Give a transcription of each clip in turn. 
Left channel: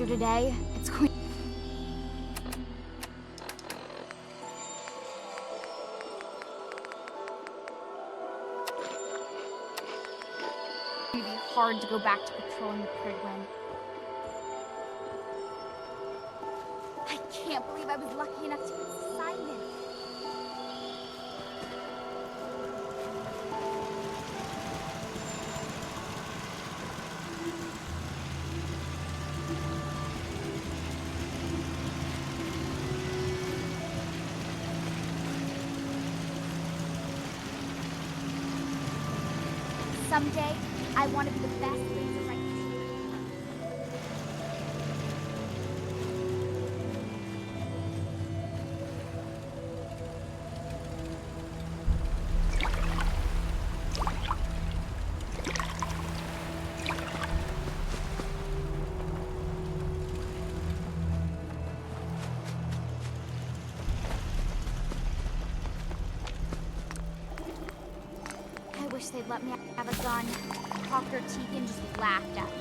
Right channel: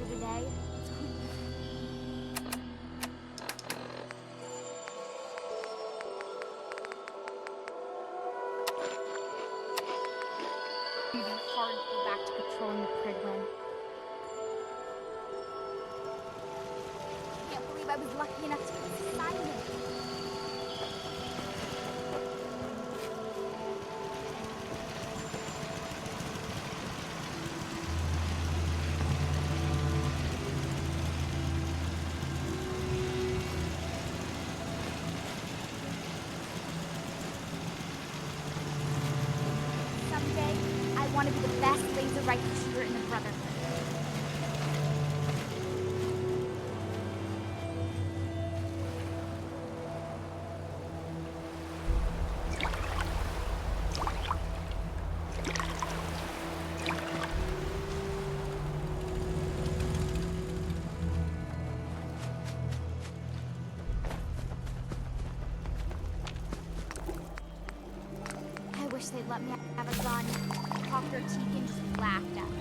After today, it's going to be hard to go back to patrolling the Prigwin. I can't believe I was lucky enough to get this assignment. Someday, I want to be the best laser rifle shooter in the Brotherhood. I wish they'd let me have a gun. Dr. Tegan just laughed at me.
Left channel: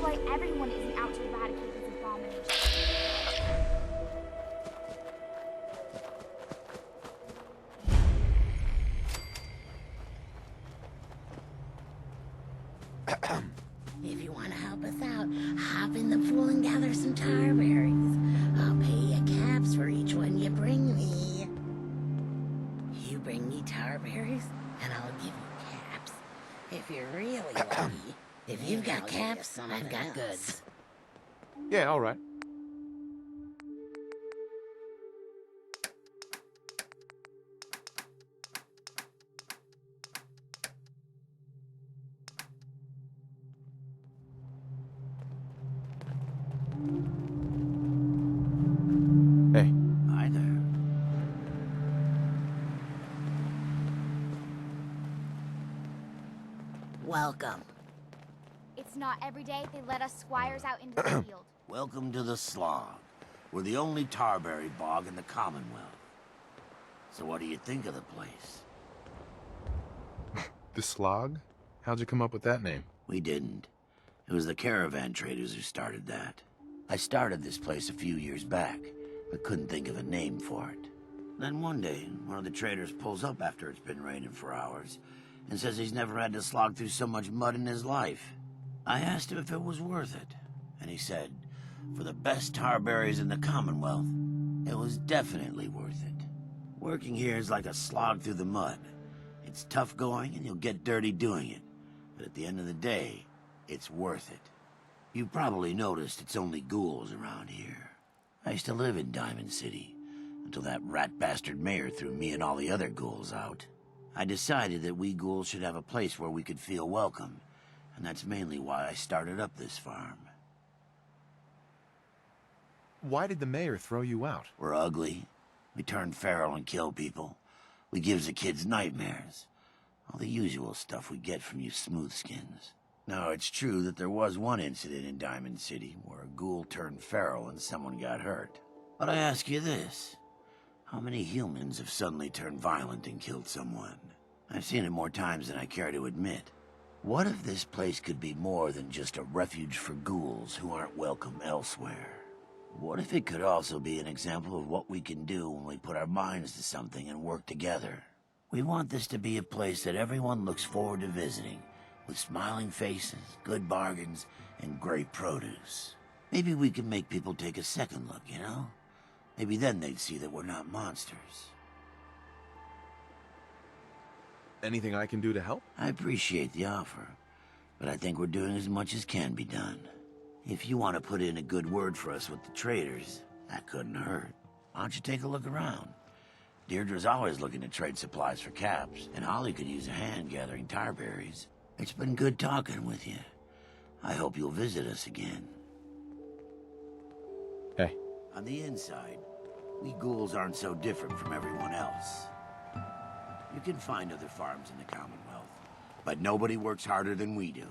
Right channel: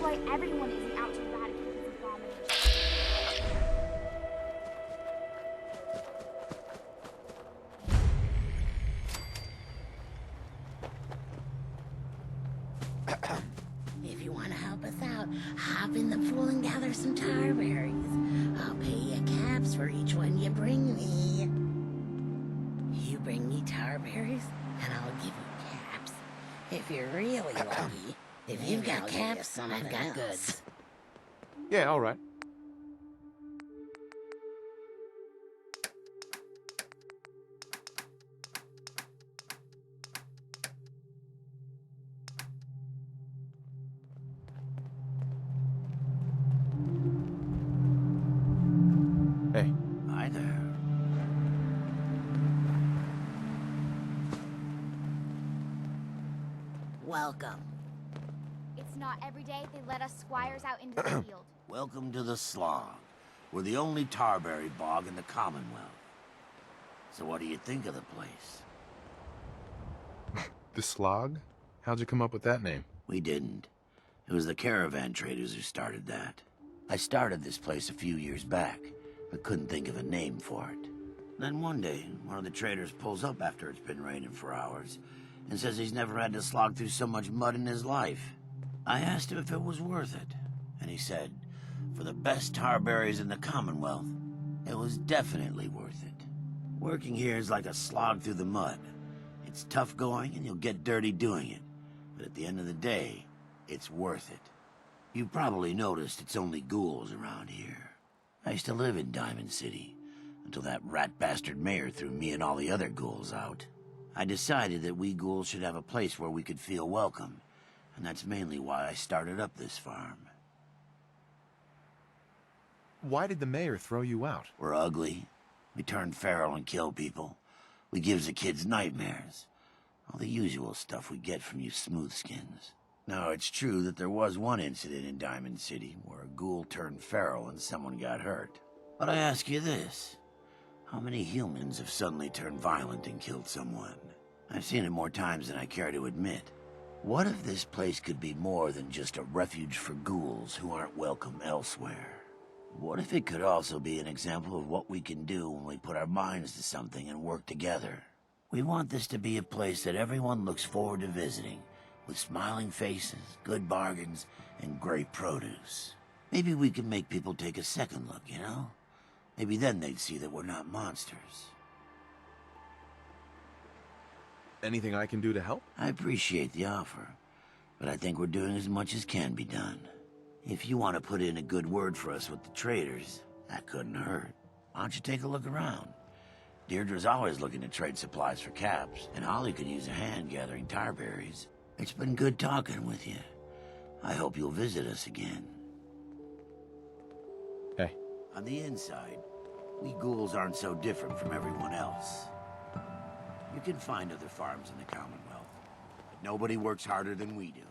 Why everyone isn't out to eradicate these abominations. If you want to help us out, hop in the pool and gather some tar berries. I'll pay you caps for each one you bring me. You bring me tar berries, and I'll give you caps. If you're really lucky. If you've got caps, I've got goods. Yeah, all right. Hey. Hi there. Welcome. It's not every day they let us squires out into the field. Welcome to the Slog. We're the only tarberry bog in the Commonwealth. So what do you think of the place? The Slog? How'd you come up with that name? We didn't. It was the caravan traders who started that. I started this place a few years back, but couldn't think of a name for it. Then one day, one of the traders pulls up after it's been raining for hours and says he's never had to slog through so much mud in his life. I asked him if it was worth it, and he said, for the best tarberries in the Commonwealth, it was definitely worth it. Working here is like a slog through the mud. It's tough going and you'll get dirty doing it, but at the end of the day, it's worth it. You've probably noticed it's only ghouls around here. I used to live in Diamond City, until that rat bastard mayor threw me and all the other ghouls out. I decided that we ghouls should have a place where we could feel welcome, and that's mainly why I started up this farm. Why did the mayor throw you out? We're ugly, We turn feral and kill people. We gives the kids nightmares. All the usual stuff we get from you smoothskins. Now, it's true that there was one incident in Diamond City where a ghoul turned feral and someone got hurt. But I ask you this. How many humans have suddenly turned violent and killed someone? I've seen it more times than I care to admit. What if this place could be more than just a refuge for ghouls who aren't welcome elsewhere? What if it could also be an example of what we can do when we put our minds to something and work together? We want this to be a place that everyone looks forward to visiting, with smiling faces, good bargains, and great produce. Maybe we can make people take a second look, you know? Maybe then they'd see that we're not monsters. Anything I can do to help? I appreciate the offer, but I think we're doing as much as can be done. If you want to put in a good word for us with the traders, that couldn't hurt. Why don't you take a look around? Deirdre's always looking to trade supplies for caps, and Holly could use a hand gathering tar berries. It's been good talking with you. I hope you'll visit us again. Hey. On the inside, we ghouls aren't so different from everyone else. You can find other farms in the Commonwealth, but nobody works harder than we do.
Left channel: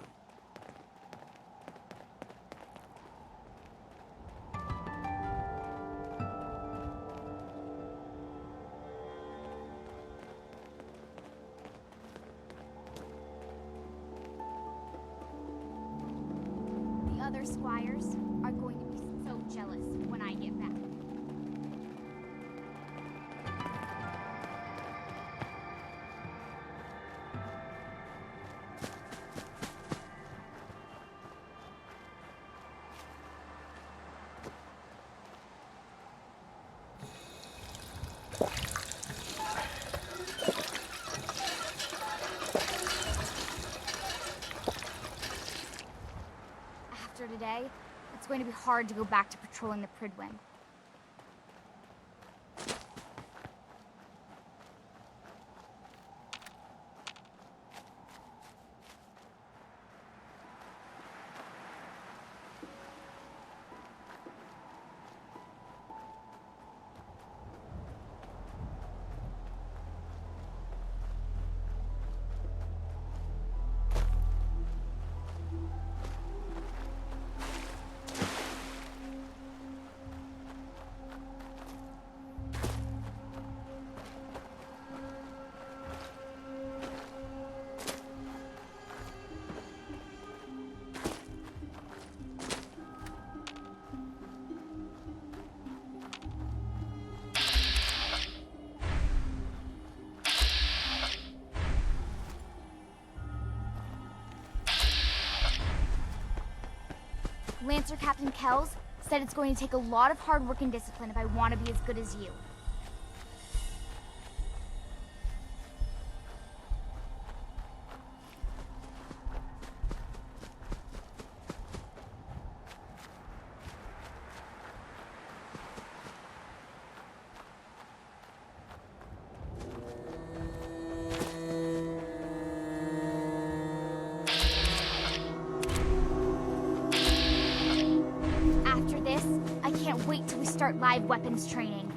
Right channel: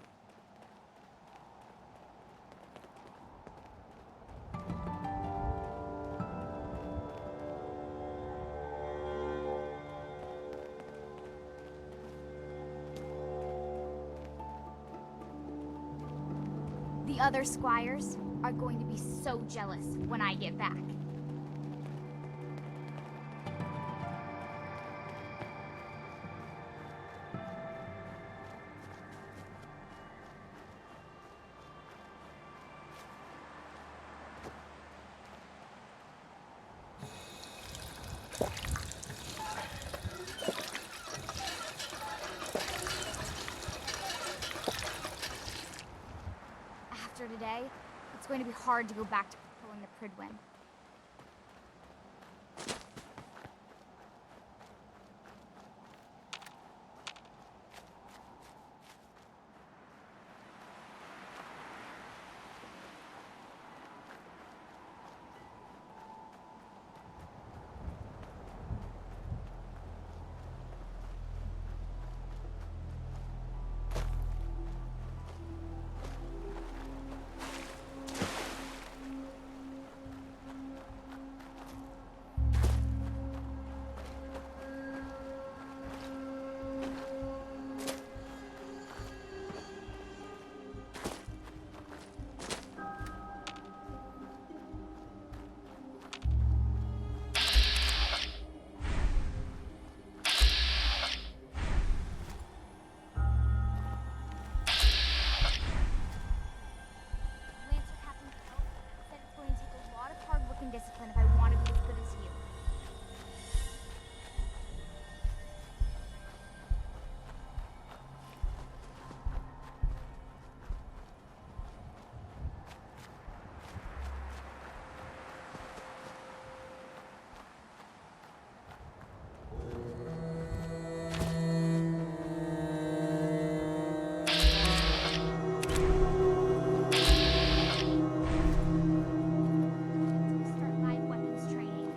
The other squires are going to be so jealous when I get back. After today, it's going to be hard to go back to patrolling the Pridwen. Lancer Captain Kells said it's going to take a lot of hard work and discipline if I want to be as good as you. Start live weapons training.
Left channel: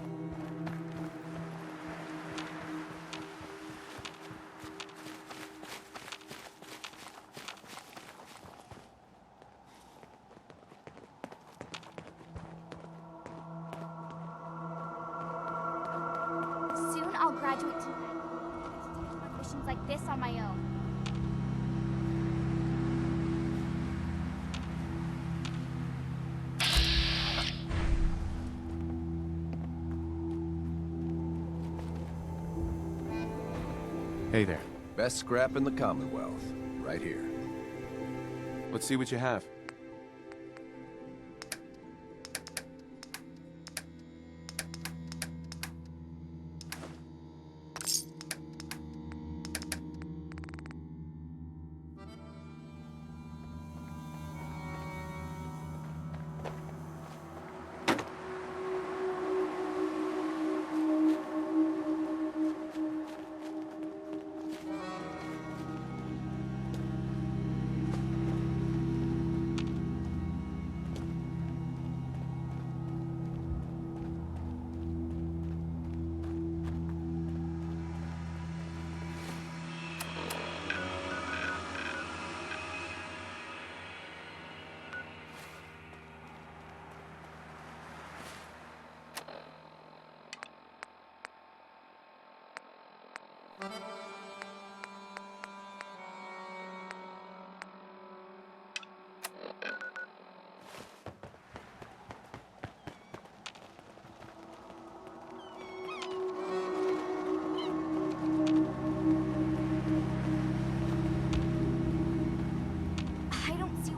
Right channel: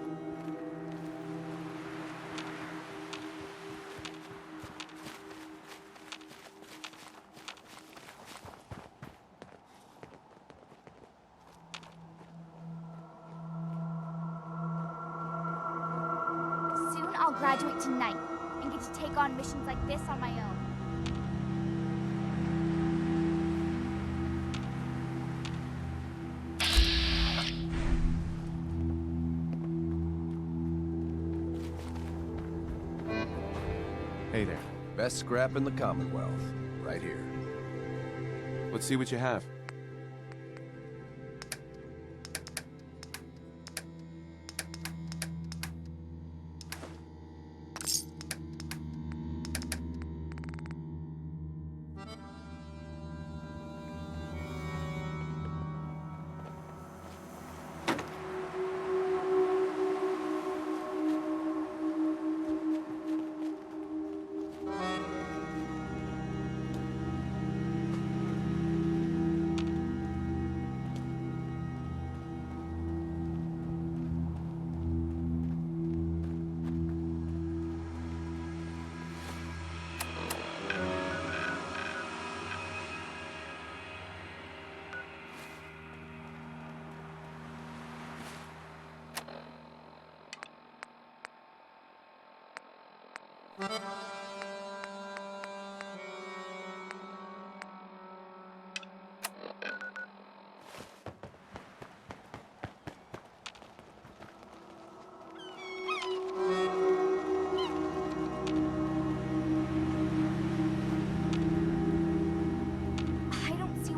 Soon I'll graduate tonight and get to take on missions like this on my own. Hey there. Best scrap in the Commonwealth. Right here. Let's see what you have.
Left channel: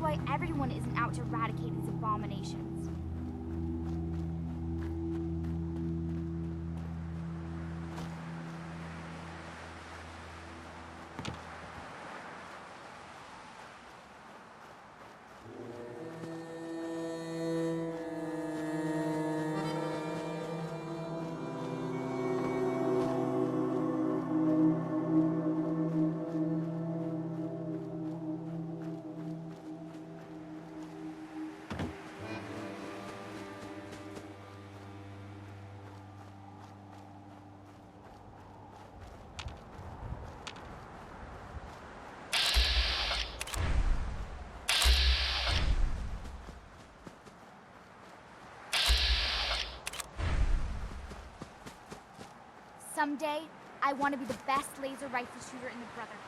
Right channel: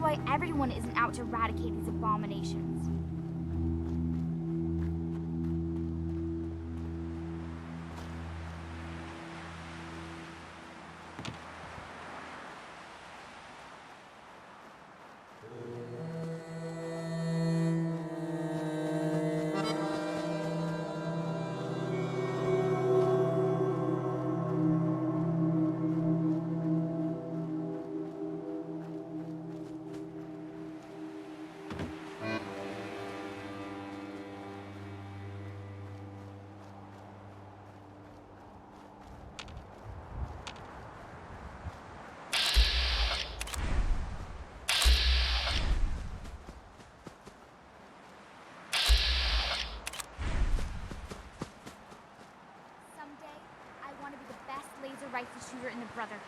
why everyone isn't out to eradicate these abominations. Someday, I want to be the best laser rifle shooter in the Brotherhood.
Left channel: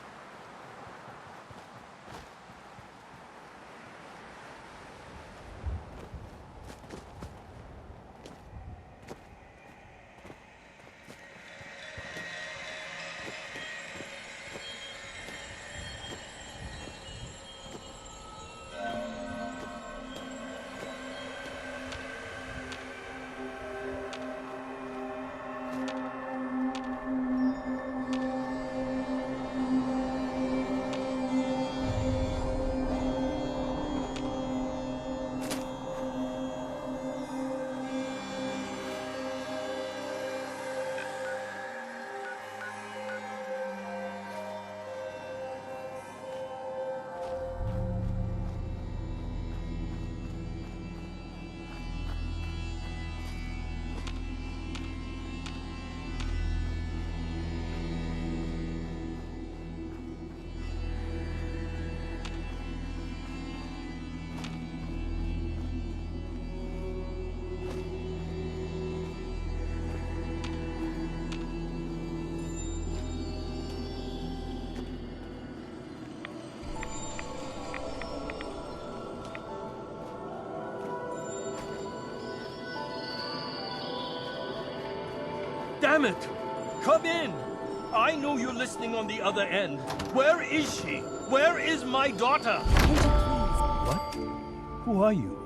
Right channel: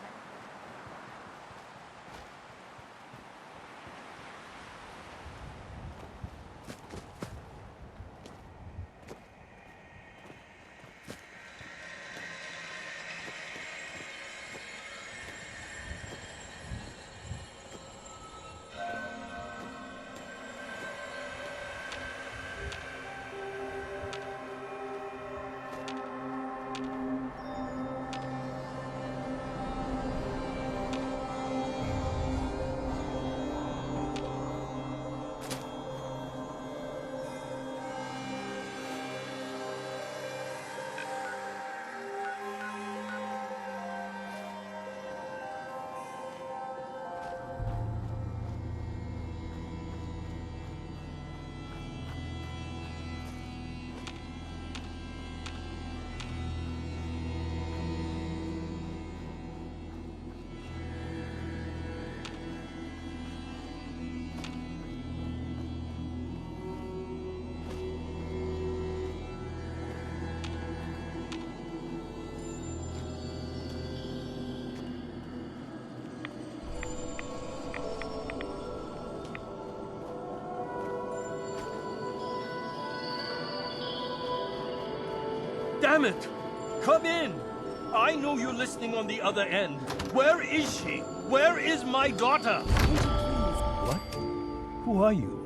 Damn it! Come in! I know you're listening on the other end. Where is she? Where is my daughter? What? Who are you?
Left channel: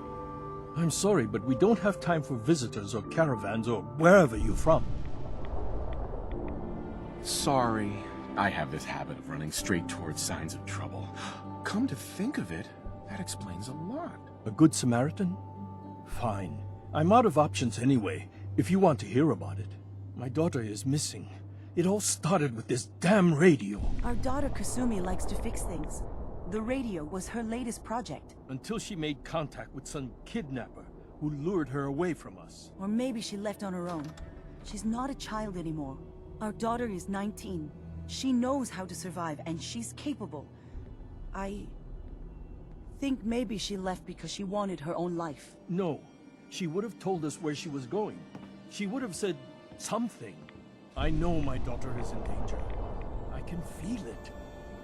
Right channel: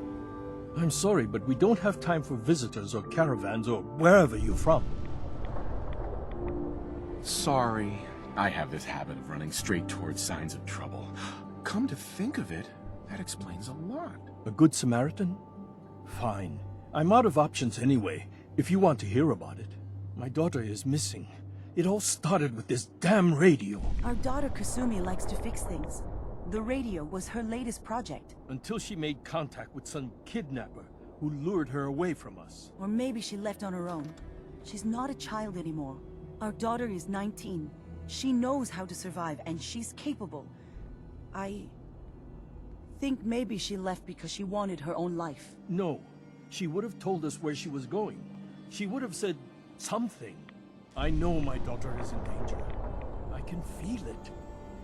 I'm sorry, but we don't have time for visitors or caravans or wherever you're from. Sorry. I have this habit of running straight towards signs of trouble. Come to think of it, that explains a lot. A good Samaritan? Fine. I'm out of options anyway, if you want to hear about it. My daughter is missing. It all started with this damn radio. Our daughter Kasumi likes to fix things. The radio was her latest project. Until she made contact with some kidnapper who lured her away from us. Or maybe she left on her own. She's not a child anymore. Our daughter is 19. She knows how to survive, and she's capable. I think maybe she left because she wanted her own life. No. She would have told us where she was going. She would have said something. I know my daughter is in danger. I can feel it.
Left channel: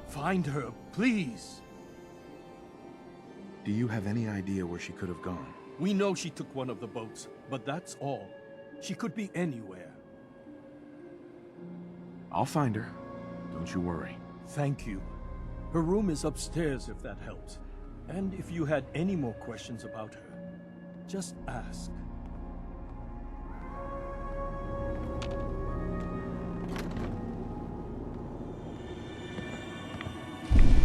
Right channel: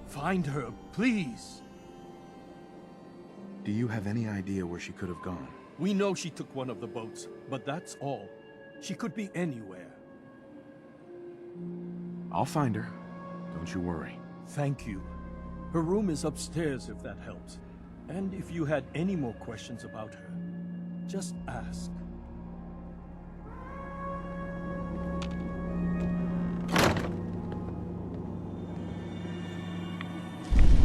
Find her, please. Do you have any idea where she could have gone? We know she took one of the boats, but that's all. She could be anywhere. I'll find her. Don't you worry. Thank you. Her room is upstairs if that helps. And if you had any more questions about her, just ask.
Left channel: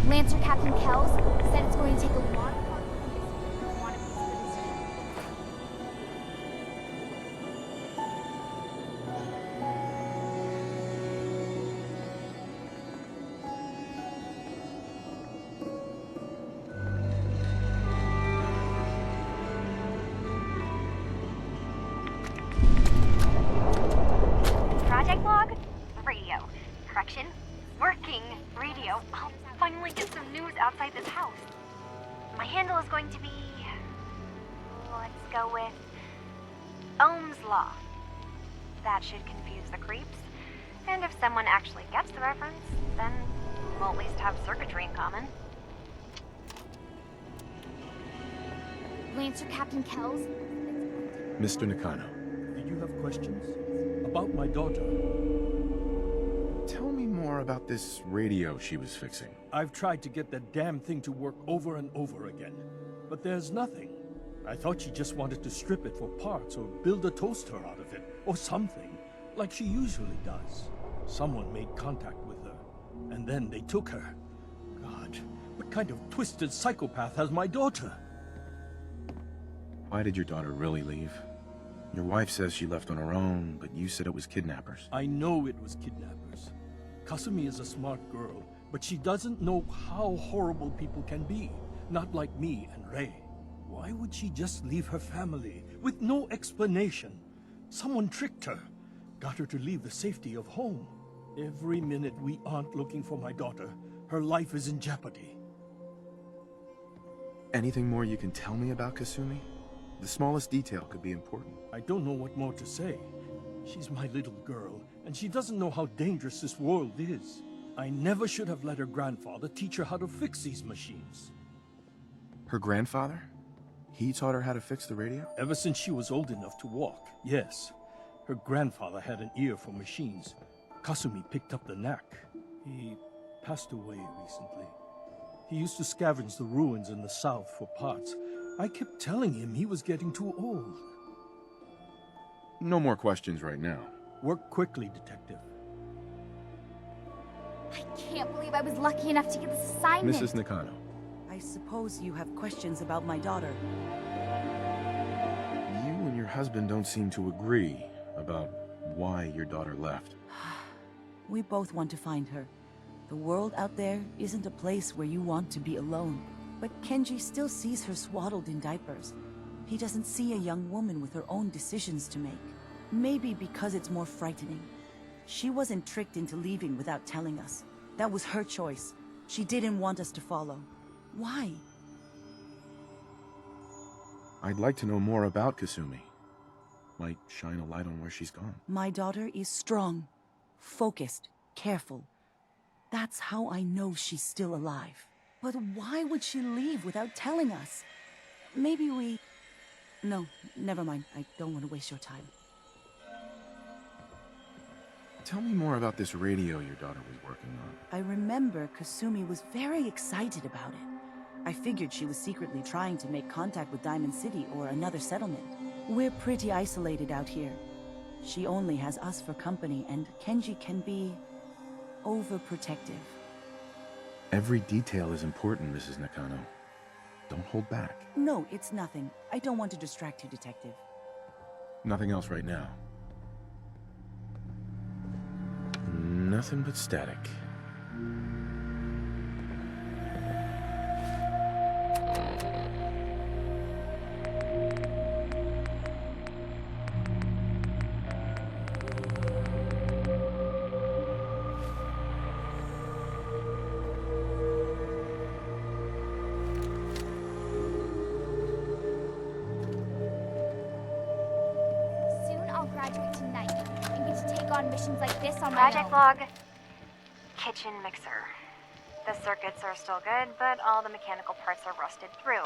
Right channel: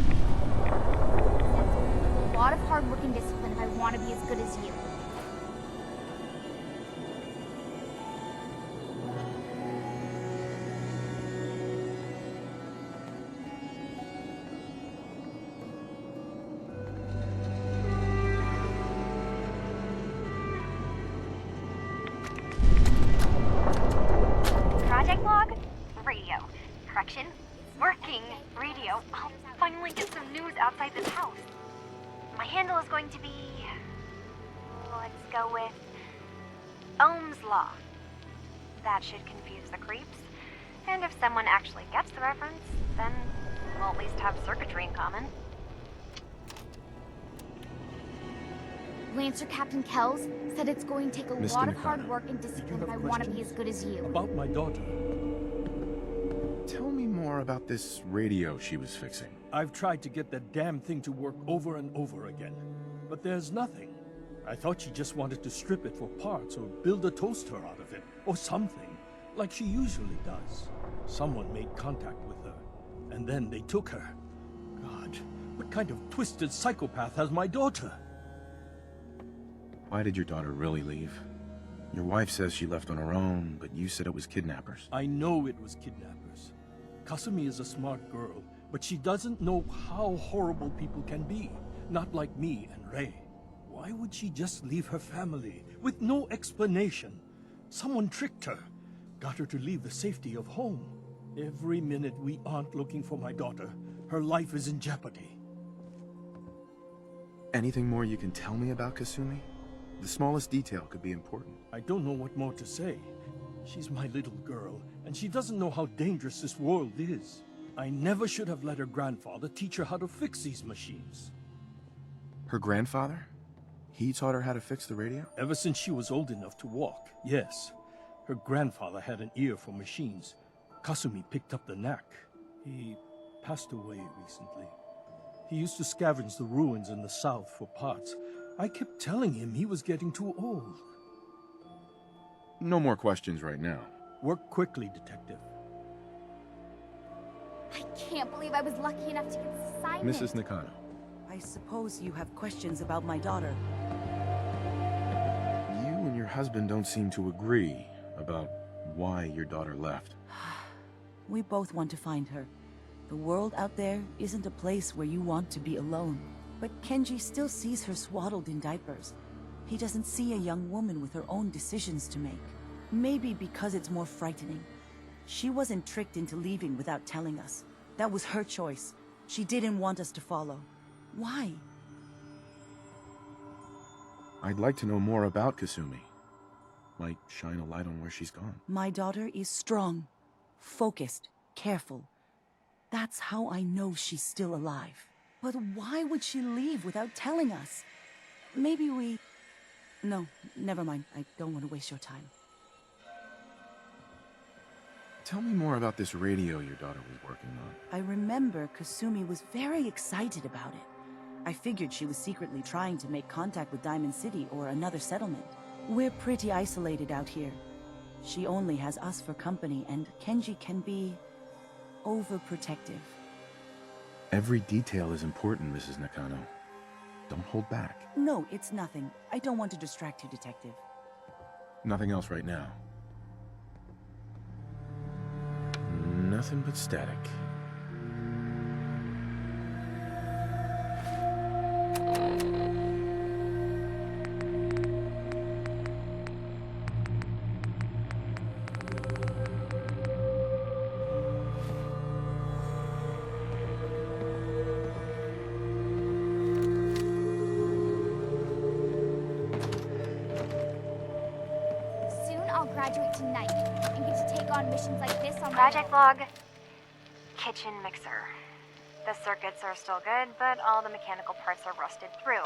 Lancer Captain Kells said it's going to take a lot of hard work and discipline if I want to be as good as you. Project log? Radio. Correction? Working radio. I'll finally get some news outside this house. My handle is going to be... let's go with... Ohm's Law. That should confuse the creeps. And if someone actually gets the reference, then we'll at least have circuitry in common. Lancer Captain Kells said it's going to take a Mr. lot of Nakano, hard work and Did you discipline have if I want to be questions? as good as you. About my daughter. Tell me more about this radio she was fixing. I've tried to get that damn thing to work over and over again, but there's nothing. I thought she just wanted to strip it for parts or build a toaster out of it, or something, like she usually does. Someone made contact with her, and then they took her. God, what kind of twisted psychopath has my daughter? Why did your daughter really leave? Your wife says she left on her own, but you said it was kidnappers. I know it was kidnappers. Kasumi is a smart girl, but she doesn't know how horrible people can be. Not like me and Ray. Why would she just leave her family, with no explanation? Someone tricked her, got her to leave the safety of home. Every minute we aren't looking for my daughter, her life is in jeopardy. Anything more you can tell me about Kasumi? The smallest detail could be important. I don't know what more to say. She's my little girl, and she doesn't know how dangerous this world is. I never should have let her grandfather teach her how to fix these machines. Her grandfather? He taught her how to fix the radio? Ever since she was old enough to walk, yes. Her grandfather had an ear for machines. Kasumi picked up the knack. He passed away recently. He used to scavenge the ruins in the south for parts. I kept telling him he was getting too old. No more questions right now. Work quickly, Detective. I can't believe I was lucky enough to get this assignment. Mrs. Nakano. I suppose you have questions about my daughter. You and your husband don't seem to agree about why your daughter left. We both want to find her. The world out there isn't a place where you want to be alone. But Kenji still sees her swaddled in diapers. He doesn't see a young woman with her own decisions to make. Maybe because it's more frightening. She wasn't tricked into leaving without telling us. That was her choice. She didn't want us to follow. Why? I'd like to know more about Kasumi. Might shine a light on where she's gone. My daughter is strong, focused, careful. That's how I know she's still alive. But why would she leave without telling us? Maybe we... No, never mind. I don't want to waste your time. Tell me more about this radio your daughter was working on. I remember Kasumi was very excited about it. I figured she was secretly trying to make contact with Diamond City or another settlement. We're pretty isolated out here. She only has us for company, and Kenji can be... overprotective. Every detail is important, Mrs. Nakano. Don't hold back. No, it's nothing. I don't want to distract you, Detective. Nothing else right now. Nothing but static. I'll graduate tonight and get to take on missions like this on Project my own. log. Kitchen mixer. The circuits are still good, but all the mechanical parts are rusted through.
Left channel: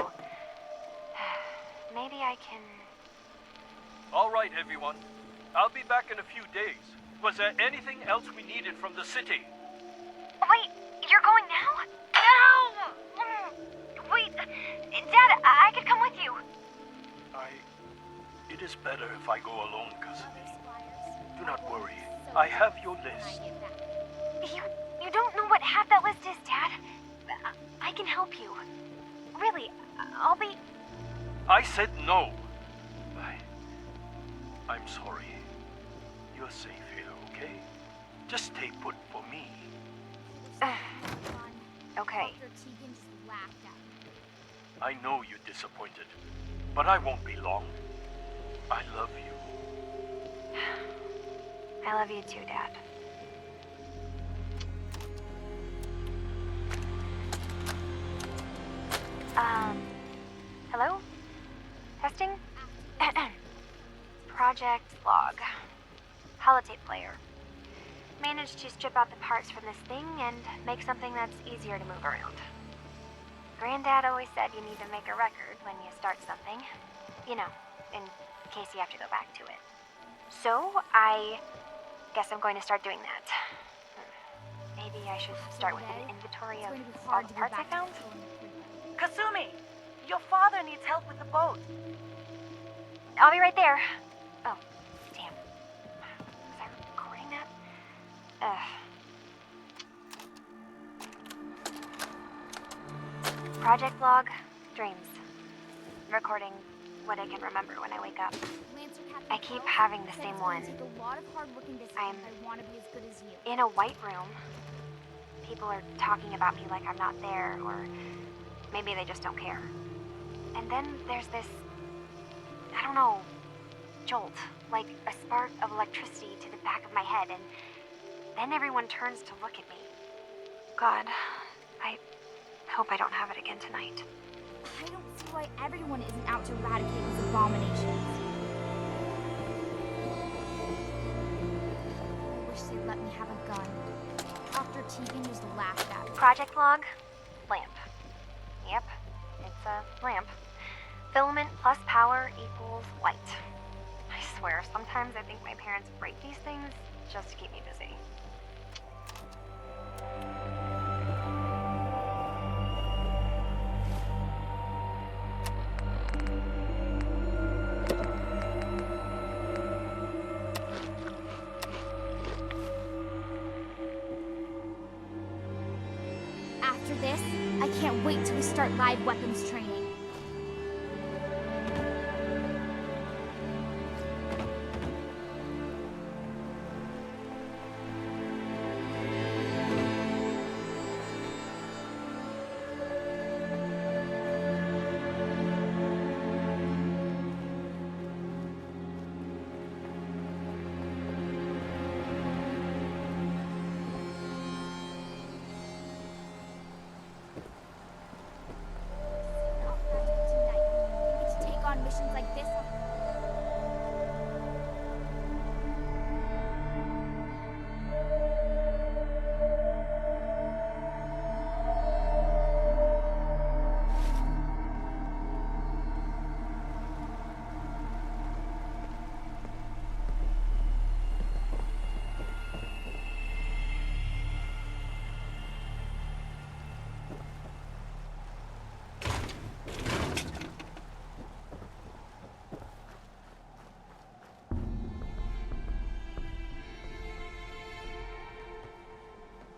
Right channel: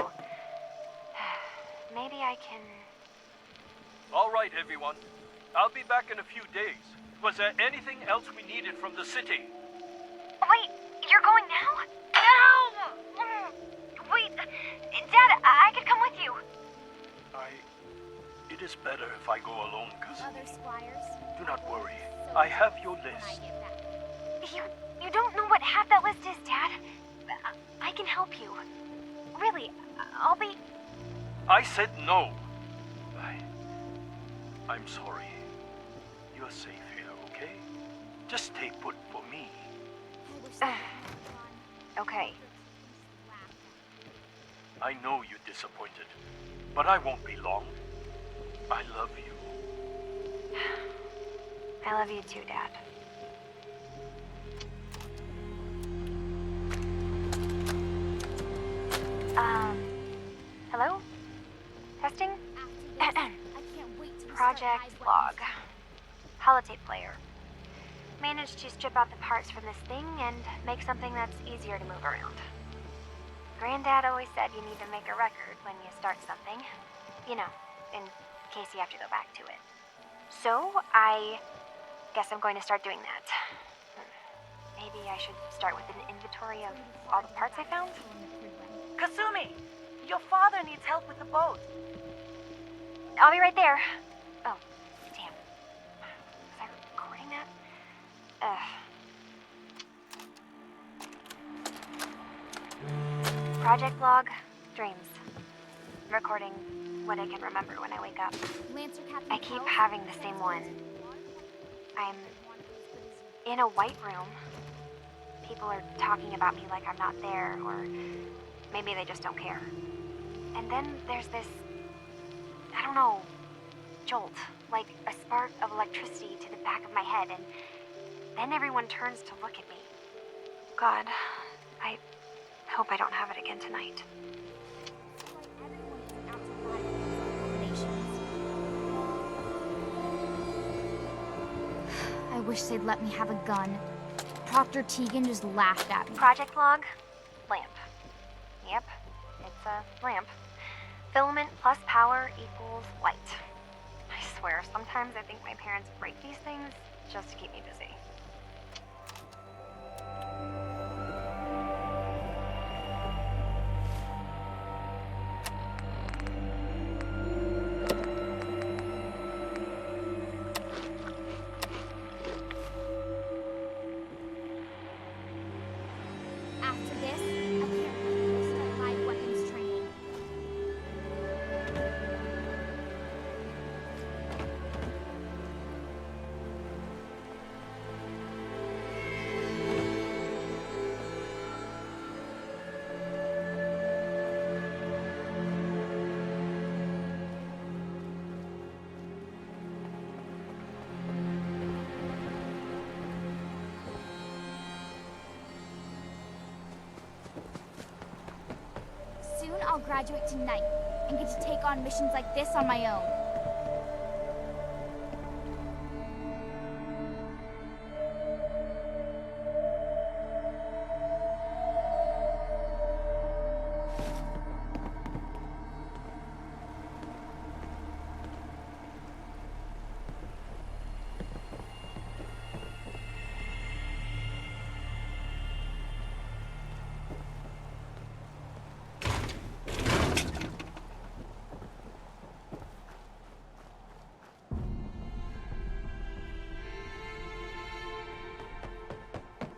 Maybe I can... All right, everyone. I'll be back in a few days. Was there anything else we needed from the city? Wait, you're going now? No! Wait, Dad, I could come with you. It is better if I go alone, cousin. Other squires. Do not worry. I have your When I list. get back. You don't know what half that list is, Dad. I can help you. Really, I'll be... I said no. I'm sorry. You're safe here, okay? Just stay put for me. I wish they had gone. Okay. Dr. Tegan just laughed at me. I know you're disappointed, but I won't be long. I love you. I love you too, Dad. Hello? Testing? After this, I can't wait to Project start log. eyes Holotape player. Managed to strip out the parts from this thing and make something that's easier to move around. Granddad always said you need to make a record when you start something. You know, in case you have to go back to it. So, I guess I'm going to start doing that. maybe I should start with an inventory of all the parts I found? Kasumi! Your father needs help with the boat. I'll be right there. Oh, damn. Was I recording that? Project log, dreams. Recording what I can remember when I wake up. I keep having the same one. I'm in a white room. People are talking about me like I'm not there, or maybe they just don't care. And then there's this, I don't know, jolt, like a spark of electricity to the back of my head, and then everyone turns to look at me. God, I hope I don't have it again tonight. I don't see why everyone isn't out to eradicate these abominations. I wish they'd let me have a gun. Dr. Tegan just laughed at me. Project log, lamp. Yep, it's a lamp. Filament plus power equals light. I swear, sometimes I think my parents break these things just to keep me busy. After this, I can't wait till we start live weapons training. Soon I'll graduate tonight and get to take on missions like this on my own.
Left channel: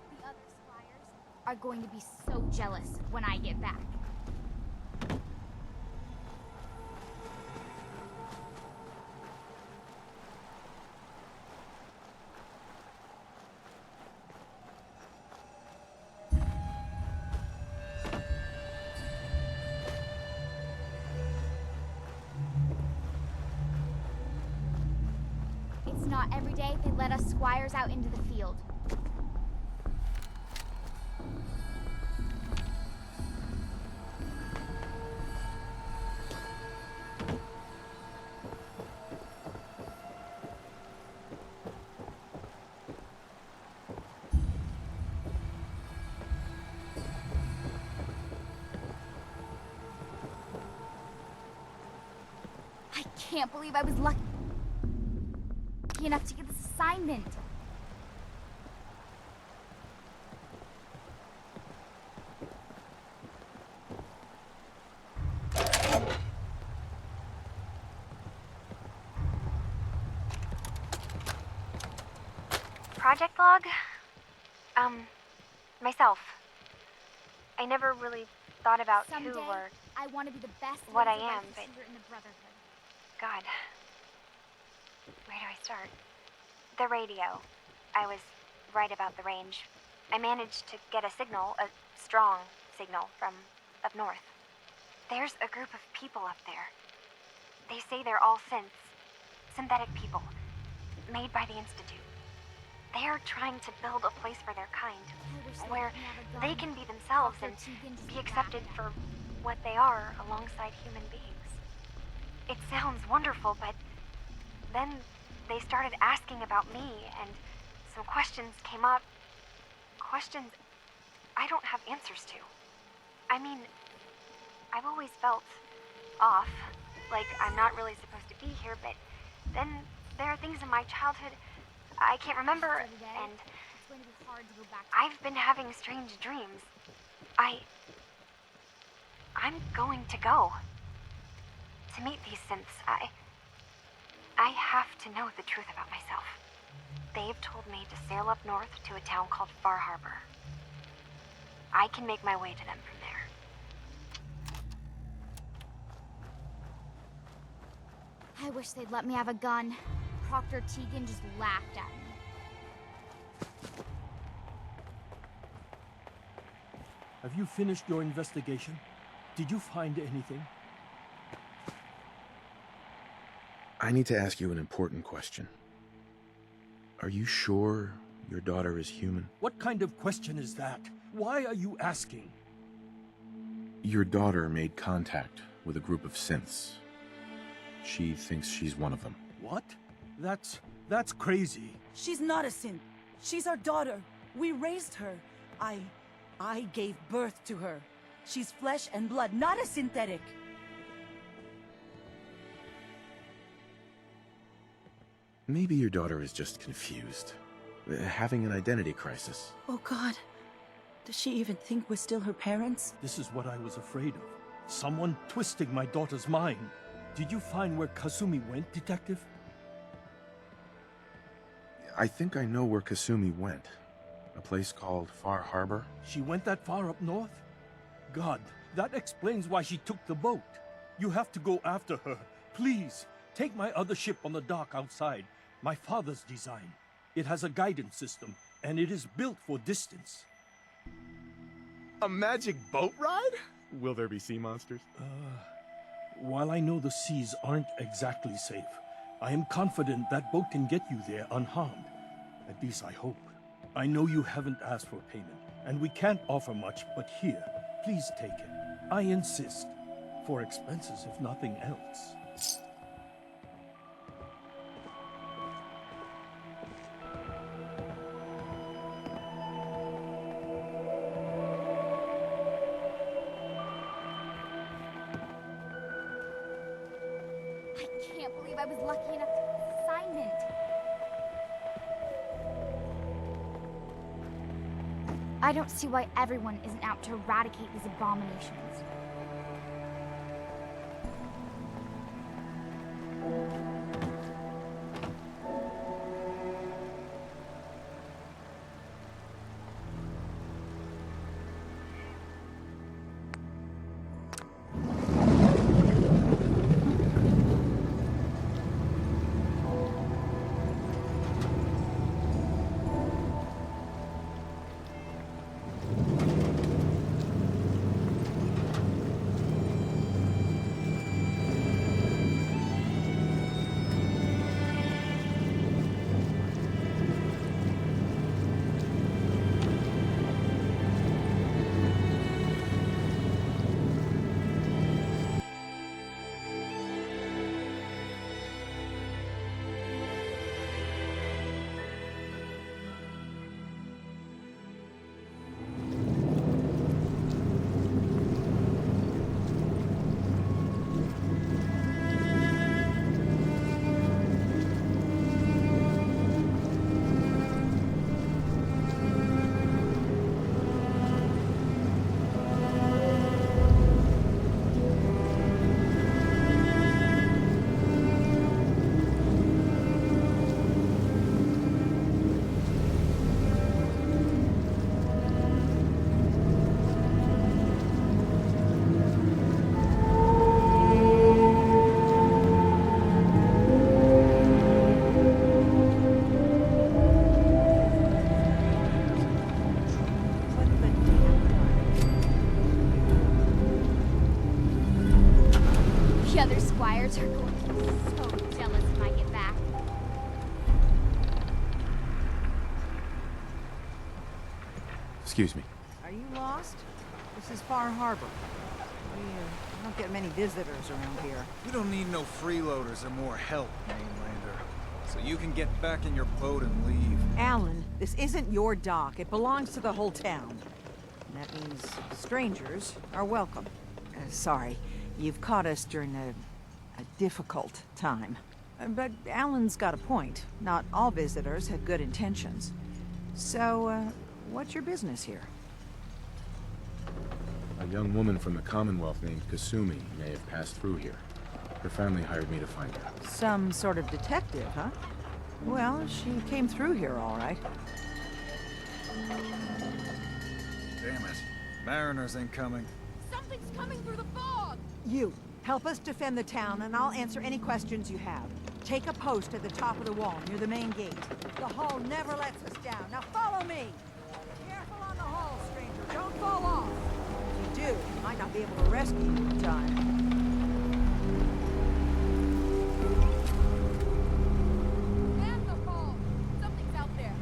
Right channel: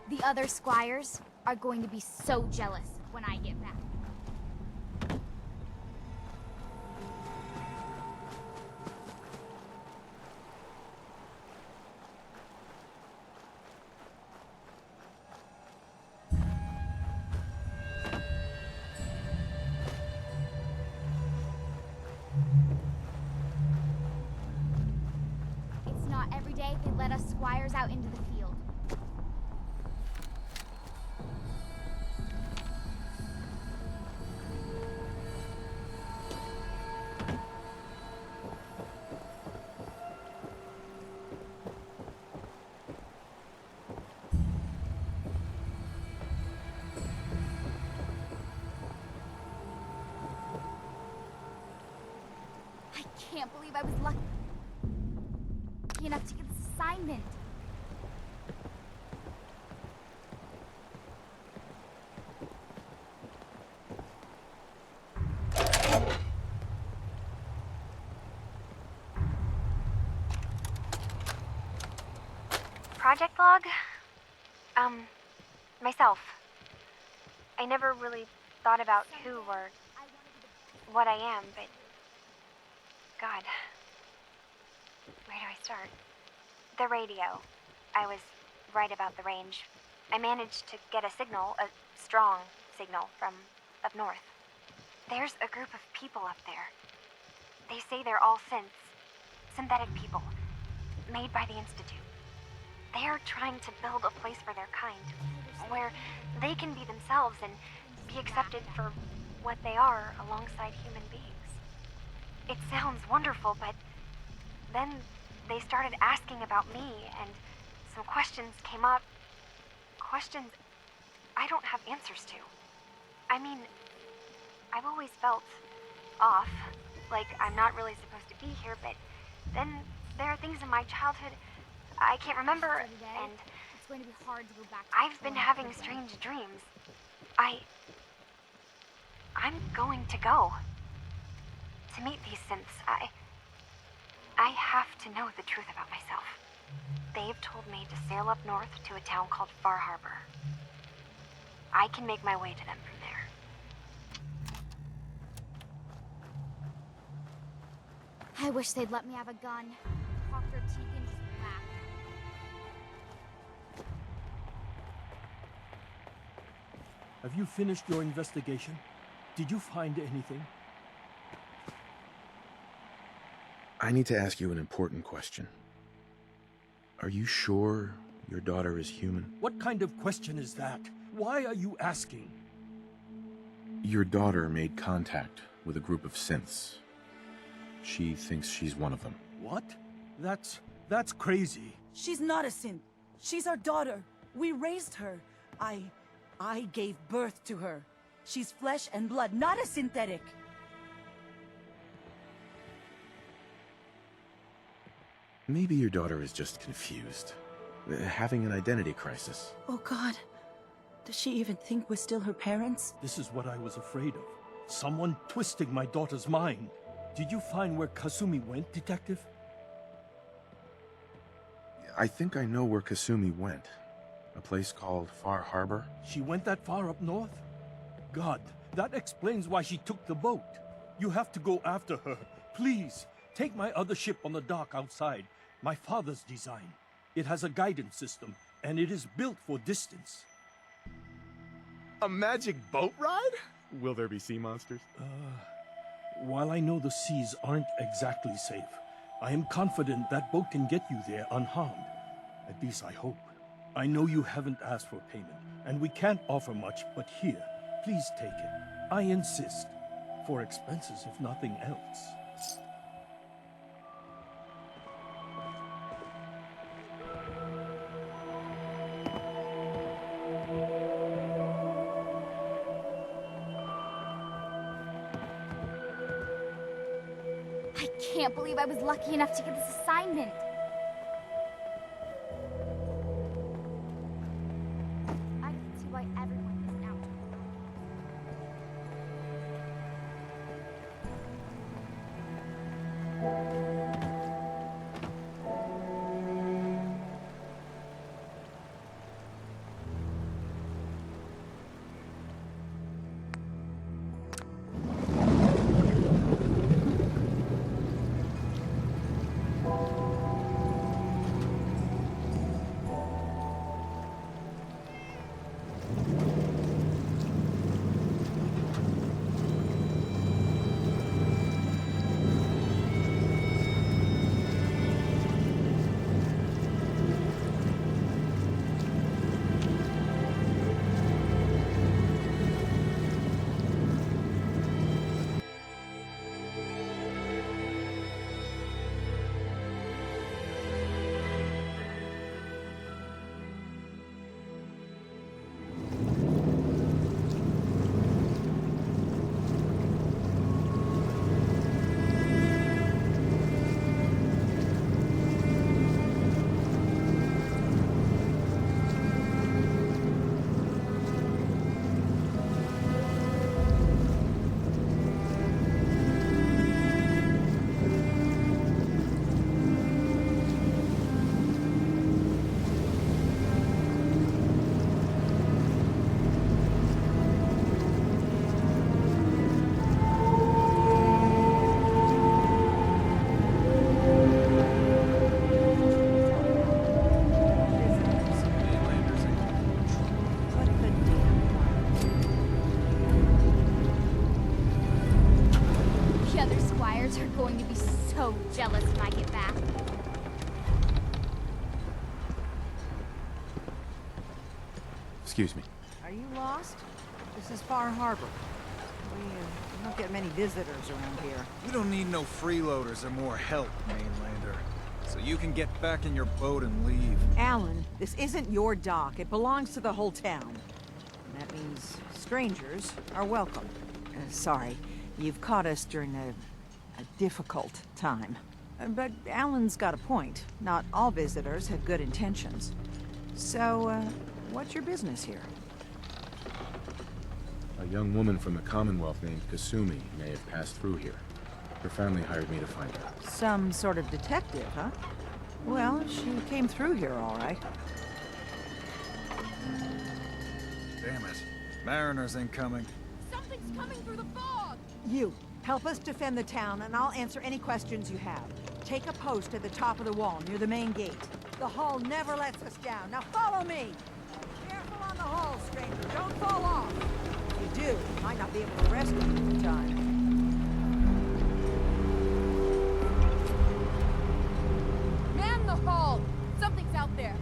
The other squires are going to be so jealous when I get back. It's not every day they let us squires out into the field. I can't believe I was lucky enough to get this assignment. Project log? Myself. I never really thought about Someday, who or I want to be the best what I lightsaber am, but shooter in the Brotherhood. God. Where do I start? The radio. I was right about the range. I managed to get a signal, a strong signal, from up north. There's a group of people up there. They say they're all synthetic people, made by the Institute. They are trying to build a place for their kind, where they can be themselves and be accepted for what they are alongside human beings. It sounds wonderful, but then they started asking about me, and some questions came up. Questions I don't have answers to. I mean, I've always felt off, like I'm not really supposed to be here, but then there are things in my childhood I can't remember, and It's going to be hard to go back to I've been having strange dreams. I'm going to go. To meet these synths, I have to know the truth about myself. They've told me to sail up north to a town called Far Harbor. I can make my way to them from there. I wish they'd let me have a gun. Proctor Tegan just laughed at me. Have you finished your investigation? Did you find anything? I need to ask you an important question. Are you sure your daughter is human? What kind of question is that? Why are you asking? Your daughter made contact with a group of synths. She thinks she's one of them. What? That's crazy. She's not a synth. She's our daughter. We raised her. I gave birth to her. She's flesh and blood, not a synthetic. Maybe your daughter is just confused. Having an identity crisis. Oh God. Does she even think we're still her parents? This is what I was afraid of. Someone twisting my daughter's mind. Did you find where Kasumi went, Detective? I think I know where Kasumi went. A place called Far Harbor. She went that far up north? God, that explains why she took the boat. You have to go after her. Please, take my other ship on the dock outside. My father's design. It has a guidance system, and it is built for distance. A magic boat ride? Will there be sea monsters? While I know the seas aren't exactly safe, I am confident that boat can get you there unharmed. At least I hope. I know you haven't asked for payment, and we can't offer much, but here, please take it. I insist. For expenses, if nothing else. I can't believe I was lucky enough to get this assignment. I don't see why everyone isn't out to eradicate these abominations. The other squires are going to be so jealous when I get back. Excuse me. Are you lost? This is Far Harbor. We don't get many visitors around here. We don't need no freeloaders or more help, mainlander. So you can get back in your boat and leave. Alan, this isn't your dock. It belongs to the whole town. And that means strangers are welcome. Sorry, you've caught us during a difficult time. But Alan's got a point. Not all visitors have good intentions. So, what's your business here? A young woman from the Commonwealth named Kasumi may have passed through here. Her family hired me to find her. Some sort of detective, huh? Well, she came through here all right. Damn it. Mariners incoming. Something's coming through the fog! You, help us defend the town, and I'll answer any questions you have. Take a post at the top of the wall, near the main gate. The hull never lets us down. Now follow me! Careful on the hull, stranger. Don't fall off. If you do, we might not be able to rescue you in time. Man the hull! Something's out there.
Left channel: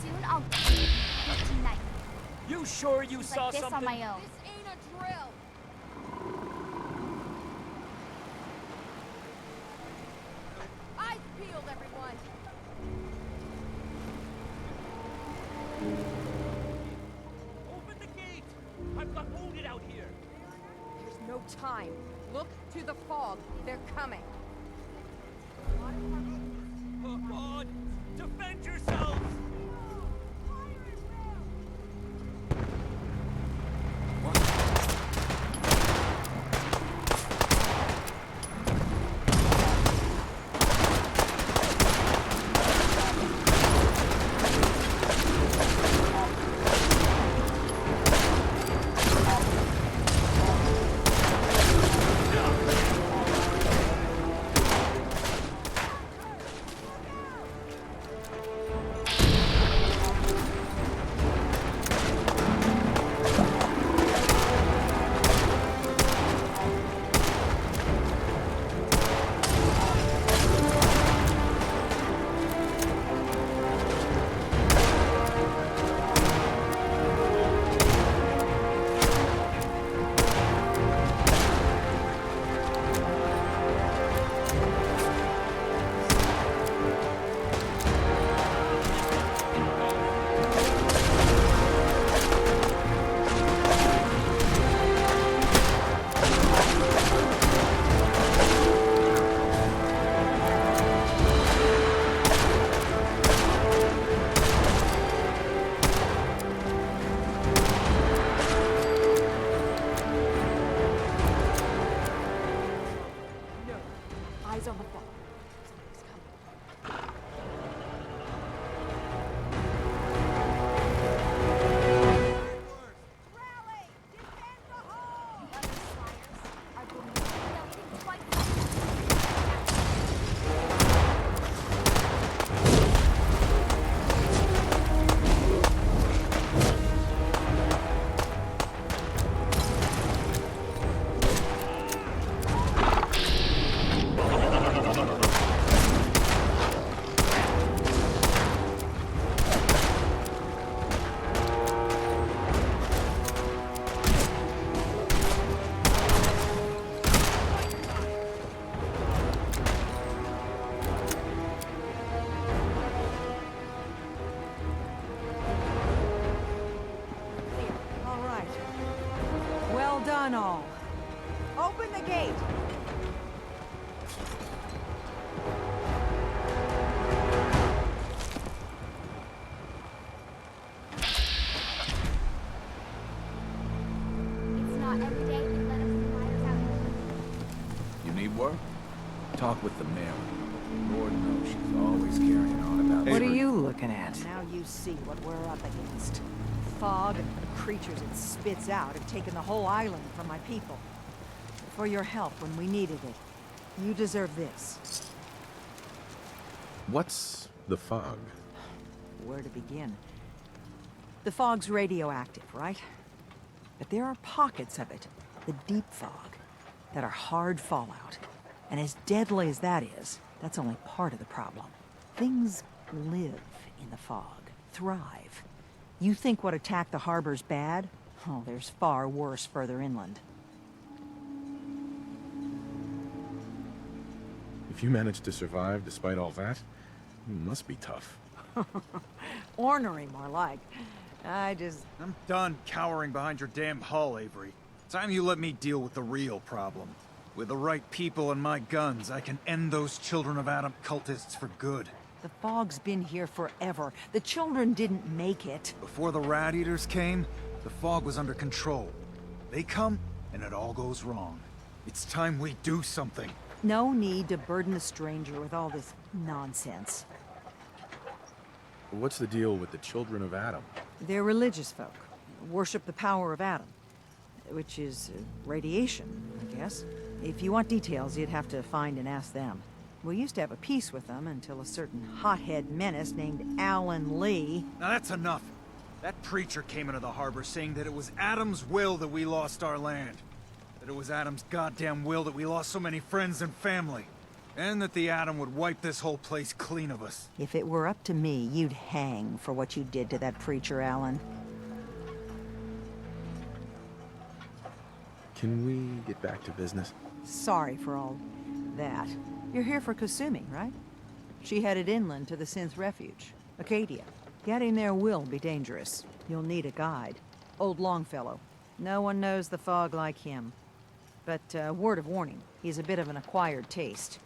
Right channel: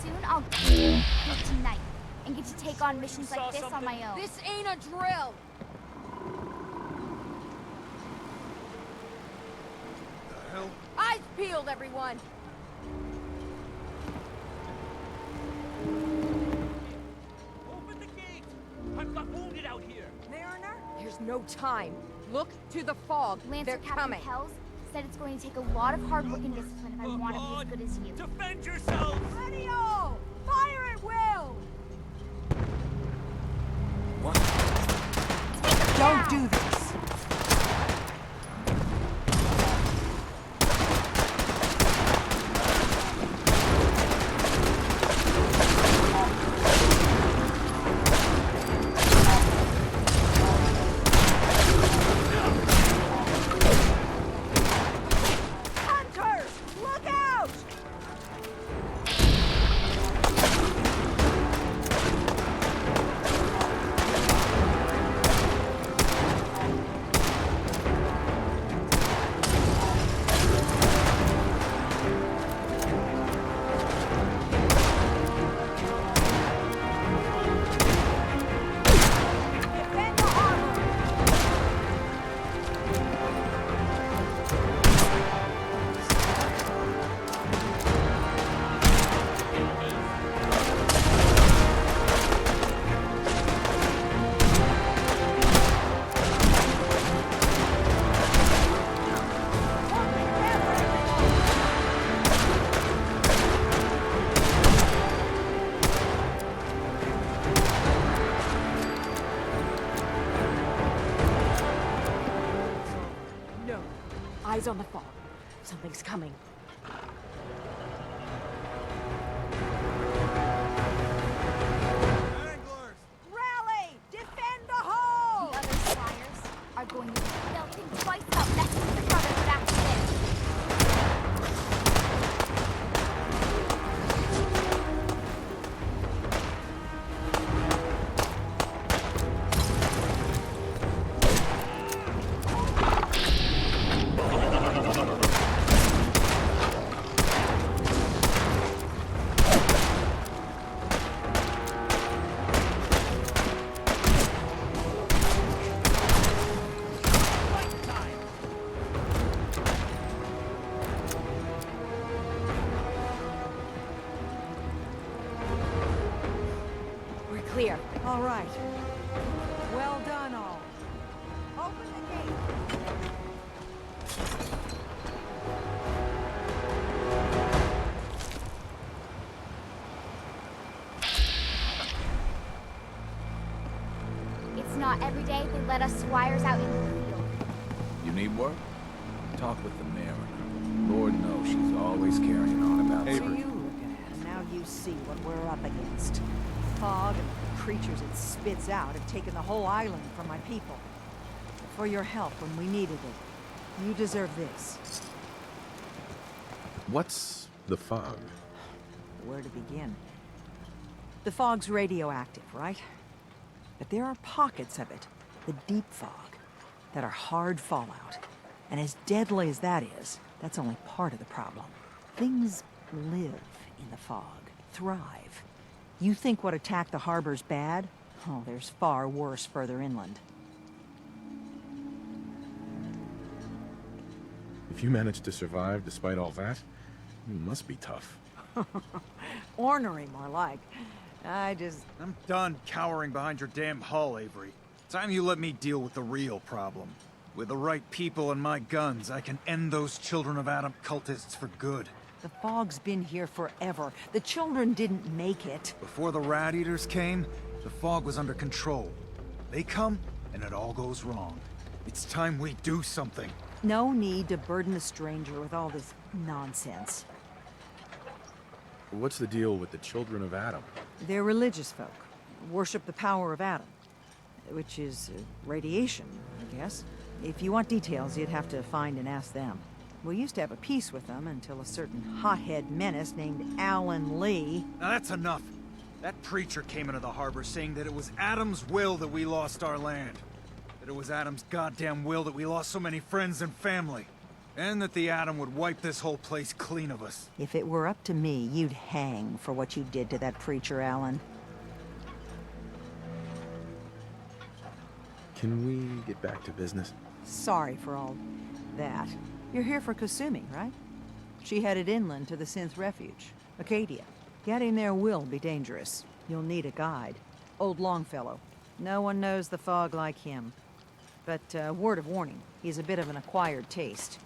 Soon I'll get tonight and get to take on missions like this on my own. This ain't a drill! Eyes peeled, everyone! Open the gate! I've got wounded out here! Mariner? There's no time. Look to the fog. Lancer They're Captain coming. Hells said it's going to take a lot of hard work and discipline if I want to be as good as you. Defend yourselves! Ready all! Fire at will! Don't do this. Hunters! Look out! No. Eyes on the fog. Something's coming. Rally! Defend the hull! The other squires are going to they'll think twice about messing with each other back then. We're clear. All right. Well done, all. Open the gate. It's not every day they let us squires out in the field. You need work? Talk with the Mariner. Lord knows she's always carrying on about What are you looking at? Now you see what we're up against. Fog and the creatures it spits out have taken the whole island from my people. For your help when we needed it. You deserve this. What's the fog? Where to begin? The fog's radioactive, right? But there are pockets of it, the deep fog, that are hard fallout. And as deadly as that is, that's only part of the problem. Things live in the fog, thrive. You think what attacked the harbor's bad? Oh, there's far worse further inland. If you managed to survive despite all that, you must be tough. Ornery, more like. I'm done cowering behind your damn hull, Avery. Time you let me deal with the real problem. With the right people and my guns, I can end those Children of Adam cultists for good. The fog's been here forever. The children didn't make it. Before the rat eaters came, the fog was under control. They come, and it all goes wrong. It's time we do something. No need to burden the stranger with all this nonsense. What's the deal with the children of Adam? They're religious folk. Worship the power of Adam. Which is radiation, I guess. If you want details, you'd have to find and ask them. We used to have a peace with them until a certain hothead menace named Alan Lee... Now that's enough. That preacher came into the harbor saying that it was Adam's will that we lost our land. That it was Adam's goddamn will that we lost so many friends and family. And that the Atom would wipe this whole place clean of us. If it were up to me, you'd hang for what you did to that preacher, Alan. Can we get back to business? Sorry for all that. You're here for Kasumi, right? She headed inland to the Synth Refuge, Acadia. Getting there will be dangerous. You'll need a guide. Old Longfellow. No one knows the fog like him. But, word of warning, he's a bit of an acquired taste.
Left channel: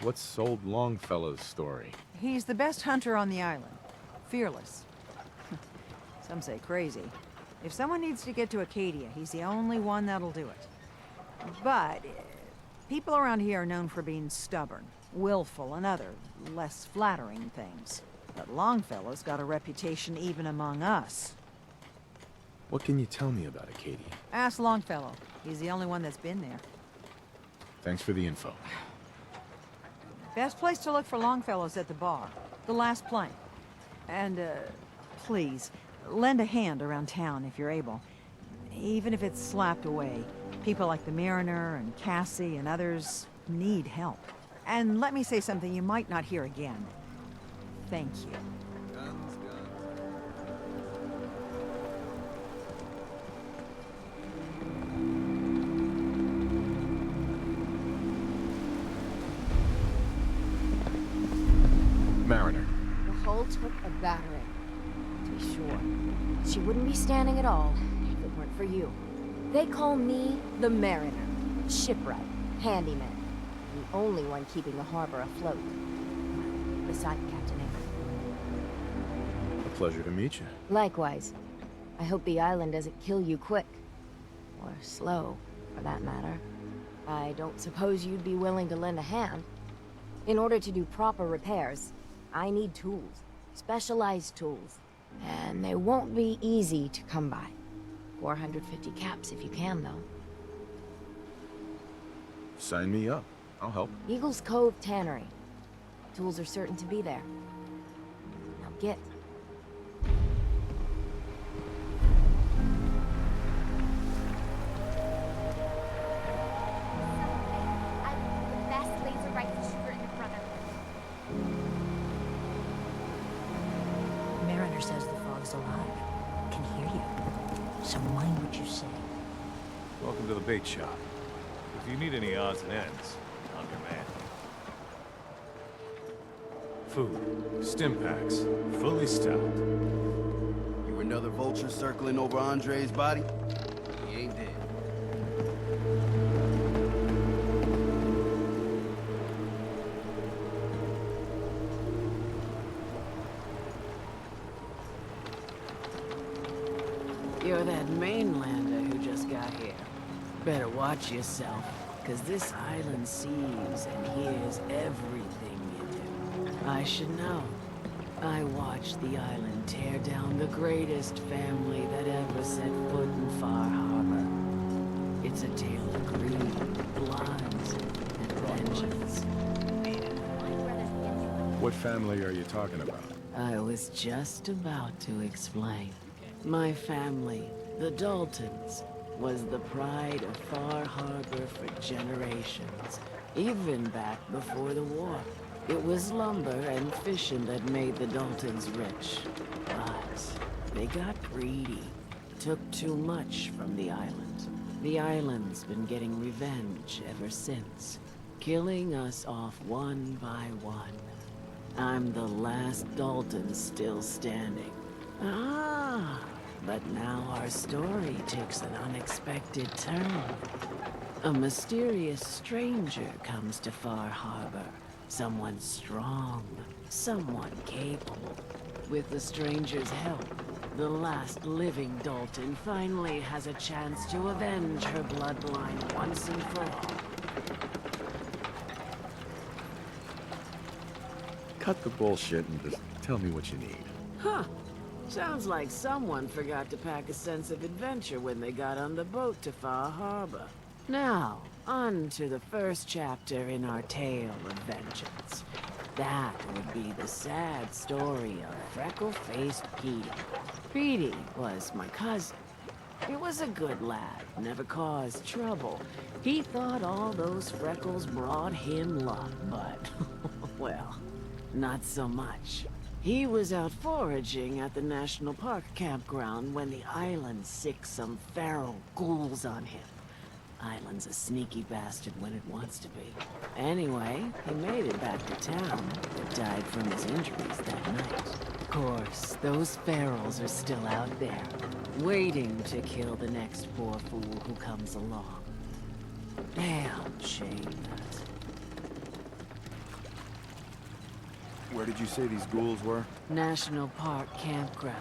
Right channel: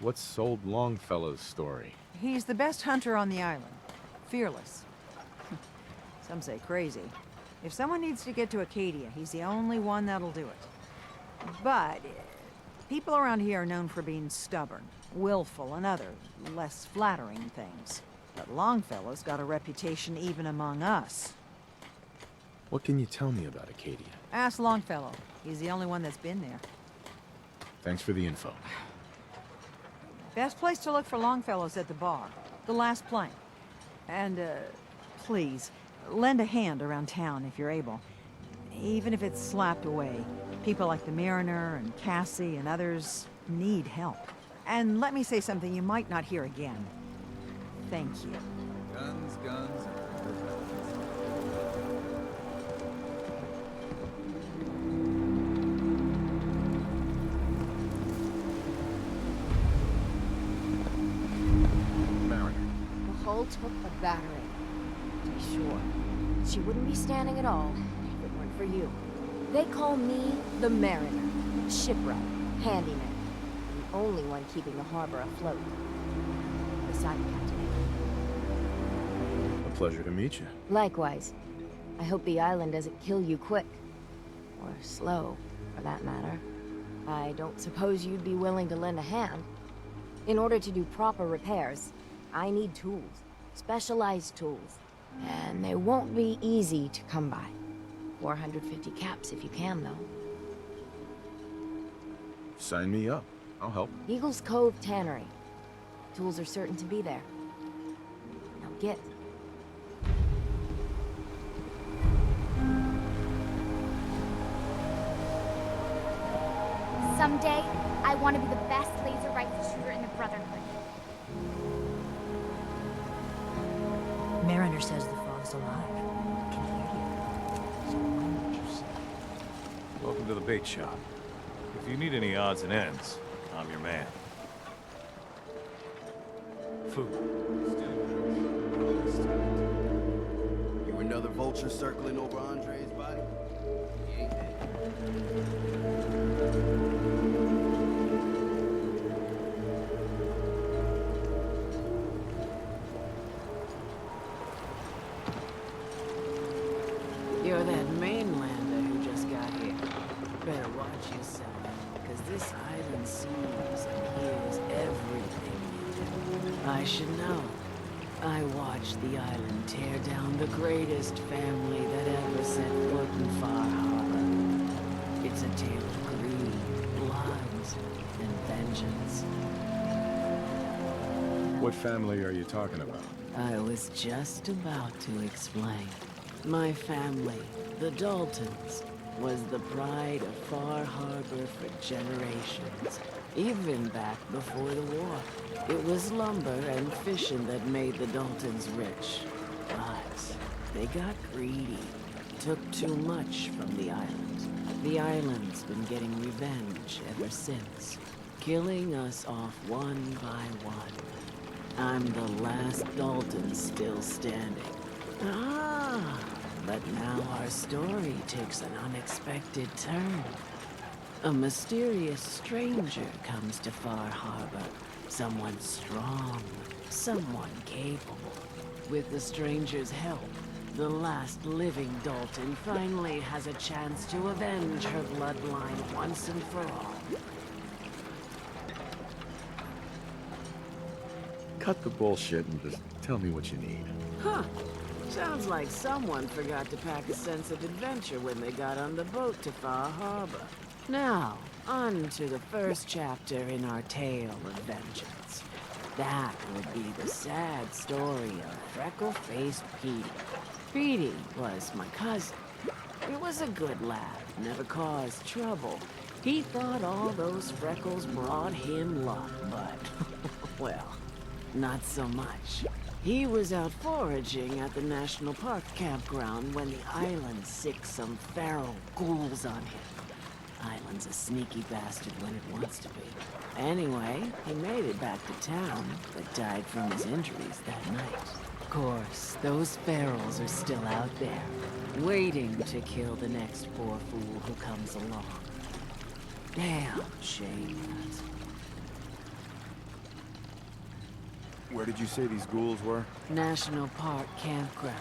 What's old Longfellow's story? He's the best hunter on the island. Fearless. Some say crazy. If someone needs to get to Acadia, he's the only one that'll do it. But people around here are known for being stubborn, willful, and other, less flattering things. But Longfellow's got a reputation even among us. What can you tell me about Acadia? Ask Longfellow. He's the only one that's been there. Thanks for the info. Best place to look for Longfellow's at the bar. The last plank. And, please, lend a hand around town if you're able. Even if it's slapped away. People like the Mariner and Cassie and others need help. And let me say something you might not hear again. Thank you. Guns, guns, Mariner. The hull took a battering, to be sure. She wouldn't be standing at all if it weren't for you. They call me the Mariner, shipwright, handyman, the only one keeping the harbor afloat. Beside Captain Avery. A pleasure to meet you. Likewise. I hope the island doesn't kill you quick. Or slow, for that matter. I don't suppose you'd be willing to lend a hand. In order to do proper repairs, I need tools. Specialized tools. And they won't be easy to come by. 450 caps if you can, though. Sign me up. I'll help. Eagle's Cove Tannery. Tools are certain to be there. Now get. Someday, I want to be the best laser rifle shooter in the Brotherhood. Mariner says the fog's alive. Can hear you. So mind what you say. Welcome to the bait shop. If you need any odds and ends, I'm your man. Food. Stim packs. Fully stocked. You another vulture circling over Andre's body? He ain't dead. You're that mainlander who just got here. Better watch yourself, because this island sees and hears everything you do. I should know. I watched the island tear down the greatest family that ever set foot in Far Harbor. It's a tale of greed, blood, and vengeance. What family are you talking about? I was just about to explain. My family, the Daltons, was the pride of Far Harbor for generations, even back before the war. It was lumber and fishing that made the Daltons rich. But they got greedy, took too much from the island. The island's been getting revenge ever since, killing us off one by one. I'm the last Dalton still standing. Ah, but now our story takes an unexpected turn. A mysterious stranger comes to Far Harbor, Someone strong, someone capable. With the stranger's help, the last living Dalton finally has a chance to avenge her bloodline once and for all. Cut the bullshit and just tell me what you need. Huh. Sounds like someone forgot to pack a sense of adventure when they got on the boat to Far Harbor. Now, on to the first chapter in our tale of vengeance. That would be the sad story of freckle-faced Petey. Petey was my cousin. He was a good lad, never caused trouble. He thought all those freckles brought him luck, but, well, not so much. He was out foraging at the National Park campground when the island sicked some feral ghouls on him. Island's a sneaky bastard when it wants to be. Anyway, he made it back to town, but died from his injuries that night. Of course, those ferals are still out there, waiting to kill the next poor fool who comes along. Damn shame that. Where did you say these ghouls were? National Park campground.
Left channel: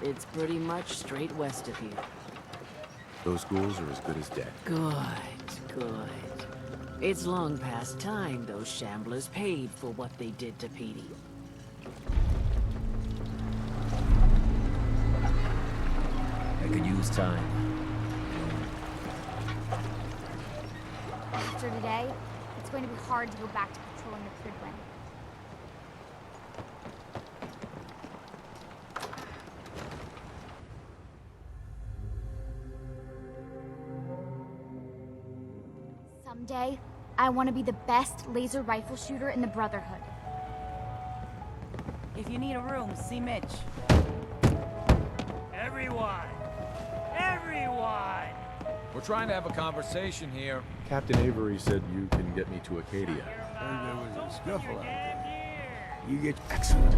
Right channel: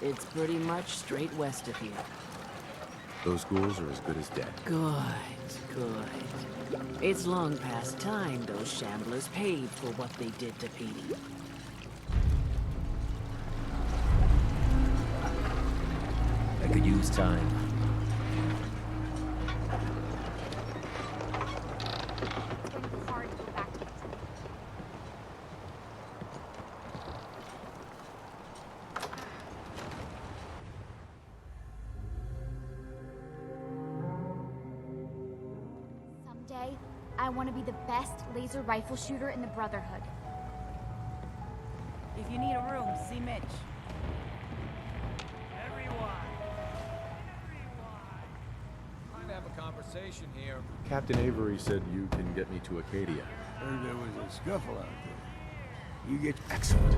It's pretty much straight west of here. Those ghouls are as good as dead. Good, good. It's long past time those shamblers paid for what they did to Petey. I could use time. After today, it's going to be hard to go back to patrolling the Kingpin. Someday, I want to be the best laser rifle shooter in the Brotherhood. If you need a room, see Mitch. Everyone! Everyone! We're trying to have a conversation here. Captain Avery said you can get me to Acadia. Heard there was a scuffle out there. You get Excellent.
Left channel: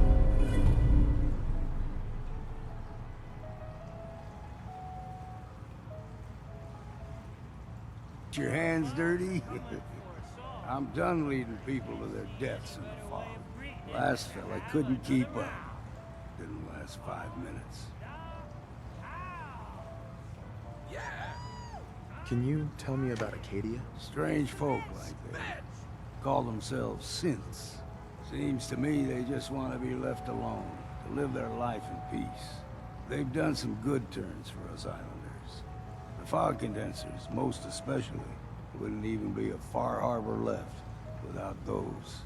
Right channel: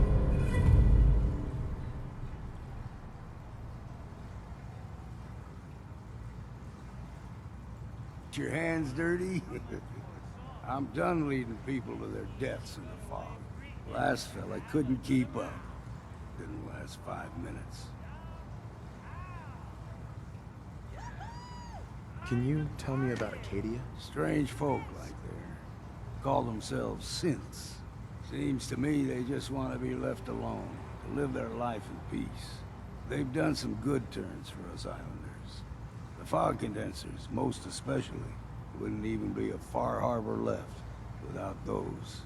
your hands dirty? I'm done leading people to their deaths in the fog. Last fella couldn't keep up. Didn't last 5 minutes. Can you tell me about Acadia? Strange folk like they call themselves synths. Seems to me they just want to be left alone, to live their life in peace. They've done some good turns for us islanders. The fog condensers, most especially, wouldn't even be a Far Harbor left without those.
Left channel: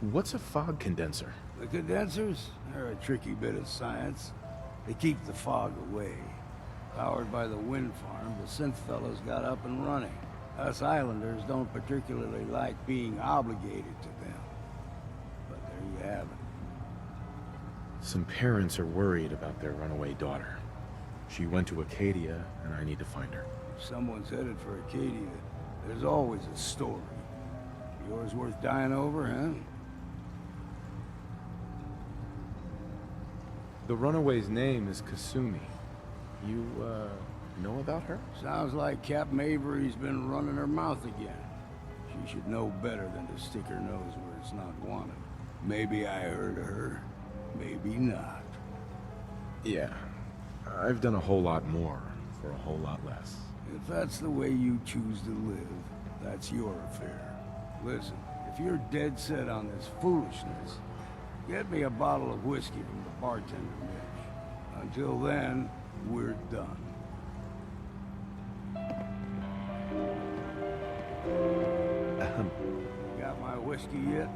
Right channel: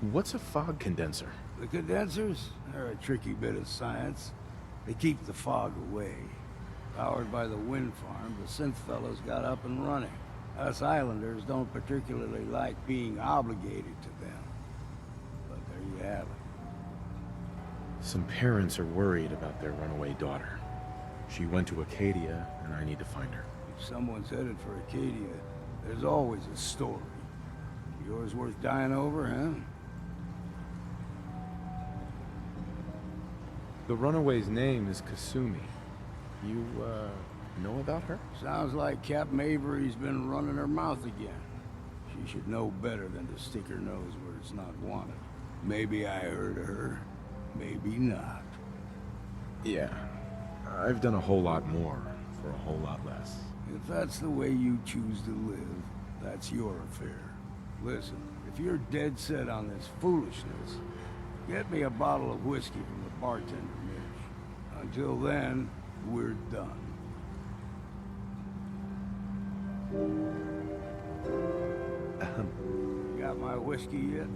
What's a fog condenser? The condensers? They're a tricky bit of science. They keep the fog away. Powered by the wind farm, the synth fellows got up and running. Us islanders don't particularly like being obligated to them. But there you have it. Some parents are worried about their runaway daughter. She went to Acadia, and I need to find her. If someone's headed for Acadia, there's always a story. Yours worth dying over, huh? The runaway's name is Kasumi. You, know about her? Sounds like Captain Avery's been running her mouth again. She should know better than to stick her nose where it's not wanted. Maybe I heard of her, maybe not. Yeah. I've done a whole lot more for a whole lot less. If that's the way you choose to live, that's your affair. Listen, if you're dead set on this foolishness, get me a bottle of whiskey from the bartender, Mitch. Until then, we're done. Got my whiskey yet?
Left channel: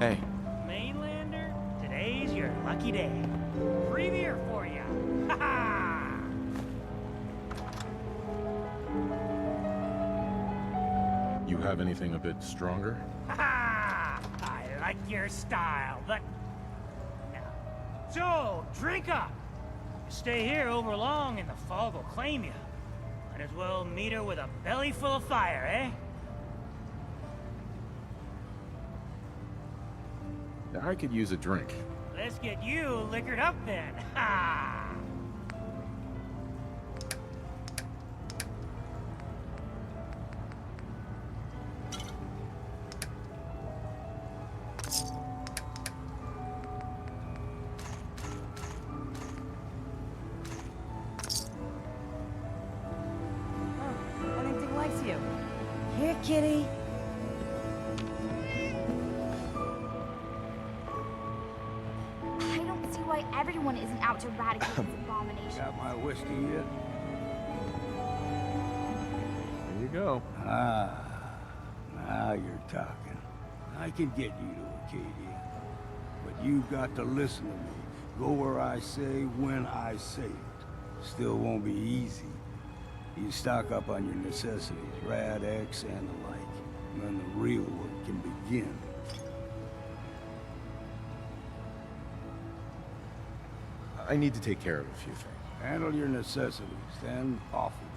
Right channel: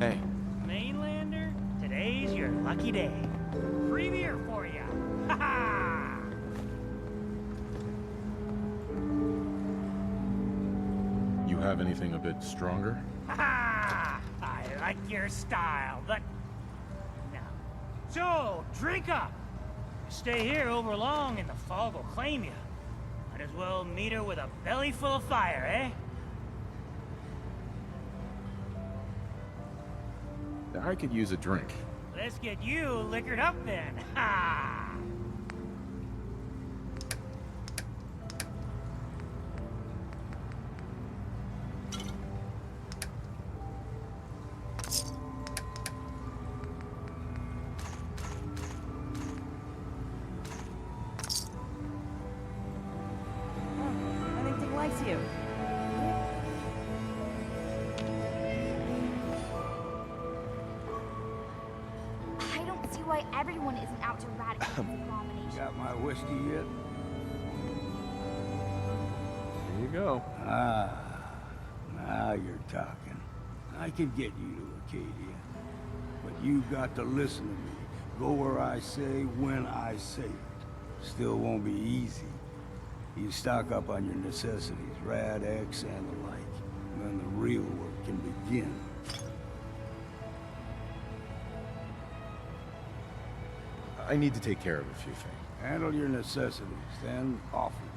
Hey. Mainlander, today's your lucky day. Free beer for ya. Ha ha! You have anything a bit stronger? Ha ha! I like your style, but no. So, drink up. You stay here over long and the fog will claim you. Might as well meet her with a belly full of fire, eh? I could use a drink. Let's get you liquored up then. Ha! likes you. Here, kitty. I don't see why everyone isn't out to eradicate this abomination. Got my whiskey yet? There you go. Ah, now you're talking. I can get you to Acadia. But you've got to listen to me. Go where I say, when I say it. Still won't be easy. You stock up on your necessities, Rad X and the like. And then the real work can begin. I need to take care of a few things. Handle your necessities, then off with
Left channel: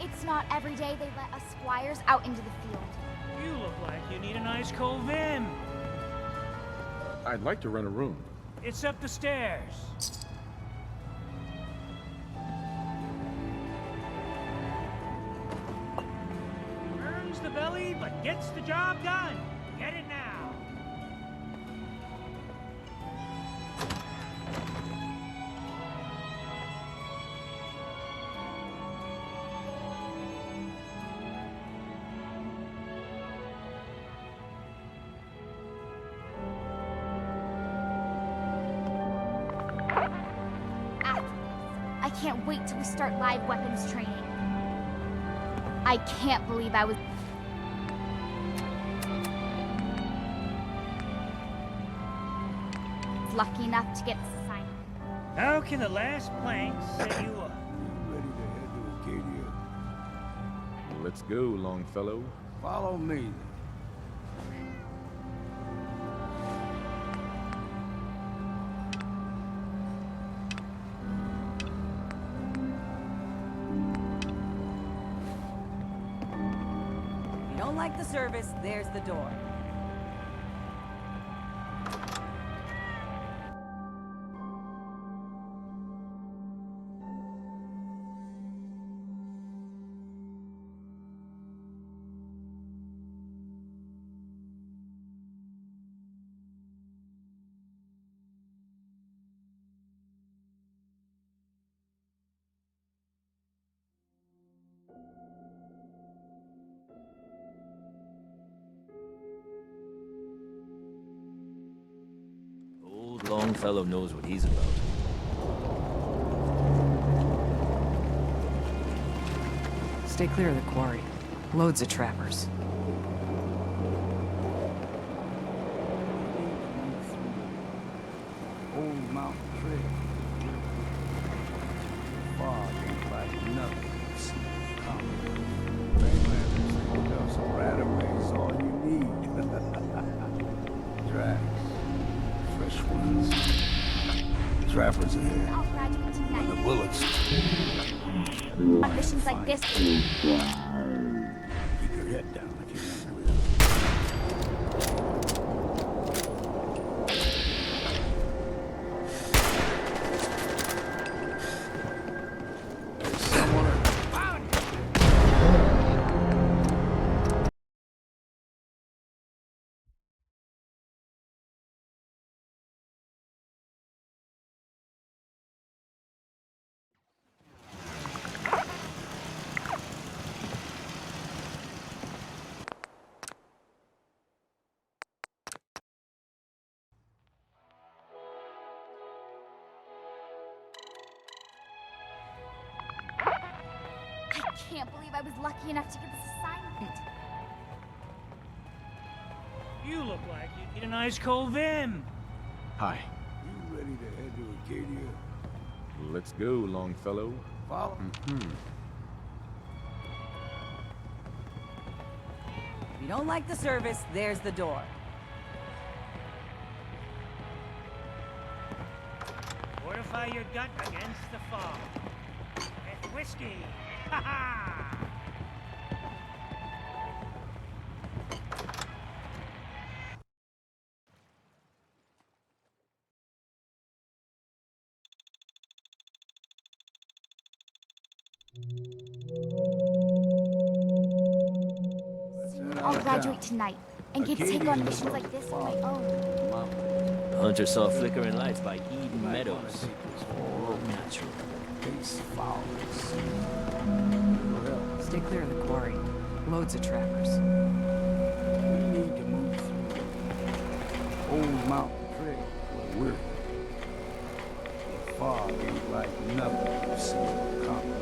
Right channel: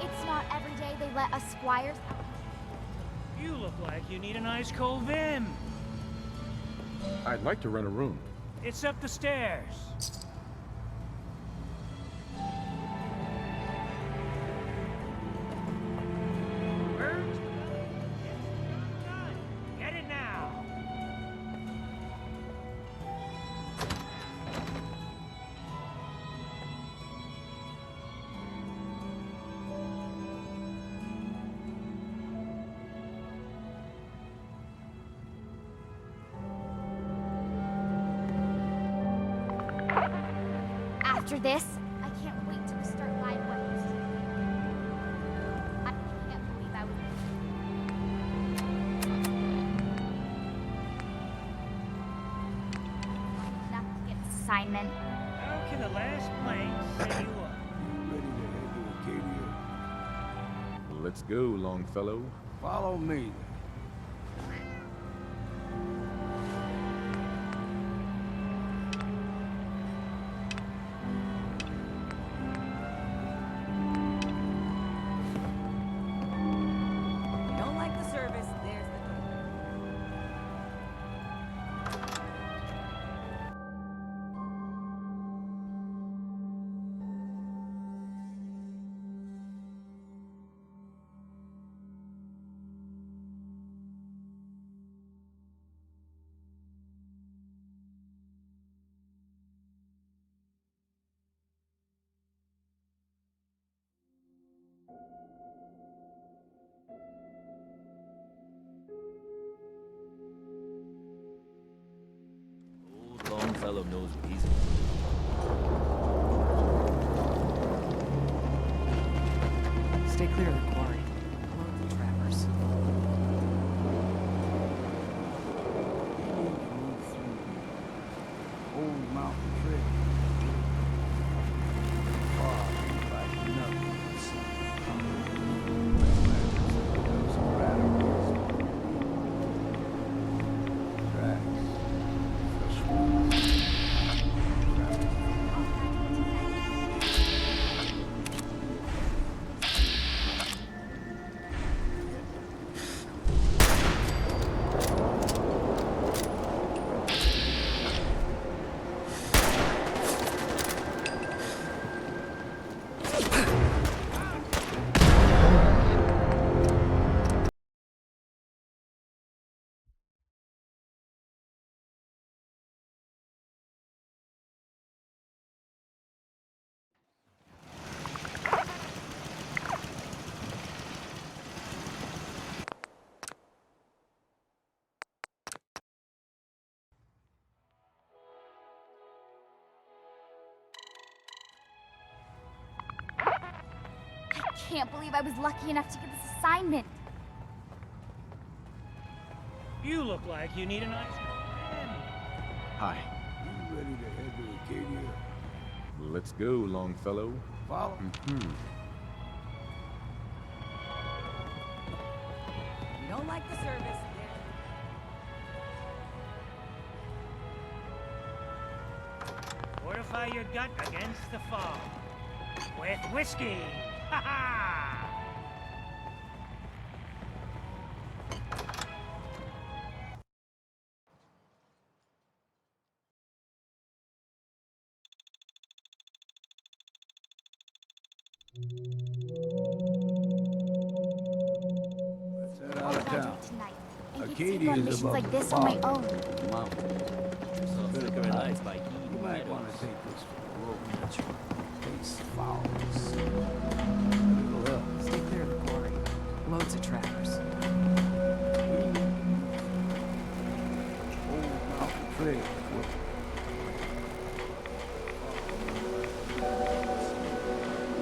you. It's not every day they let us squires out into the field. You look like you need a nice cold vim. I'd like to rent a room. It's up the stairs. Burns the belly, but gets the job done. Get it now. After this, I can't wait till we start live weapons training. I can't believe I was... lucky enough to get this assignment. How can the last plank set you up? You ready to head to Acadia? Let's go, Longfellow. Follow me, then. You don't like the service, there's the door. Old Longfellow knows what he's about. Stay clear of the quarry. Loads of trappers. We need to move through the old mountain trail. The fog ain't like nothing you've seen coming. Mainlanders think those right-of-way is all you need. Tracks. Fresh ones. Trappers in I'll graduate the tonight. bullets. On missions like this, Keep your head down if you want to. I can't believe I was lucky enough to get this assignment. You look like you need a nice cold vim. Hi. You ready to head to Acadia? Let's go, Longfellow. Follow. If you don't like the service, there's the door. Fortify your gut against the fog. With whiskey. Ha ha! I'll graduate tonight and get to take Acadia on is missions above like the this on my fog. own. Mountain. Hunter saw flickering lights by Eden You might Meadows. want to take this for a road. Natural. Chase fowls. It'll help. Stay clear of the quarry. Loads of trappers. We need to move through Old Mountain Trail where we're. The fog is like nothing we've seen in Harbour.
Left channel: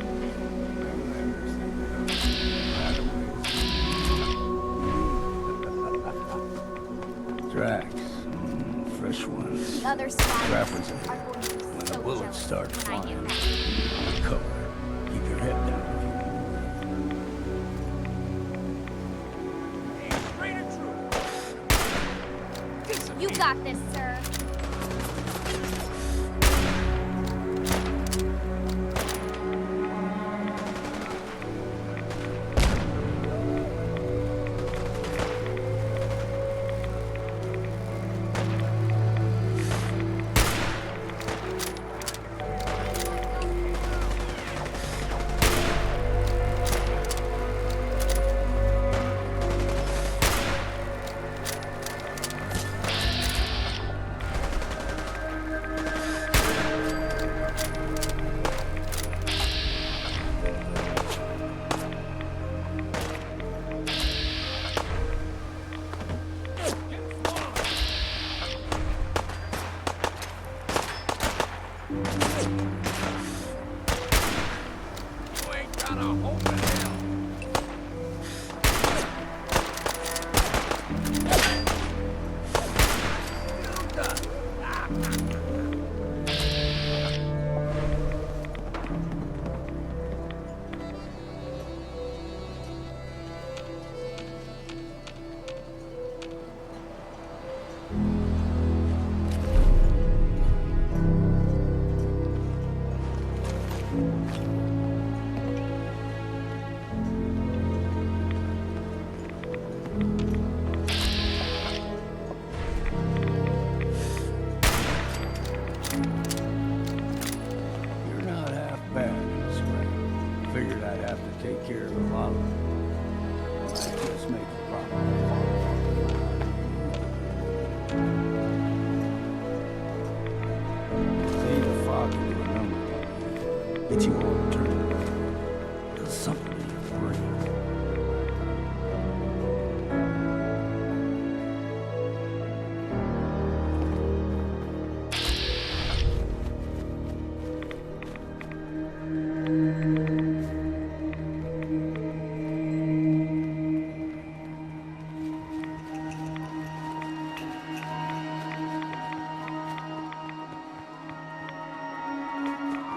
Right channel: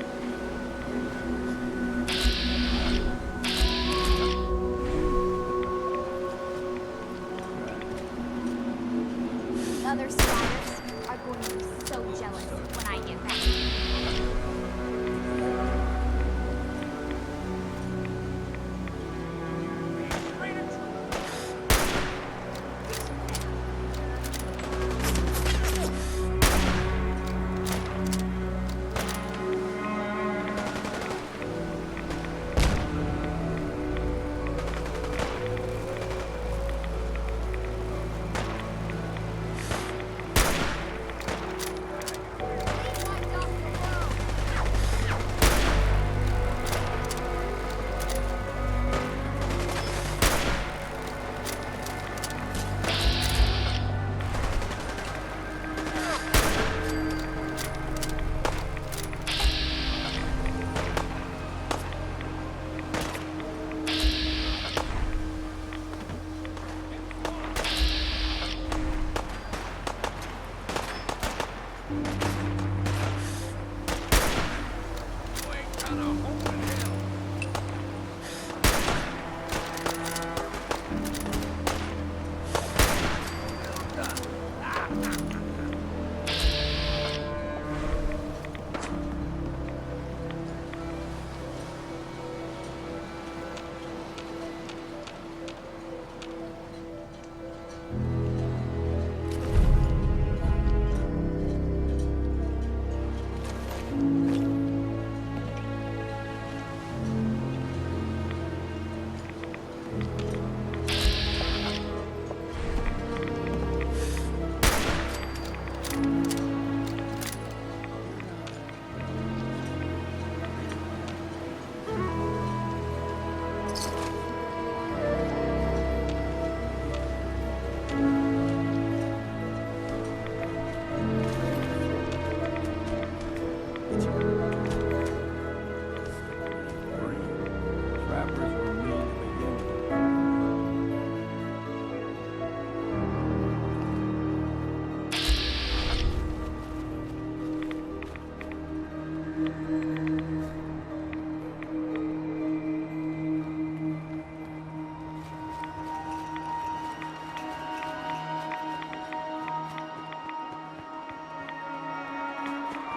Tracks. Fresh ones. The other survivors are going to be so Bullets jealous start when I get back. Cover. Keep your head down. You got this, sir.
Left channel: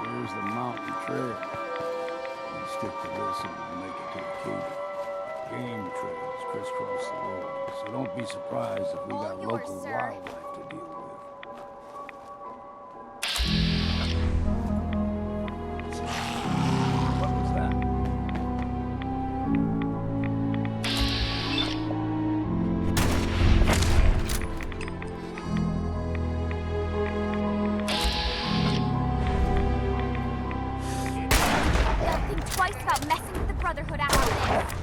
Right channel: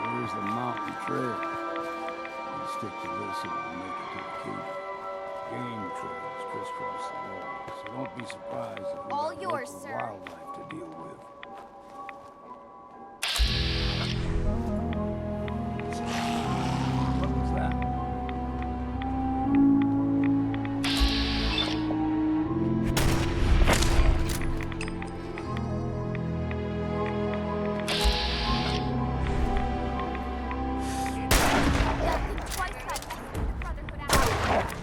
Here's the mountain trail. We stick to this and we'll make it to the cave. Game trails crisscross the road, so don't be surprised if we All got yours, local sir. wildlife to deal with. What was that? Don't think twice about messing with the Brotherhood after.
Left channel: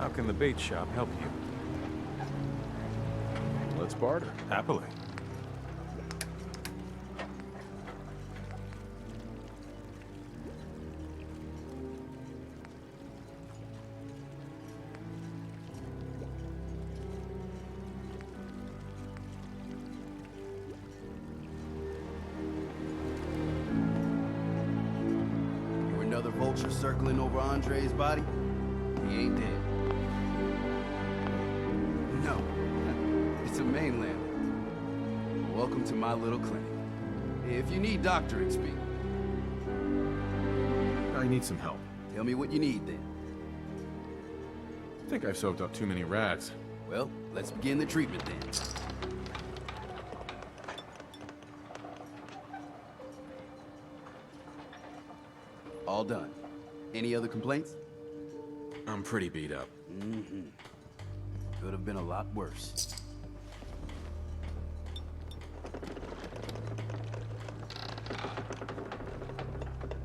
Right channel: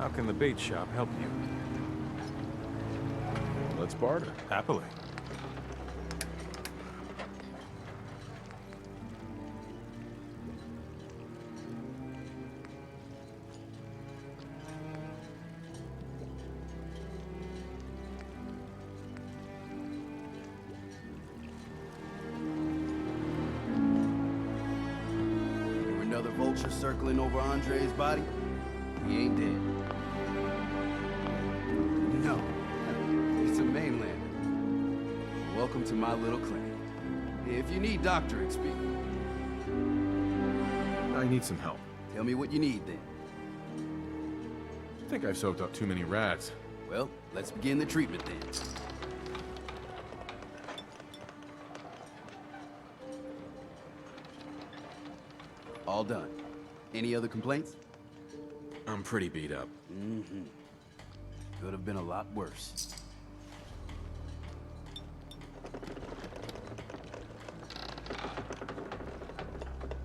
How can the bait shop help you? Let's barter. Happily. Hear another vulture circling over Andre's body? He ain't dead. No. It's a mainlander. Welcome to my little clinic. If you need doctoring, speak. I need some help. Tell me what you need, then. I think I've soaked up too many rats. Well, let's begin the treatment, then. All done. Any other complaints? I'm pretty beat up. Mm-hmm. Could have been a lot worse.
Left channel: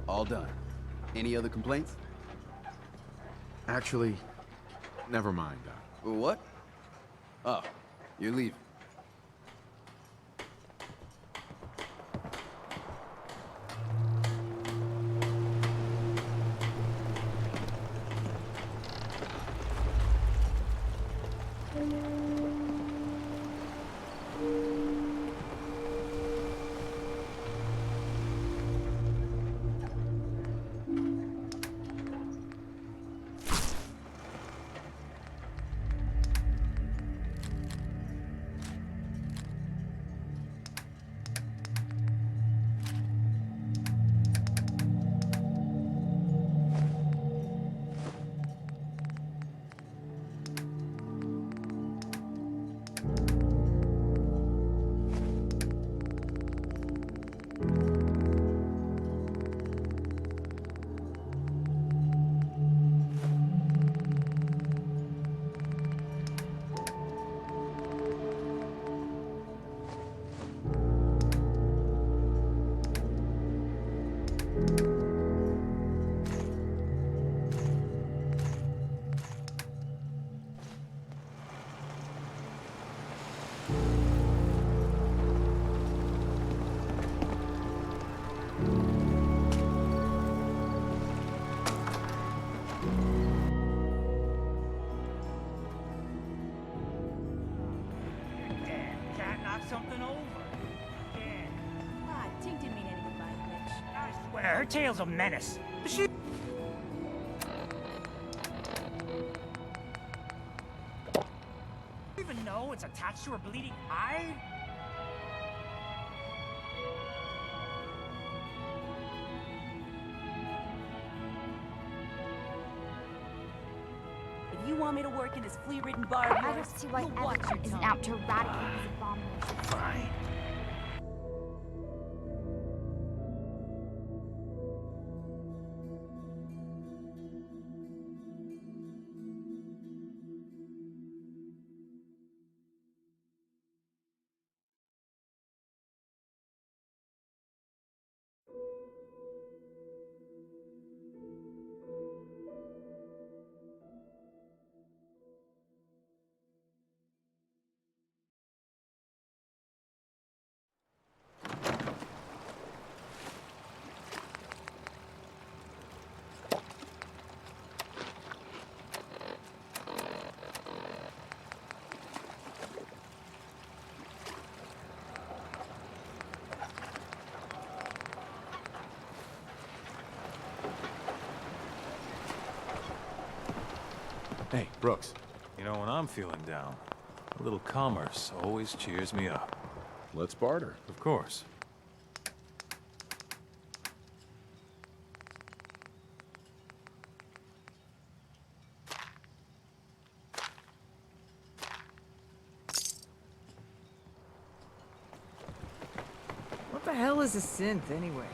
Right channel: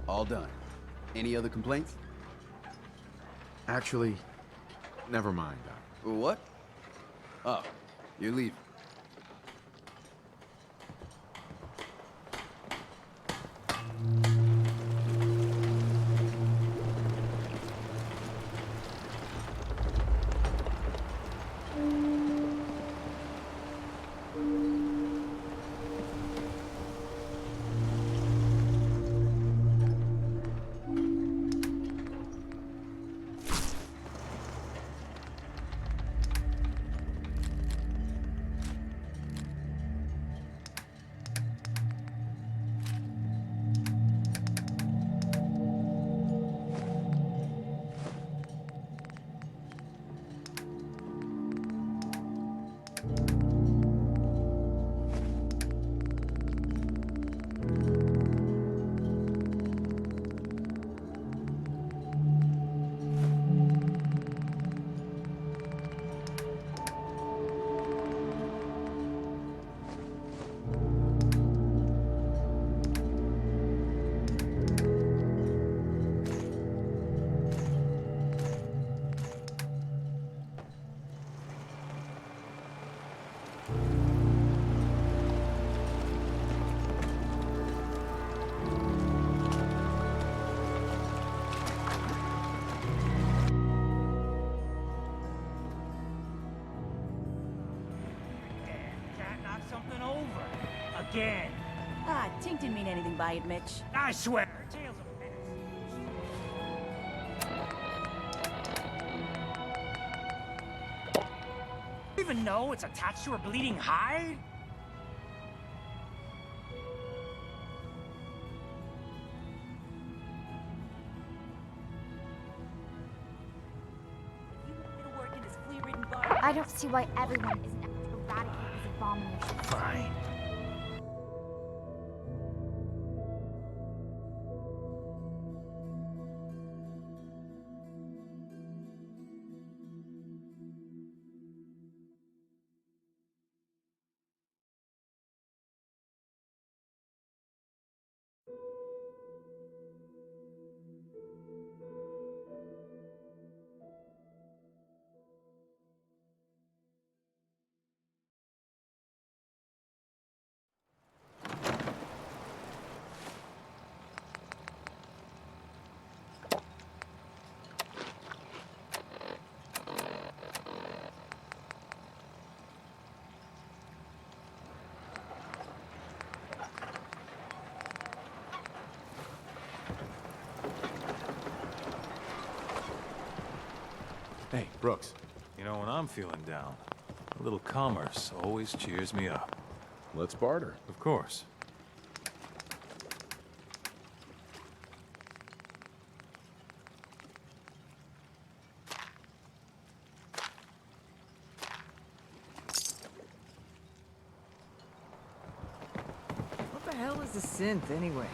All done. Any other complaints? Actually, never mind, Doc. What? Oh, you're leaving. Something over. Again. Ah, Tink didn't mean anything by it, Mitch. I swear, her tail's a menace. She... even know it's attached to her bleeding hide? If you want me to work in this flea-ridden bar... I don't see why everyone isn't out to eradicate these abominations. Fine. Hey, Brooks. You know, when I'm feeling down, a little commerce always cheers me up. Let's barter. Of course. What the hell is a synth, anyway?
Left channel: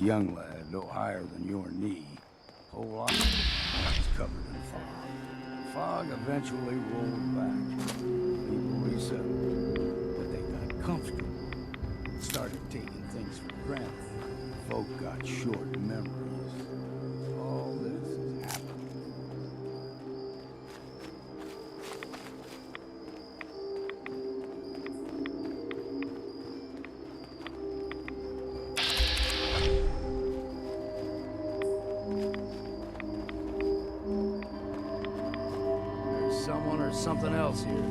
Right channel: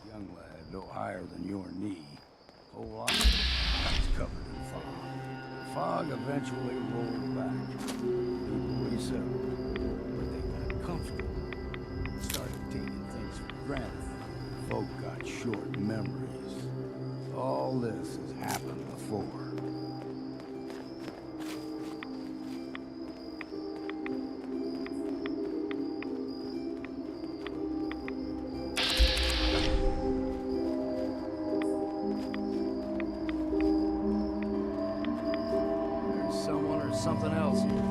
young lad, no higher than your knee. Whole lot was covered in fog. The fog eventually rolled back. People resettled, but they got comfortable. Started taking things for granted. Folk got short memories. All this has happened before. There's someone or something else here.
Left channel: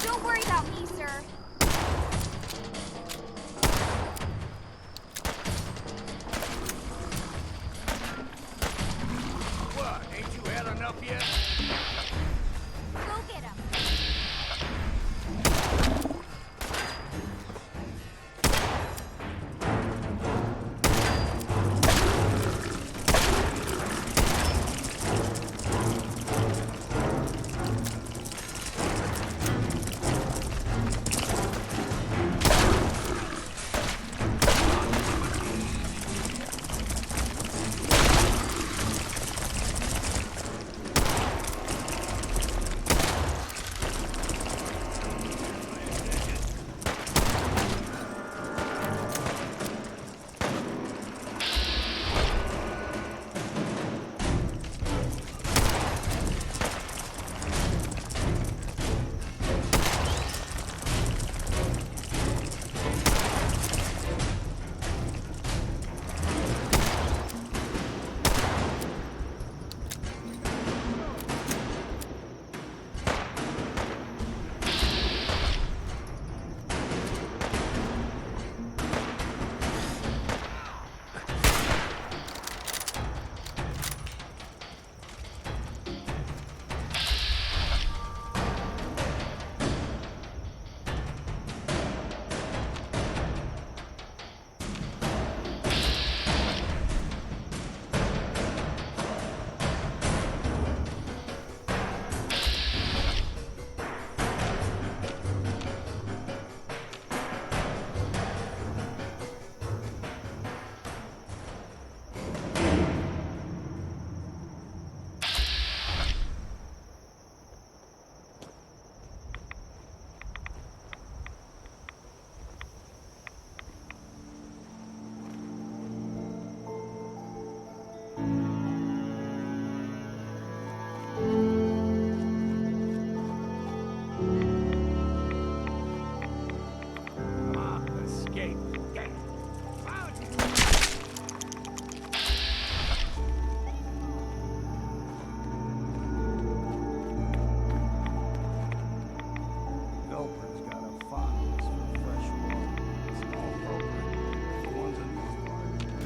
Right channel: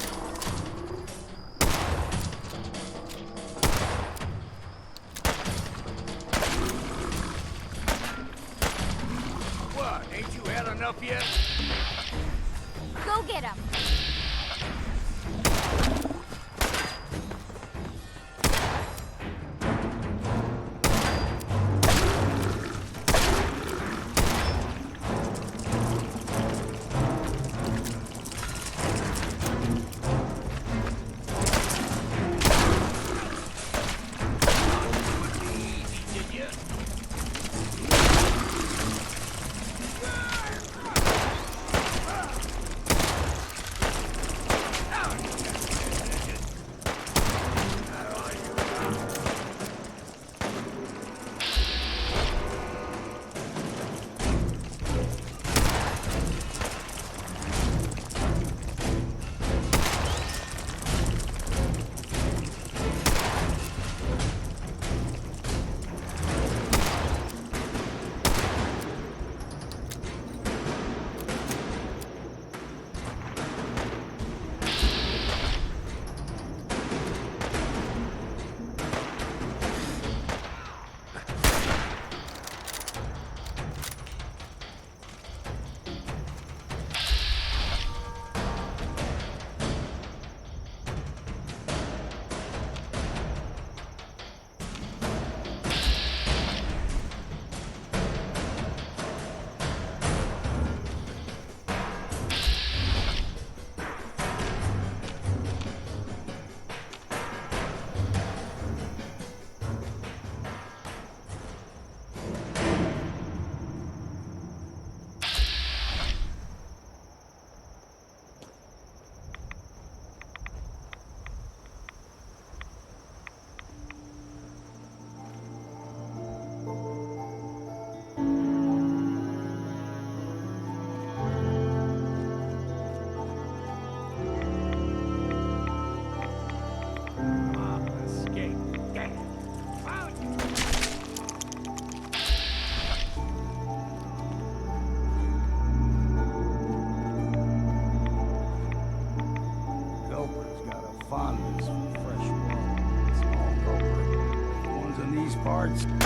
Don't worry about me, sir. What? Ain't you had enough yet? Go get him.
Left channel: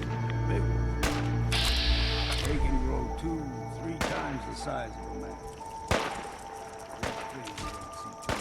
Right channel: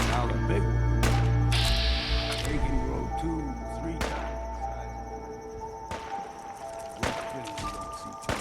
Now the big one. They can grow 2-3 times the size of a man. This thing you don't see too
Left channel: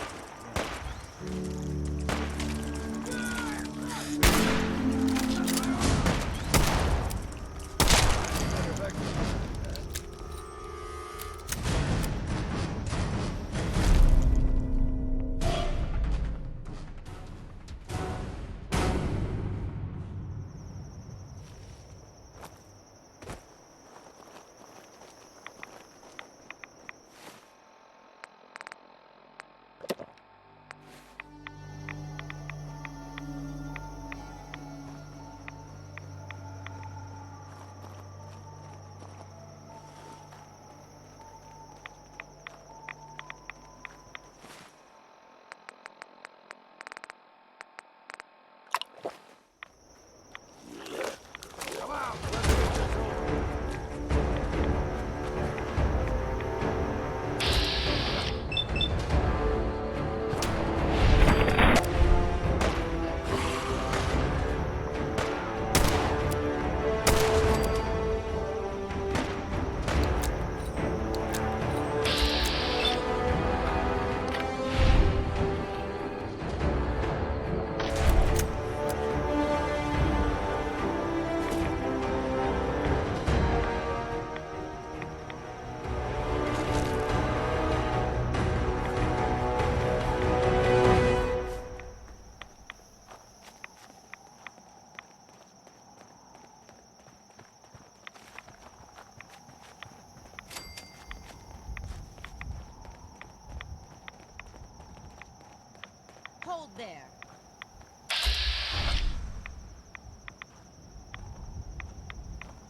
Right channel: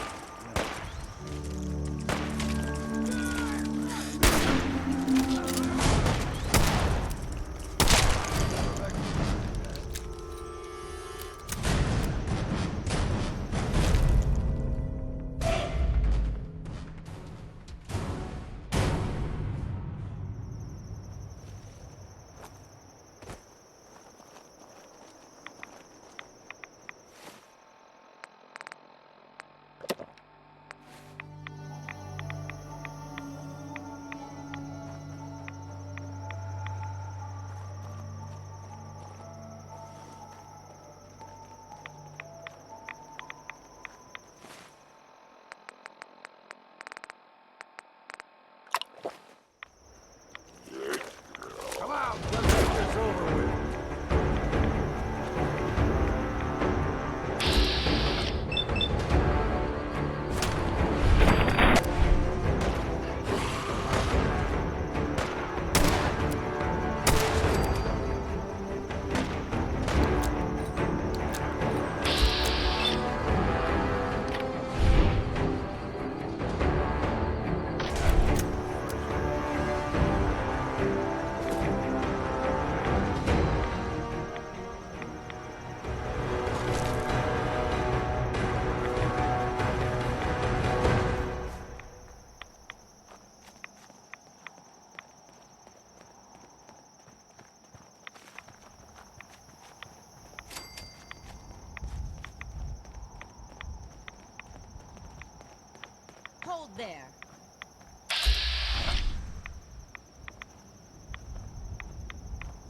Hold there.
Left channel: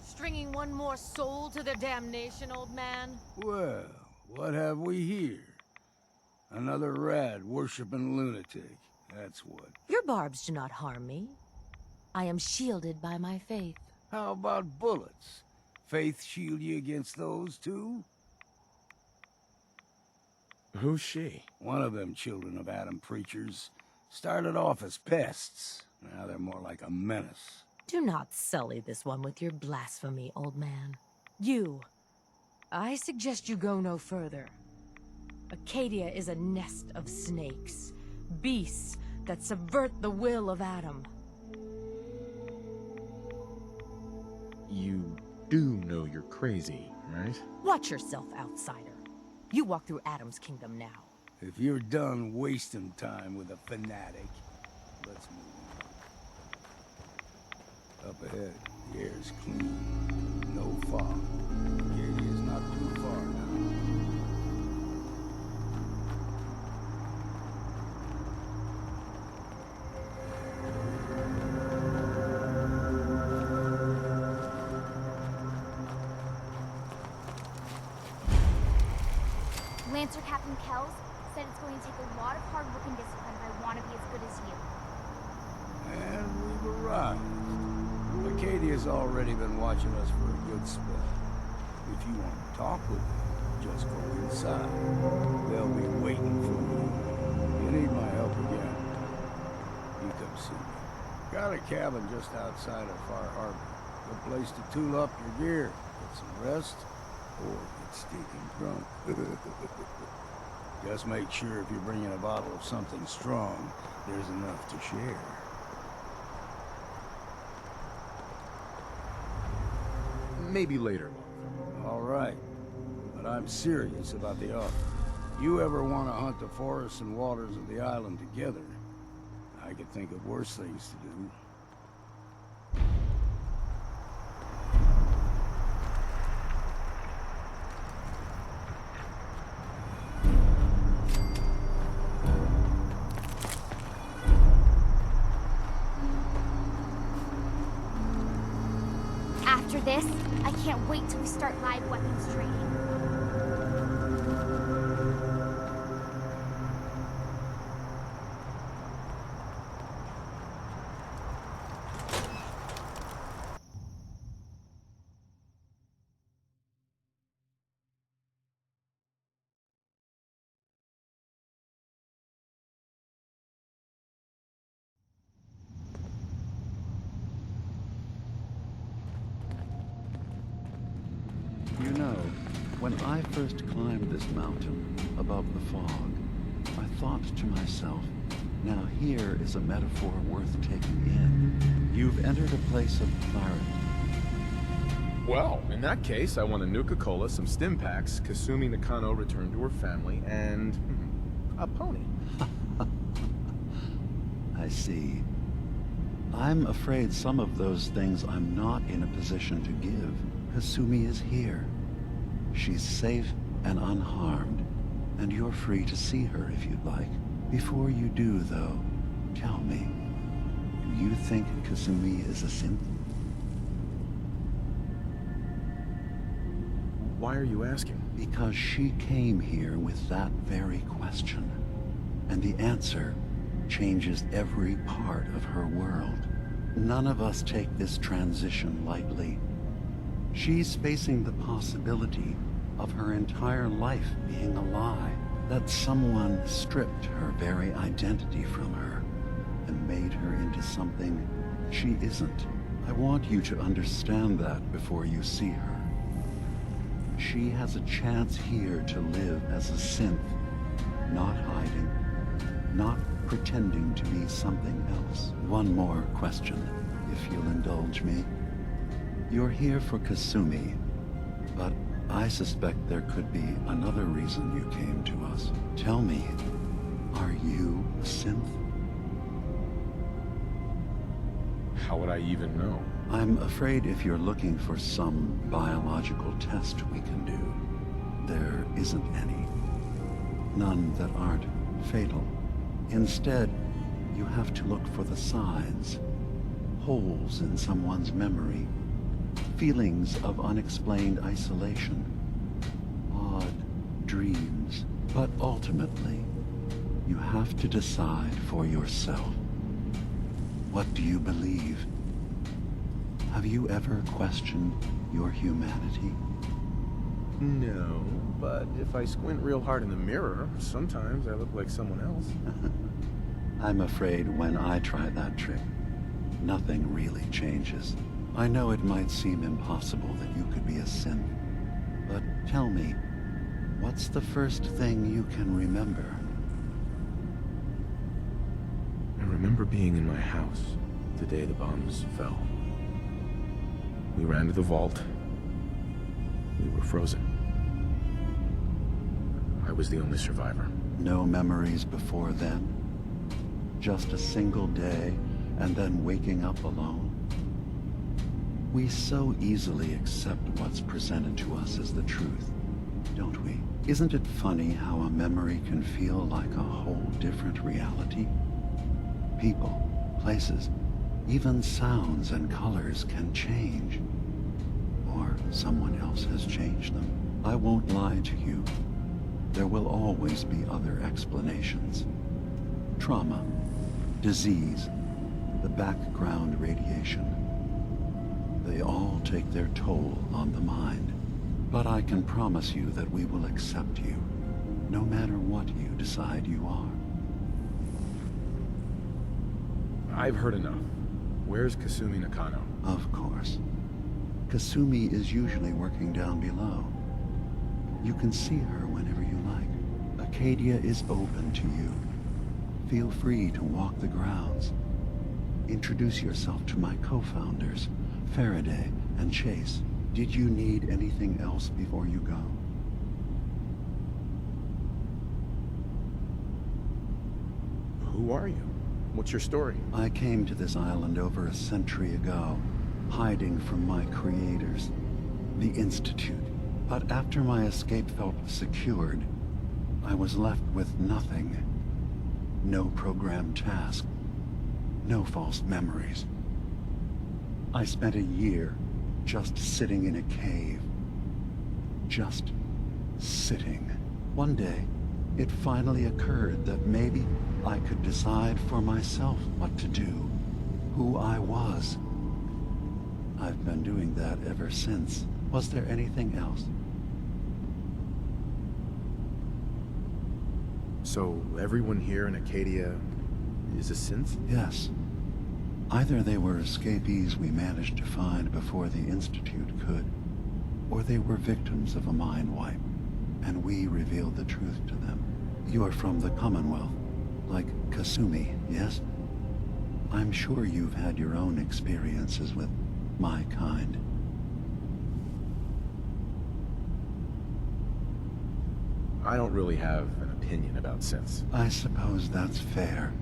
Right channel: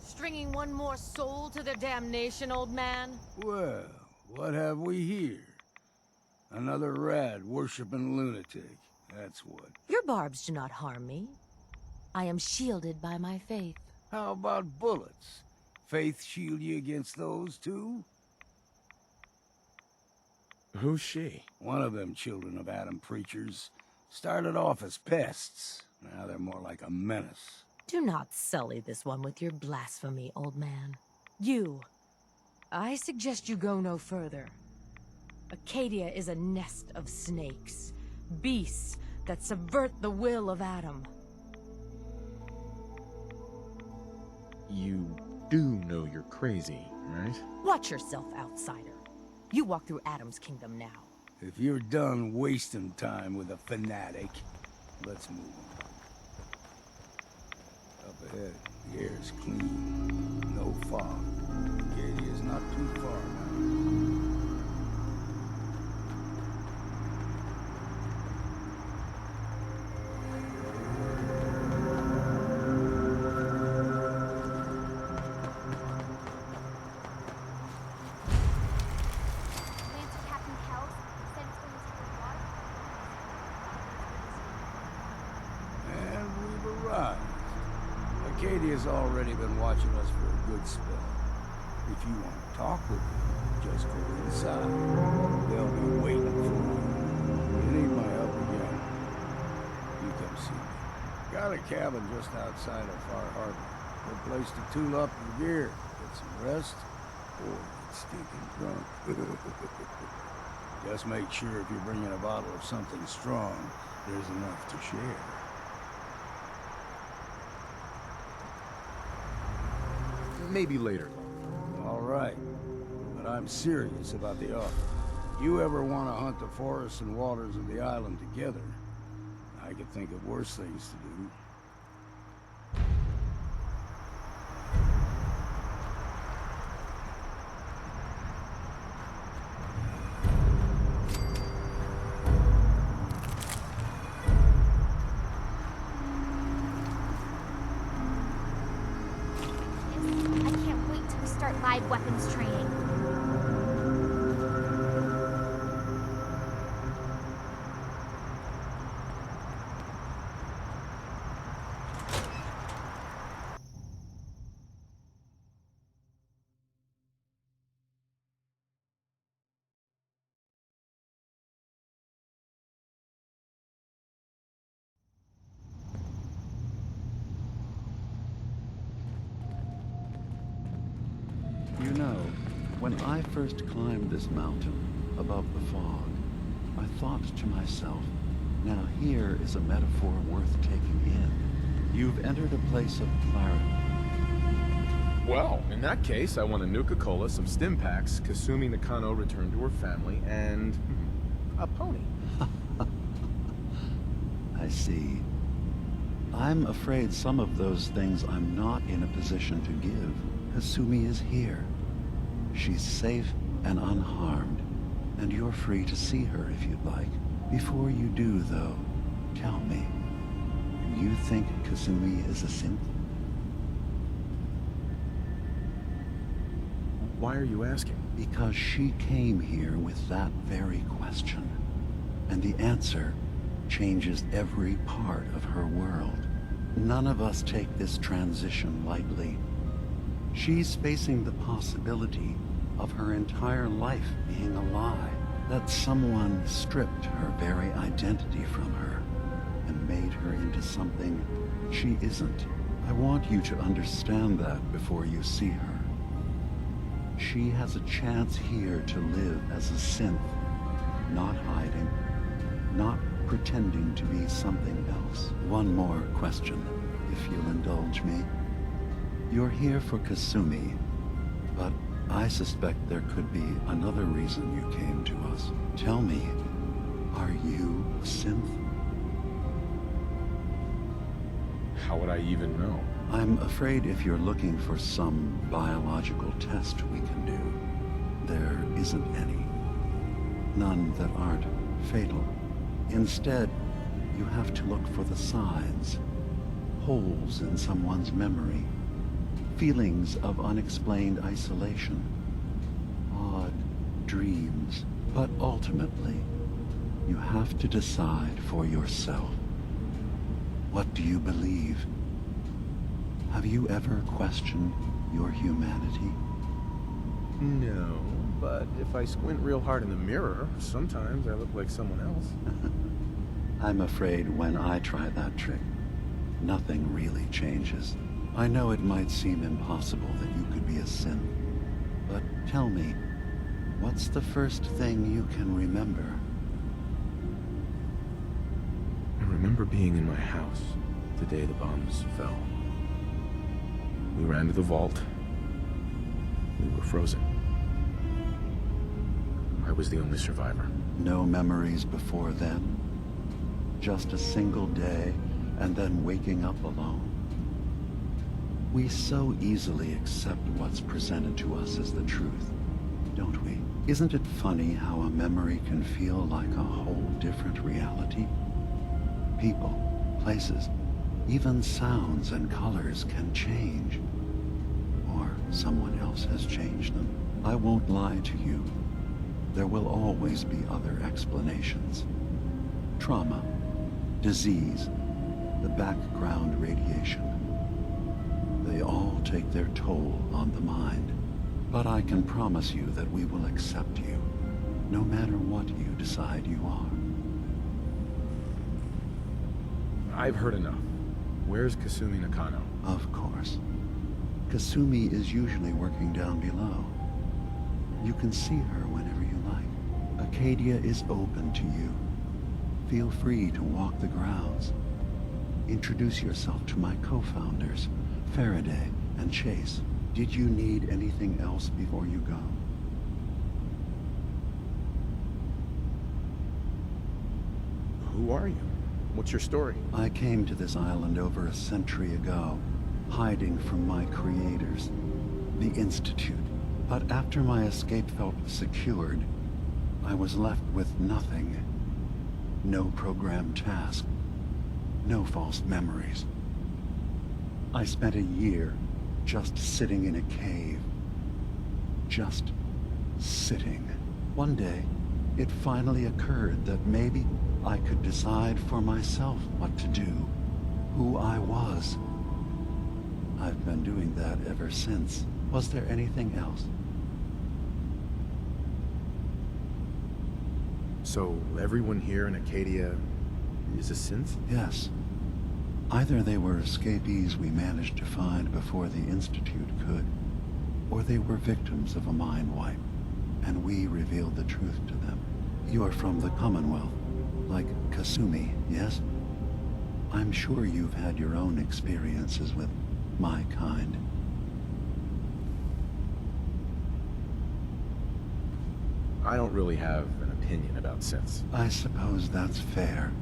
Stringing one more soul to their damnation, old man? Well, what have we here? Another rad worshipping lunatic. That's what. Your barbs do not harm me. I am shielded by my faith. How about bullets? Faith shield you against those, too? Who's she? One of them children of Adam preachers. Started off as pests. Now they're more like a menace. Do not sully this one with your blasphemy, old man. You. I suggest you go no further. Acadia is a nest of snakes. Beasts that subvert the will of Adam. You do know you're crazy, right? Watch yourself, outsider. You walk through Adam's kingdom now. If you're done wasting time with a fanatic, let's move on. Up ahead, the air's clean. No fog. Acadia's not too far now. Lancer Captain Kells said it's going to take a lot of hard work and discipline if I want to be as good as you. And we've arrived. Acadia's already been watching us for a good spell. If you want to talk with them, just go inside. They'll be waiting for you. You need my help again, you come see me. Got a cabin just outside of Far Harbor. Good place to tool up your gear, get some rest, or get stinking drunk. Just make sure if you're bringing a bottle of something strong, there's enough to share. Maybe later, All right, but I'm serious about the offer. You ever want to hunt the forests and waters of the island together, I could think of worse things to do. After this, I can't wait till we start live weapons training. You know, when I first climbed this mountain above the fog, I thought to myself, now here is a metaphor worth taking in. You've entered a place of clarity. Well, in that case, I want a Nuka-Cola, some stim packs, Kasumi Nakano returned to her family, and a pony. I see. I'm afraid some of those things I'm not in a position to give. Kasumi is here. She's safe and unharmed, and you're free to see her if you'd like. Before you do, though, tell me, do you think Kasumi is a synth? Why are you asking? Because she came here with that very question, and the answer changes every part of her world. None of us take this transition lightly. She's facing the possibility of her entire life being a lie, that someone stripped her very identity from her and made her into something she isn't. I want you to understand that before you see her. She has a chance here to live as a synth, not hiding, not pretending to be something else. One more question, if you'll indulge me. You're here for Kasumi, but I suspect there could be another reason you came to us. Tell me, are you a synth? How would I even know? I'm afraid if you're looking for some biological test we can do, there isn't any. None that aren't fatal. Instead, You have to look for the signs, holes in someone's memory, feelings of unexplained isolation, odd dreams. But ultimately, you have to decide for yourself. What do you believe? Have you ever questioned your humanity? No, but if I squint real hard in the mirror, sometimes I look like someone else. I'm afraid when I try that trick, nothing really changes. I know it might seem impossible that you could be a synth, but tell me, what's the first thing you can remember? I remember being in my house the day the bombs fell. We ran to the vault. We were frozen. I was the only survivor. No memories before then? Just a single day, and then waking up alone? We so easily accept what's presented to us as the truth, don't we? Isn't it funny how a memory can feel like a whole different reality? People, places, even sounds and colors can change. Or someone else has changed them. I won't lie to you. There will always be other explanations. Trauma, disease, the background radiation. They all take their toll on the mind. But I can promise you that we will accept you, no matter what you decide you are. I've heard enough. Where's Kasumi Nakano? Of course. Kasumi is usually working down below. You can see her whenever you like. Acadia is open to you. Feel free to walk the grounds. Introduce yourself to my co-founders, Faraday and Chase. Did you need anything else before you go? Who are you? What's your story? I came to this island over a century ago, hiding from my creators, the Institute. But after my escape felt secured, I was left with nothing. No programmed task. No false memories. I spent a year just sitting in a cave. Just sitting. One day, it finally occurred that maybe I could decide for myself what to do, who I was. I've been doing that ever since. Was there anything else? So everyone here in Acadia is a synth? Yes. Either they were escapees we managed to find before the Institute could, or they were victims of a mind wipe, and we revealed the truth to them. You are from the Commonwealth, like Kasumi, yes? I'm sure you've had your own experiences with my kind. I don't really have an opinion about synths. I suppose that's fair.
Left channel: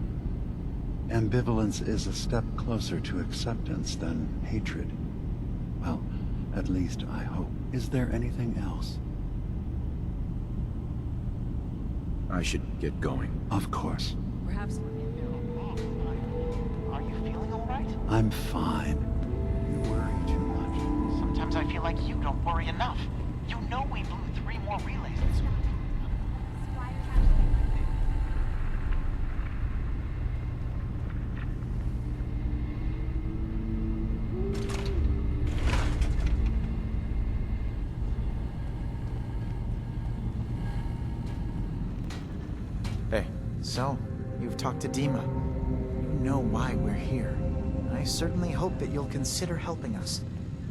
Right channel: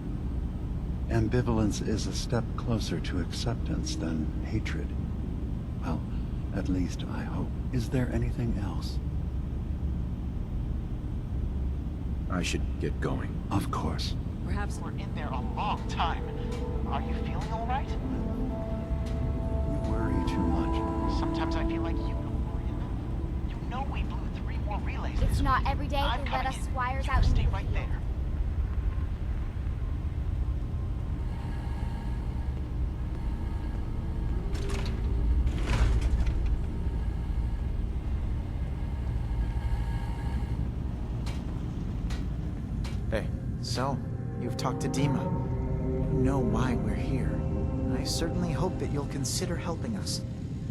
Ambivalence is a step closer to acceptance than hatred. Well, at least I hope. Is there anything else? I should get going. Of course. Perhaps we're in there a long time. Are you feeling all right? I'm fine. You worry too much. Sometimes I feel like you don't worry enough. You know we blew 3 more relays. It's not every day they let us squires out. Stay right there. Hey. So, you've talked to Dima. You know why we're here. I certainly hope that you'll consider helping us.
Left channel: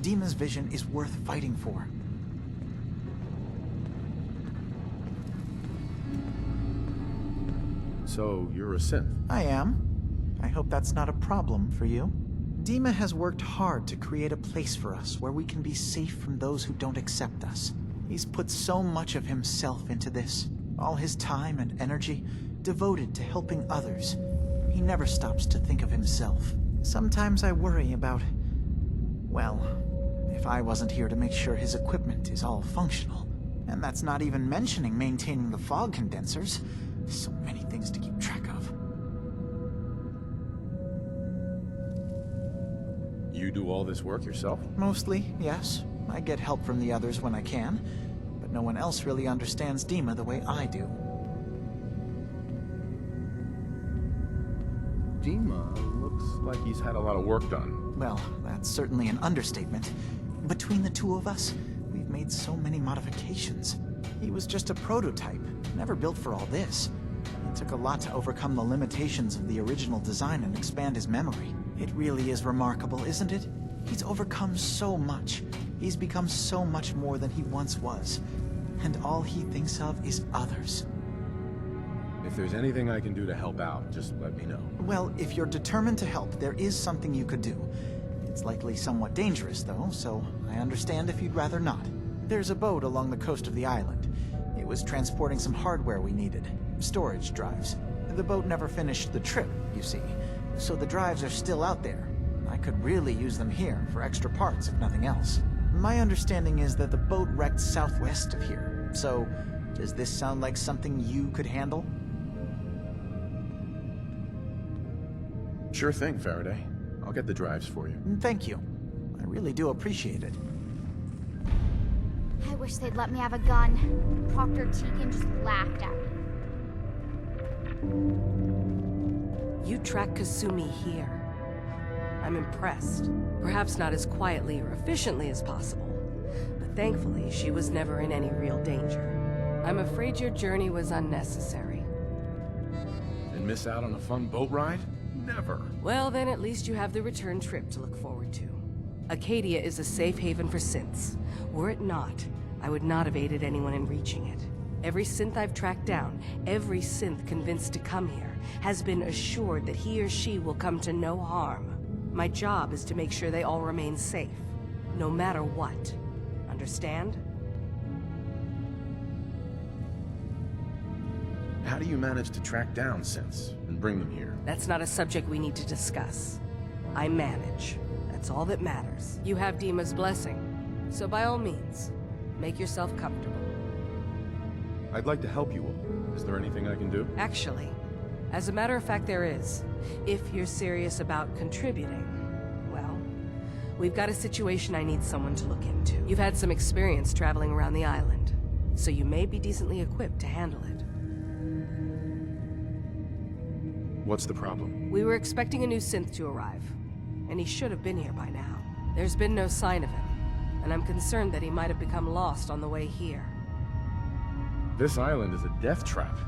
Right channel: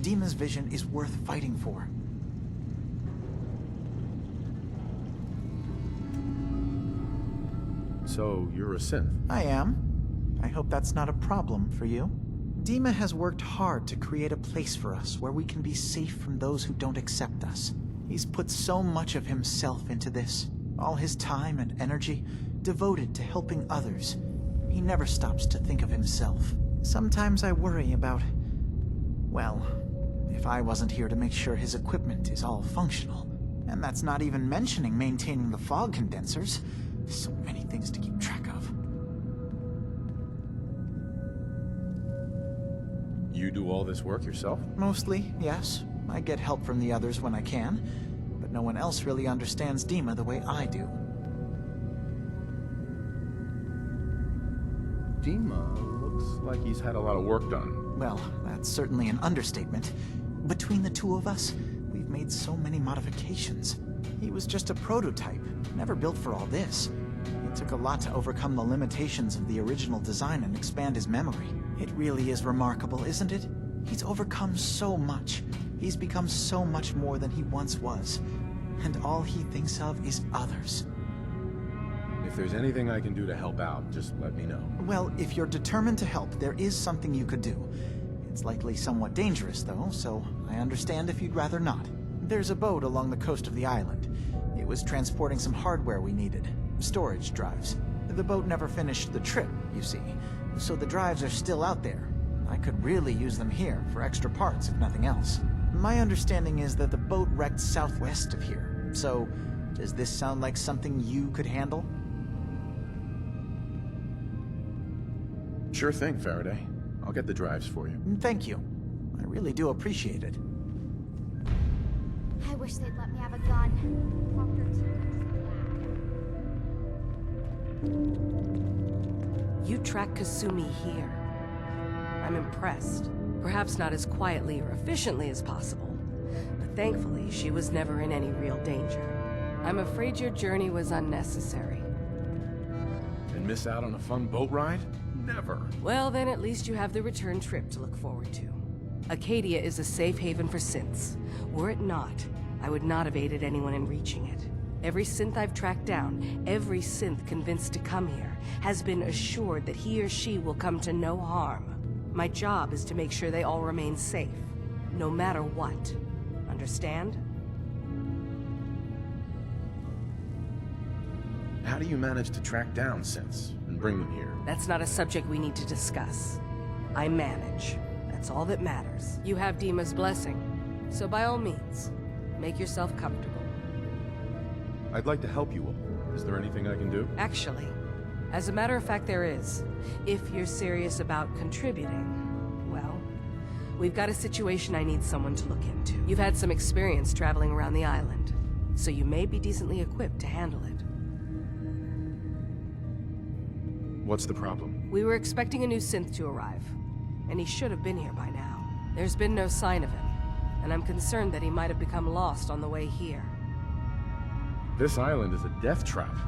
Dima's vision is worth fighting for. So, you're a synth? I am. I hope that's not a problem for you. Dima has worked hard to create a place for us where we can be safe from those who don't accept us. He's put so much of himself into this, all his time and energy devoted to helping others. He never stops to think of himself. Sometimes I worry about, well, if I wasn't here to make sure his equipment is all functional. And that's not even mentioning maintaining the fog condensers. So many things to keep track of. You do all this work yourself? Mostly, yes. I get help from the others when I can, but no one else really understands Dima the way I do. Dima looks like he's had a lot of work done. Well, that's certainly an understatement. Between the two of us, we've made so many modifications. He was just a prototype, never built for all this. It took a lot to overcome the limitations of the original design and expand his memory. It really is remarkable, isn't it? He's overcome so much. He's become so much more than he once was. And all he thinks of is others. If there's anything I can do to help out, just let me know. Well, if you're determined to help, there is something you could do. It's likely somewhat dangerous, though, so I understand if you'd rather not. There's a boat along the coast of the island. It was transporting some hardware we needed. Storage drives. The boat never finished the trip, you see, so the drives are still out there. I could really use them here for extra parts, if nothing else. My understanding is that the boat wrecked southwest of here, so does this sound like something you could handle? Sure thing, Faraday. I'll get the drives for you. Thank you. I really do appreciate it. I wish they'd let me have a gun. Proctor Tegan just laughed at me. You track Kasumi here. I'm impressed. Perhaps not as quietly or efficiently as possible, but thankfully she was never in any real danger. I'm afraid your journey was unnecessary. And miss out on a fun boat ride? Never. Well, then at least you have the return trip to look forward to. Acadia is a safe haven for synths. Were it not, I would not have aided anyone in reaching it. Every synth I've tracked down, every synth convinced to come here, has been assured that he or she will come to no harm. My job is to make sure they all remain safe, no matter what. Understand? How do you manage to track down synths and bring them here? That's not a subject we need to discuss. I manage. That's all that matters. You have Dima's blessing, so by all means, make yourself comfortable. I'd like to help you all. Is there anything I can do? Actually, as a matter of fact, there is. If you're serious about contributing, well, we've got a situation I need someone to look into. You've had some experience traveling around the island, so you may be decently equipped to handle it. What's the problem? We were expecting a new synth to arrive, and he should have been here by now. There's been no sign of him, and I'm concerned that he might have become lost on the way here. This island is a death trap.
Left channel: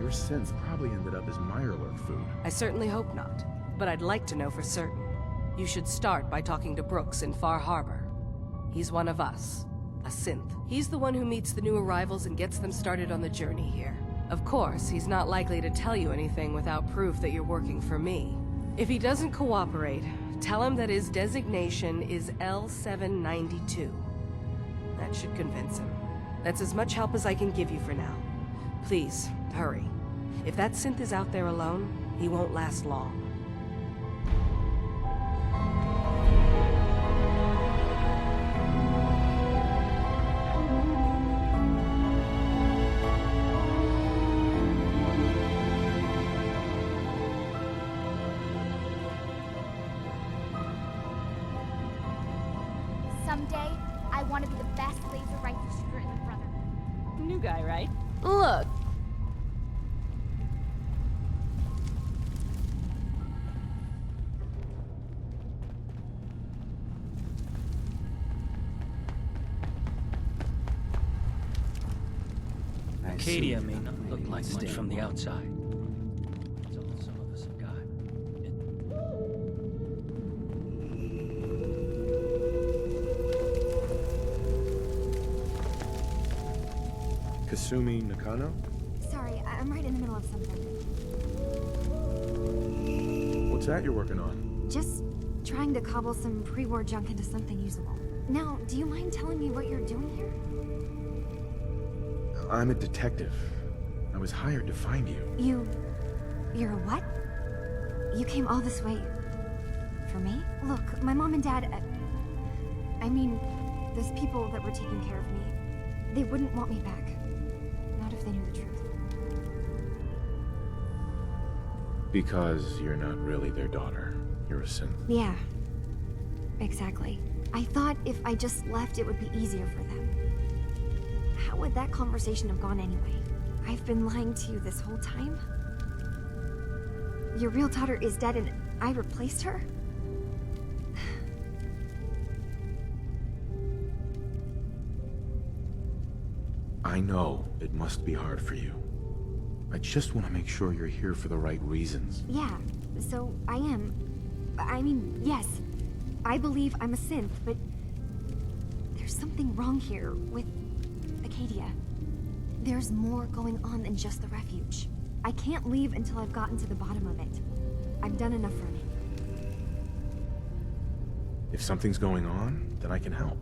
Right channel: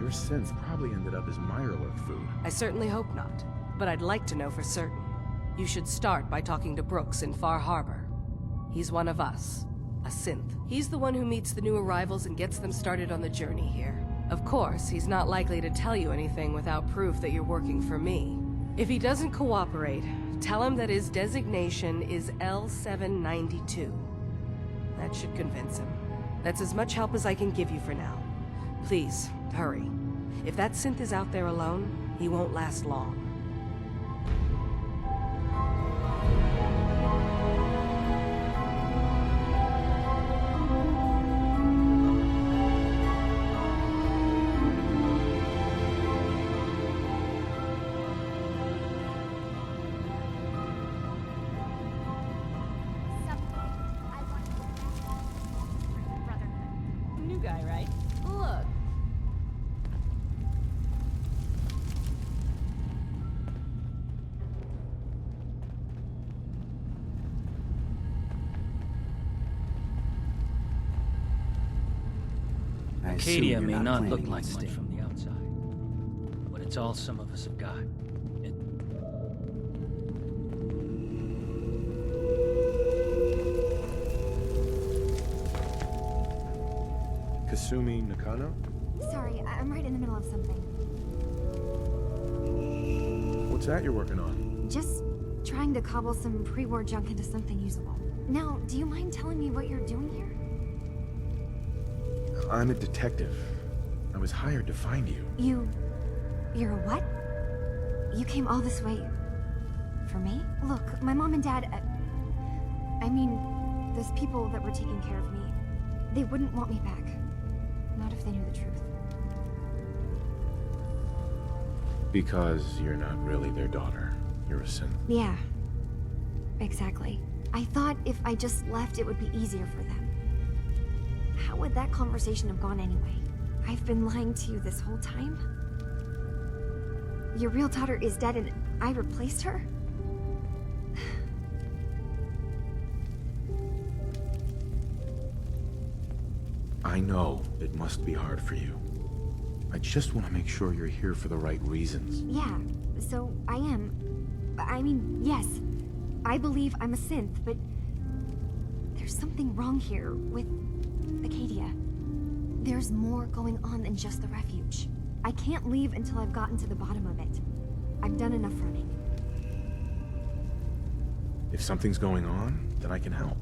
Your synths probably ended up as Mirelurk food. I certainly hope not, but I'd like to know for certain. You should start by talking to Brooks in Far Harbor. He's one of us, a synth. He's the one who meets the new arrivals and gets them started on the journey here. Of course, he's not likely to tell you anything without proof that you're working for me. If he doesn't cooperate, tell him that his designation is L792. That should convince him. That's as much help as I can give you for now. Please, hurry. If that synth is out there alone, he won't last long. Someday, I want to be the best laser rifle shooter in the Brotherhood. New guy, right? Look. Acadia may not look like much from the outside, but it's all some of us have got. Kasumi Nakano? Sorry, I'm right in the middle of something. What's that you're working on? Just trying to cobble some pre-war junk into something usable. Now, do you mind telling me what you're doing here? I'm a detective. I was hired to find you. You're a what? You came all this way... for me? Look, my mom and dad... I mean, those people that were taking care of me, they wouldn't want me back. Not if they knew the truth. Because you're not really their daughter. You're a synth. Yeah. Exactly. I thought if I just left, it would be easier for them. How would that conversation have gone anyway? I've been lying to you this whole time? Your real daughter is dead and I replaced her? I know it must be hard for you. I just want to make sure you're here for the right reasons. Yeah, so I am. I mean, yes. I believe I'm a synth, but there's something wrong here with Acadia. There's more going on than just the refuge. I can't leave until I've gotten to the bottom of it. I've done enough running. If something's going on, then I can help.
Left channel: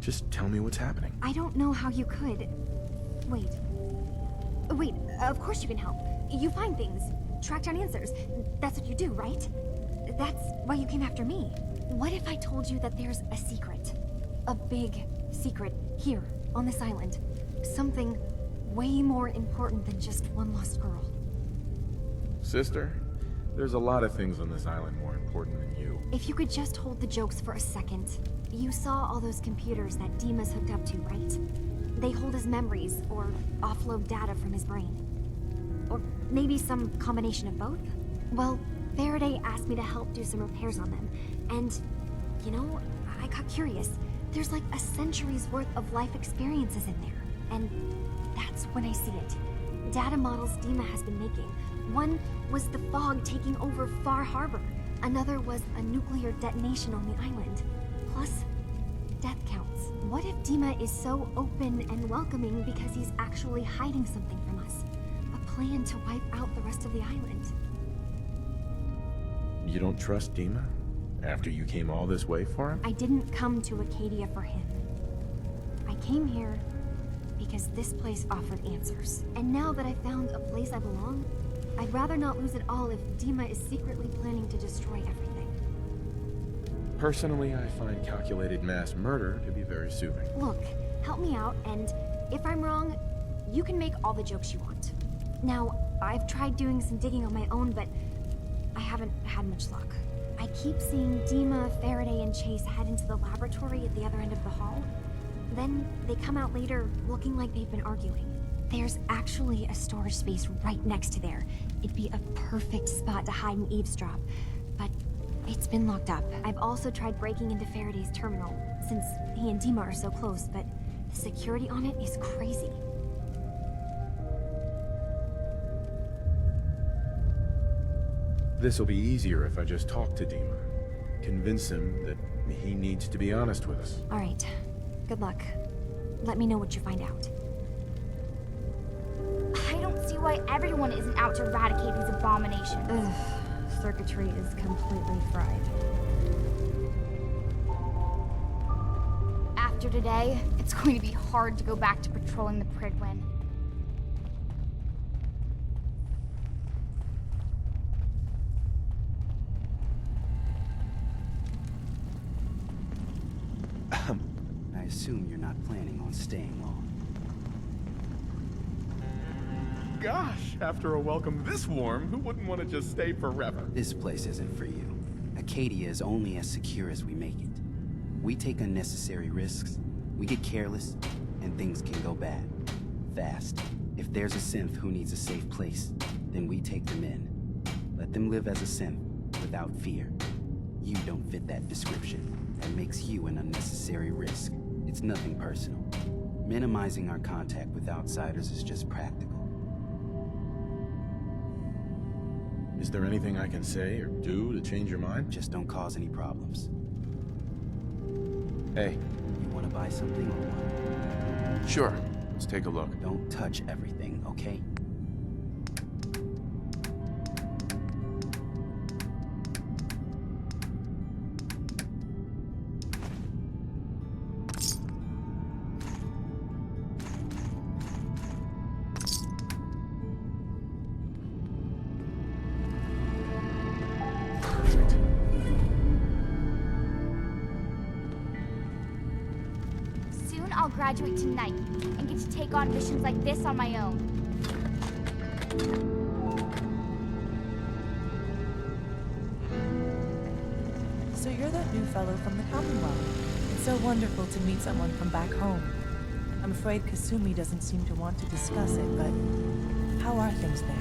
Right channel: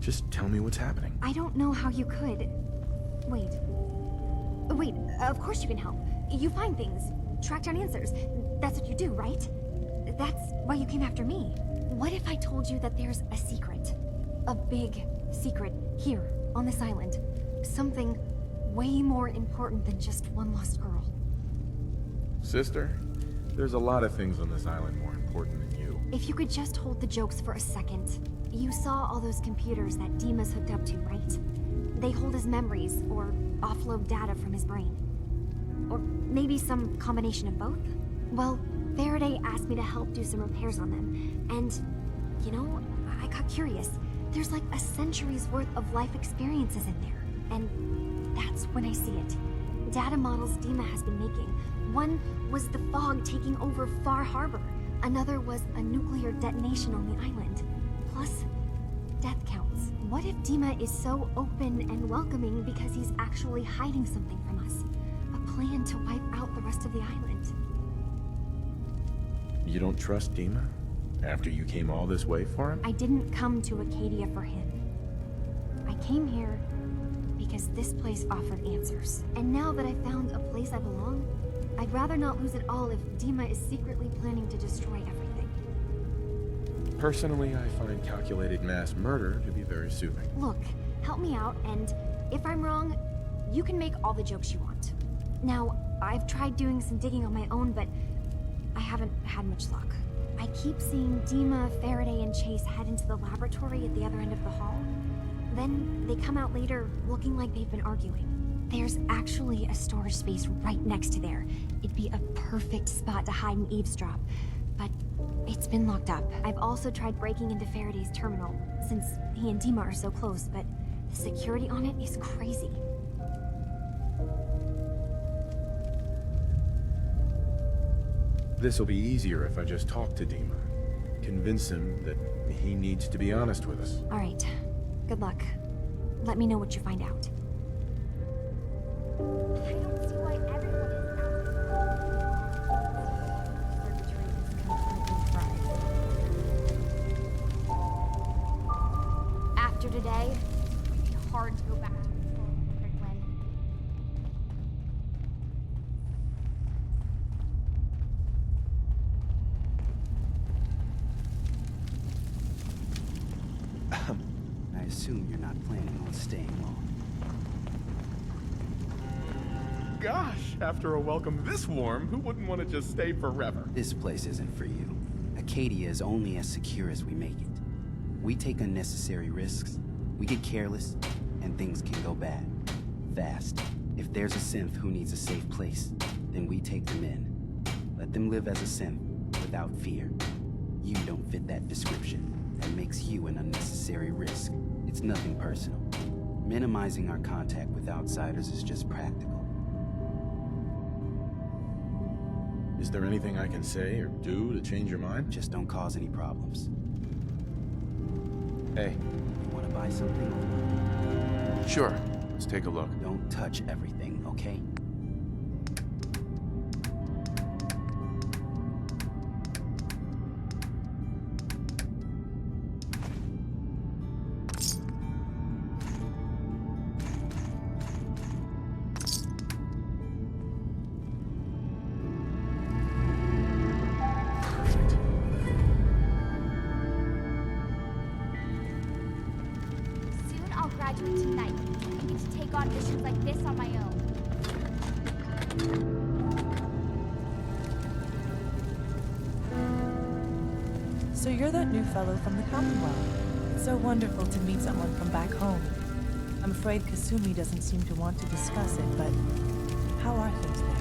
Just tell me what's happening. I don't know how you could. Wait, of course you can help. You find things, track down answers. That's what you do, right? That's why you came after me. What if I told you that there's a secret? A big secret here, on this island. Something way more important than just one lost girl. Sister, there's a lot of things on this island more important than you. If you could just hold the jokes for a second. You saw all those computers that Dima's hooked up to, right? They hold his memories, or offload data from his brain. Or maybe some combination of both? Well, Faraday asked me to help do some repairs on them, and, you know, I got curious. There's like a century's worth of life experiences in there, and that's when I see it. Data models Dima has been making. One was the fog taking over Far Harbor. Another was a nuclear detonation on the island. Plus, death counts. What if Dima is so open and welcoming because he's actually hiding something from us? A plan to wipe out the rest of the island. You don't trust Dima? After you came all this way for him? I didn't come to Acadia for him. I came here because this place offered answers. And now that I found a place I belong, I'd rather not lose it all if Dima is secretly planning to destroy everything. Personally, I find calculated mass murder to be very soothing. Look, help me out, and if I'm wrong, you can make all the jokes you want. Now, I've tried doing some digging on my own, but I haven't had much luck. I keep seeing Dima, Faraday, and Chase head into the laboratory at the other end of the hall. Then they come out later looking like they've been arguing. There's actually a storage space right next to there. It'd be a perfect spot to hide and eavesdrop, but it's been locked up. I've also tried breaking into Faraday's terminal, since he and Dima are so close, but the security on it is crazy. This'll be easier if I just talk to Dima. Convince him that he needs to be honest with us. All right. Good luck. Let me know what you find out. I don't see why everyone isn't out to eradicate these abominations. Ugh, circuitry is completely fried. After today, it's going to be hard to go back to patrolling the Prydwen. I assume you're not planning on staying long. Gosh, after a welcome this warm, who wouldn't want to just stay forever? This place isn't for you. Acadia is only as secure as we make it. We take unnecessary risks, we get careless, and things can go bad. Fast. If there's a synth who needs a safe place, then we take them in. Let them live as a synth, without fear. You don't fit that description. That makes you an unnecessary risk. It's nothing personal. Minimizing our contact with outsiders is just practical. Is there anything I can say or do to change your mind? Just don't cause any problems. Hey. You want to buy something or what? Sure. Let's take a look. Don't touch everything, okay? I'll graduate tonight and get to take on missions like this on my own. So you're that new fellow from the Commonwealth. It's so wonderful to meet someone from back home. I'm afraid Kasumi doesn't seem to want to discuss it, but how are things there?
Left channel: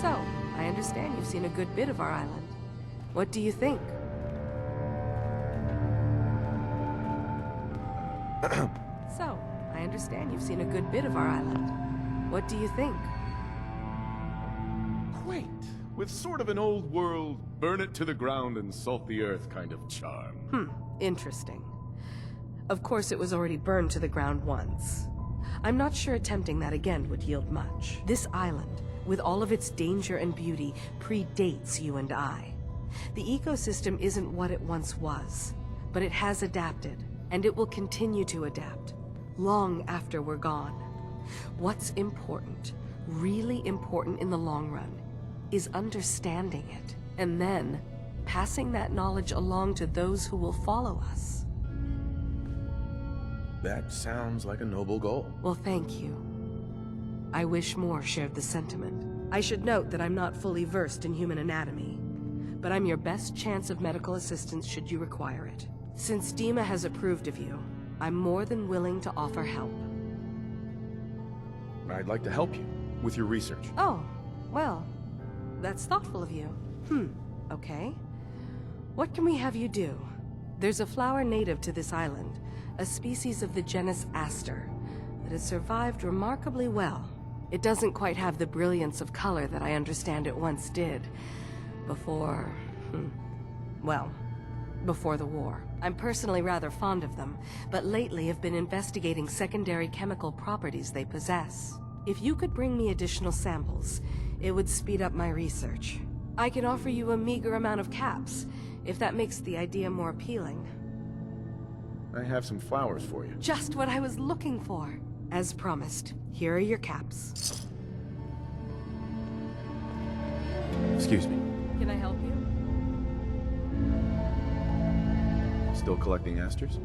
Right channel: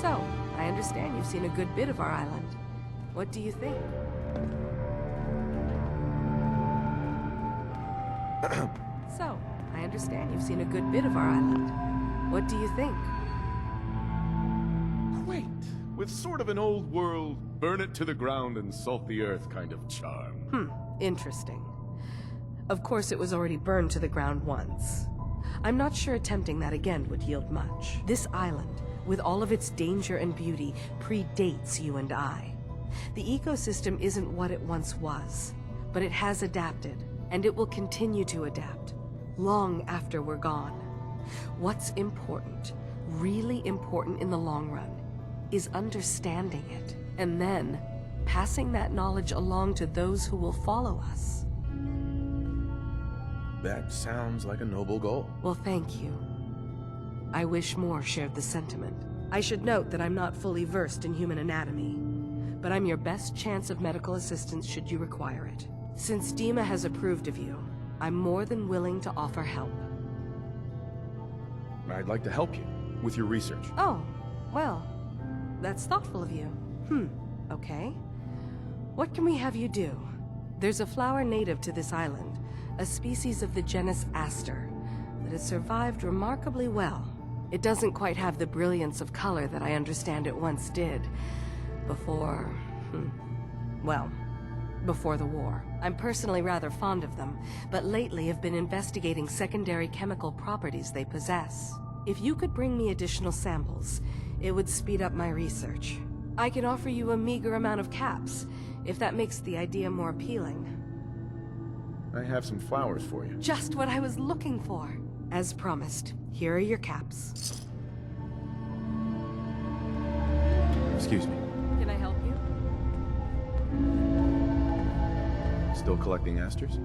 So, I understand you've seen a good bit of our island. What do you think? So, I understand you've seen a good bit of our island. What do you think? Quaint, with sort of an old world, burn it to the ground and salt the earth kind of charm. Interesting. Of course, it was already burned to the ground once. I'm not sure attempting that again would yield much. This island, with all of its danger and beauty, predates you and I. The ecosystem isn't what it once was, but it has adapted, and it will continue to adapt, long after we're gone. What's important, really important in the long run, is understanding it, and then passing that knowledge along to those who will follow us. That sounds like a noble goal. Well, thank you. I wish more shared the sentiment. I should note that I'm not fully versed in human anatomy, but I'm your best chance of medical assistance should you require it. Since Dima has approved of you, I'm more than willing to offer help. I'd like to help you with your research. Oh, well, that's thoughtful of you. Okay. What can we have you do? There's a flower native to this island, a species of the genus Aster, that has survived remarkably well. It doesn't quite have the brilliance of color that I understand it once did. Before the war. I'm personally rather fond of them, but lately have been investigating secondary chemical properties they possess. If you could bring me additional samples, it would speed up my research. I can offer you a meager amount of caps, if that makes the idea more appealing. I have some flowers for you. Just what I was looking for. As promised, here are your caps. Excuse me. Can I help you? Still collecting asters?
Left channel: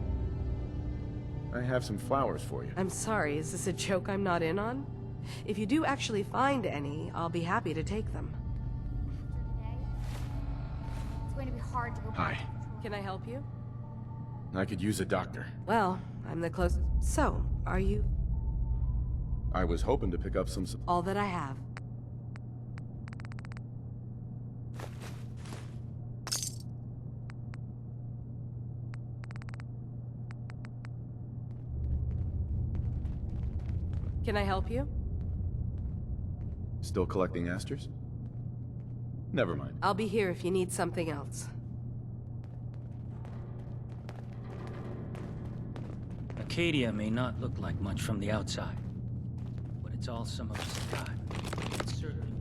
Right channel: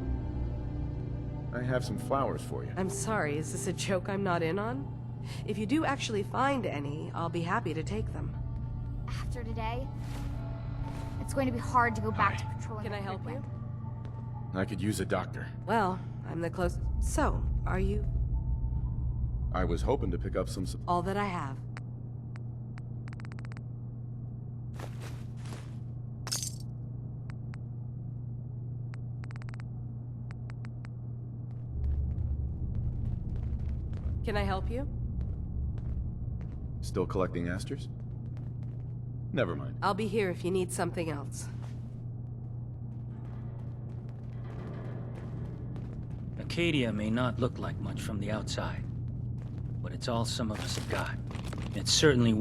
I have some flowers for you. I'm sorry, is this a joke I'm not in on? If you do actually find any, I'll be happy to take them. After today, it's going to be hard to go back to patrolling. Can I help you? I could use a doctor. Well, I'm the closest. So, are you? I was hoping to pick up some... All that I have. Can I help you? Still collecting asters? Never mind. I'll be here if you need something else. Acadia may not look like much from the outside, but it's all some of us have got. It's certainly...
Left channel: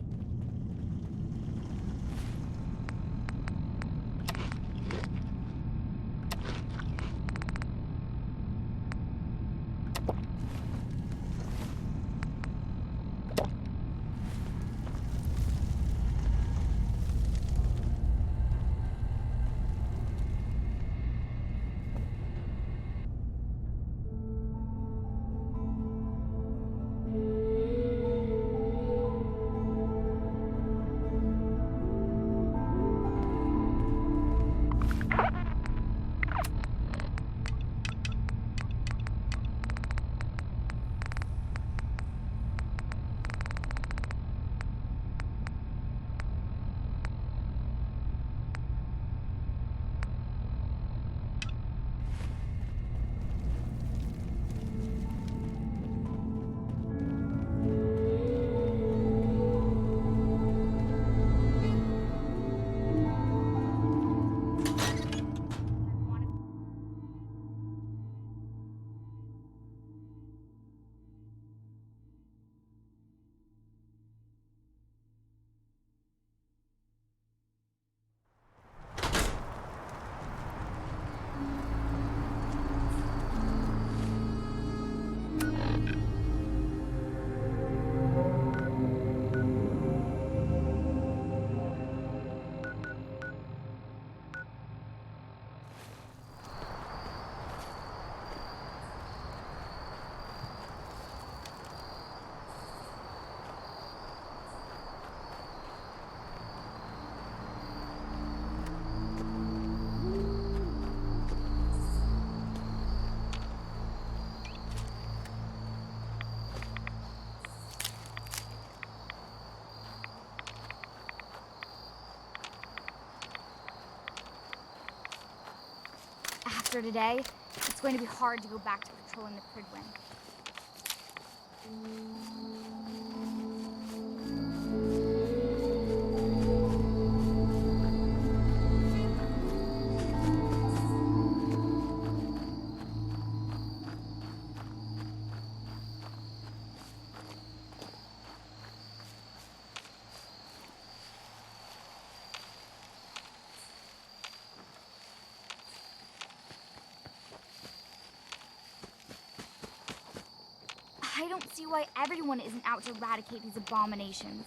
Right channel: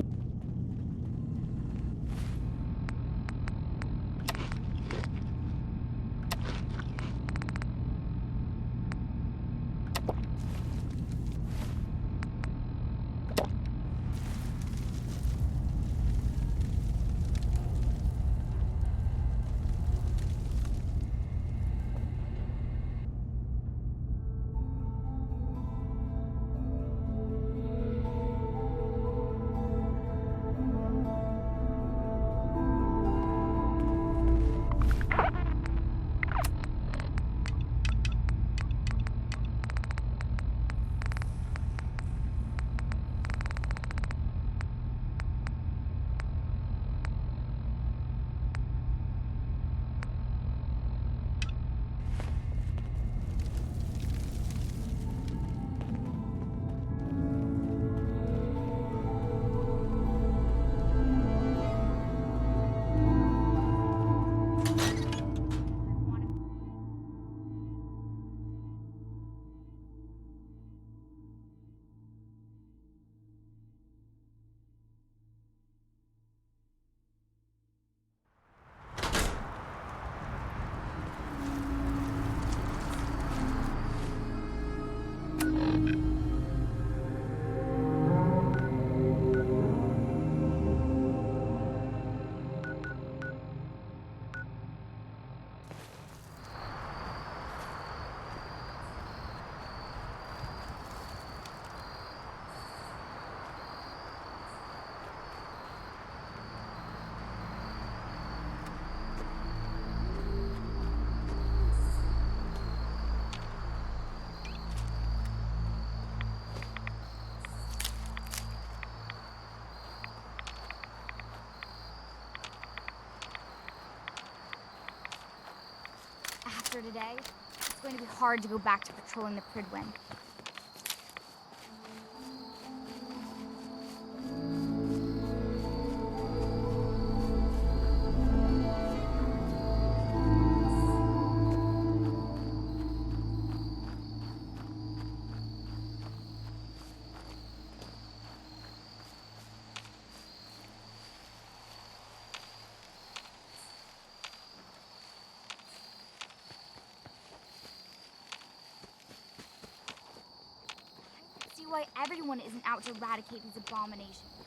after today, it's going to be hard to go back to patrolling the Pridwen. I don't see why everyone isn't out to eradicate these abominations.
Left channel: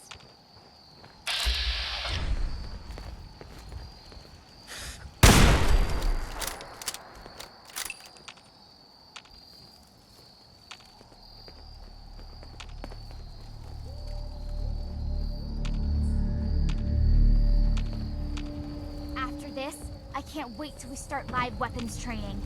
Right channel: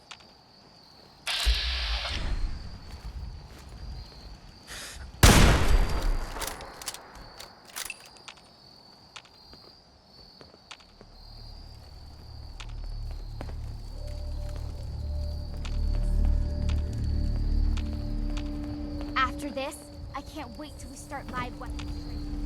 After this, I can't wait till we start live weapons training.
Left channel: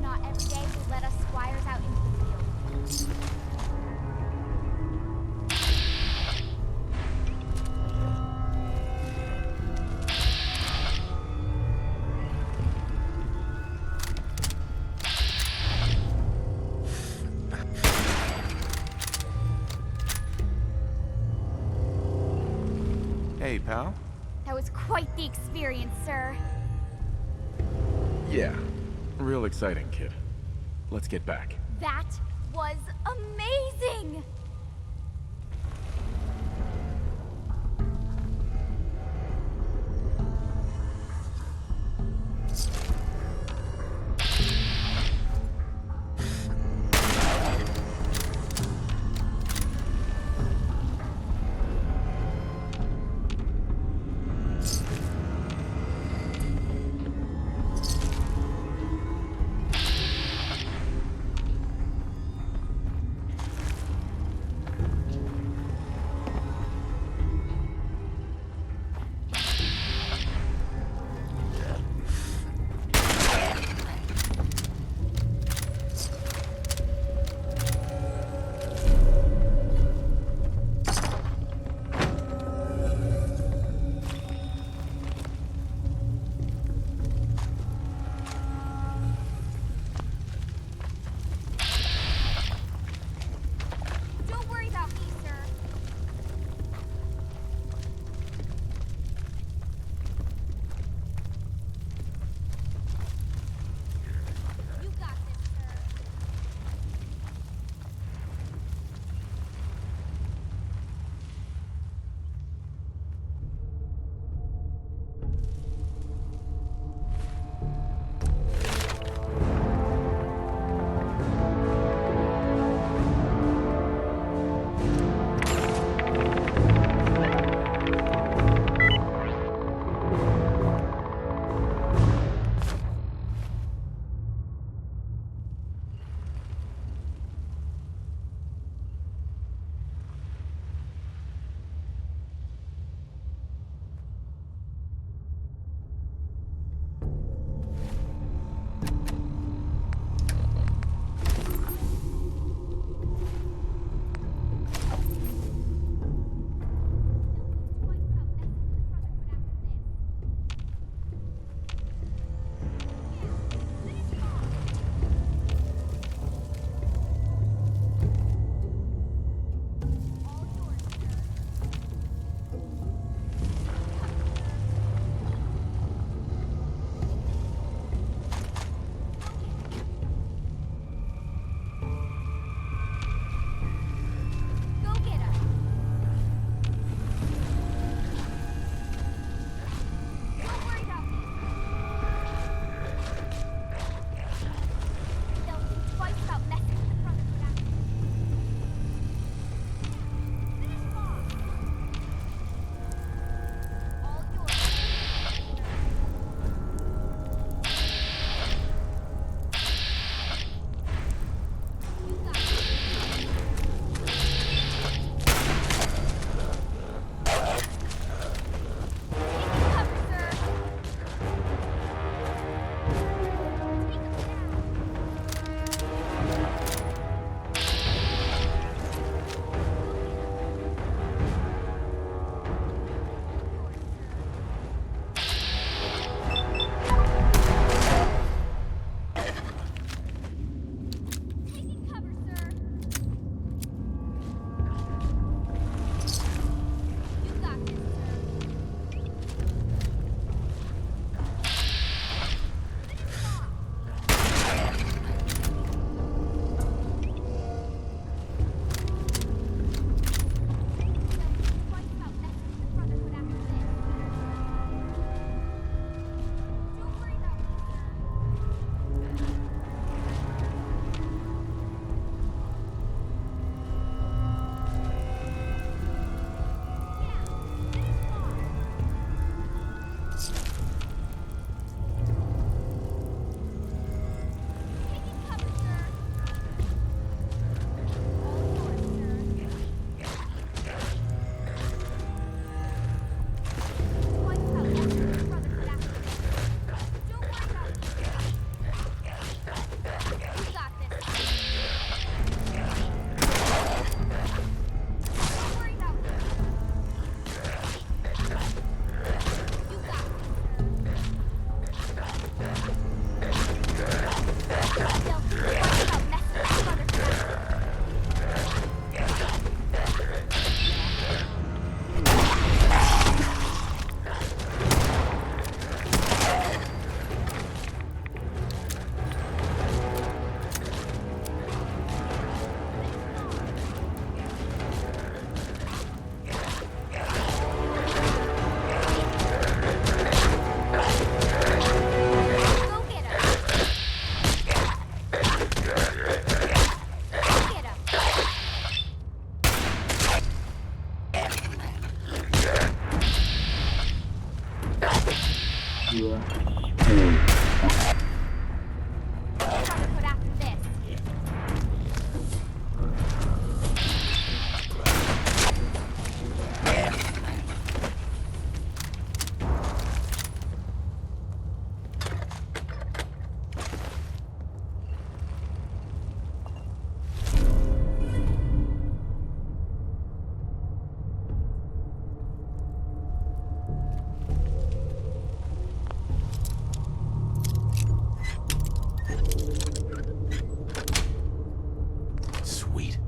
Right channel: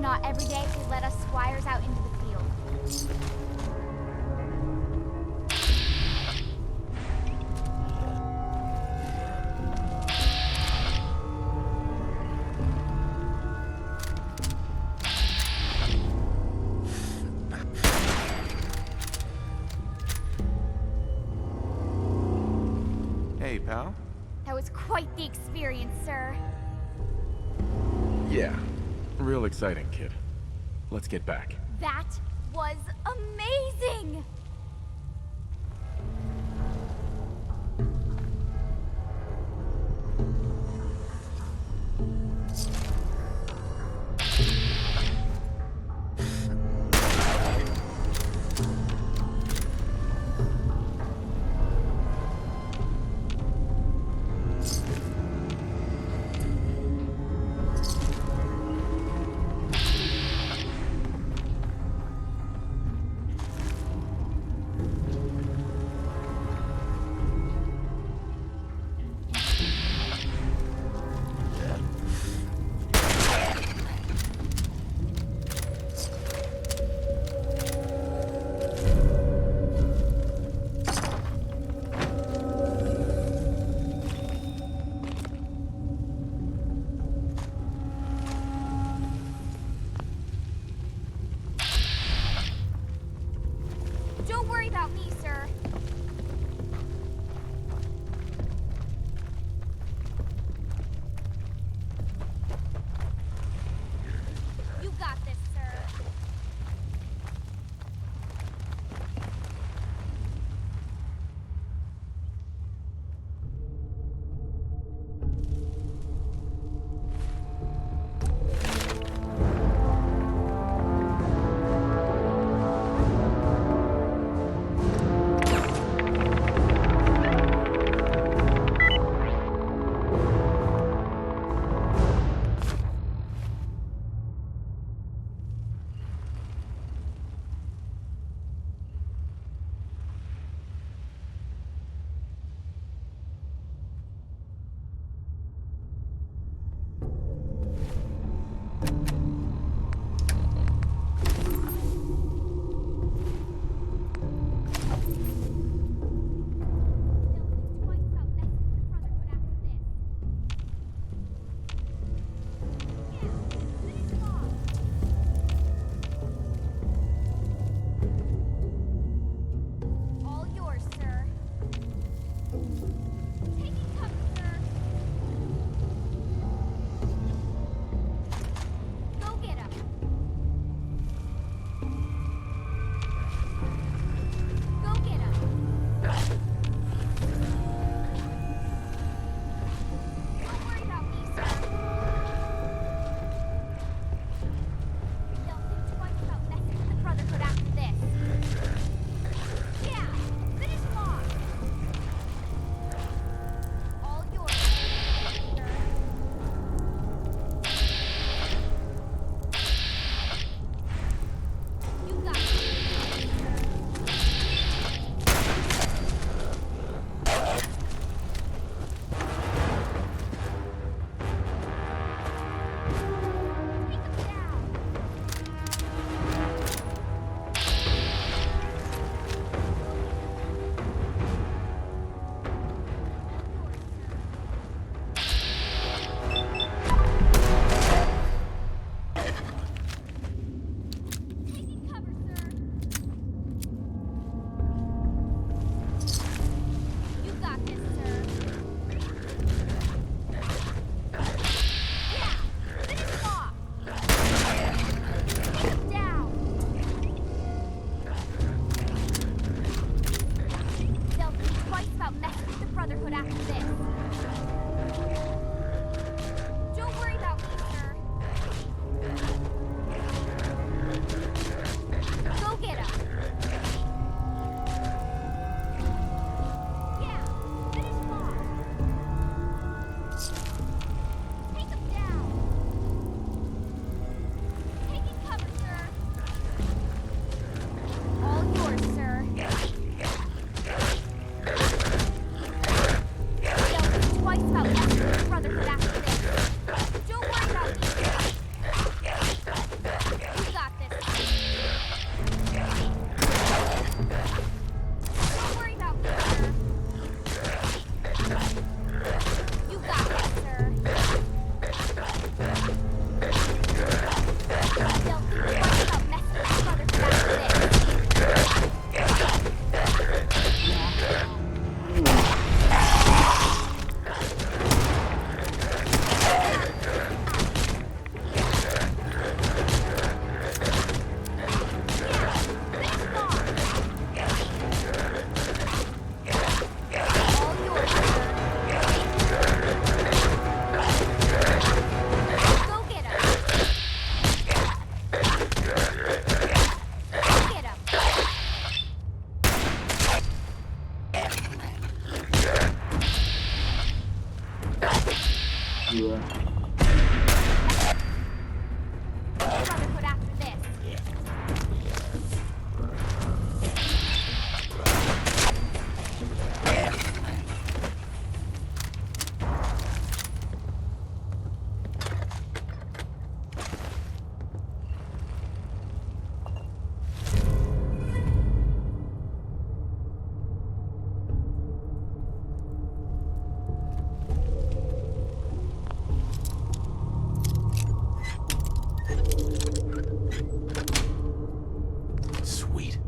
Not every day they let us squires out into the field. Hey, pal. That was quite the experience, sir. Yeah. Real exciting, kid. Let's get back. That was amazing! Brotherhood after this. Sweet.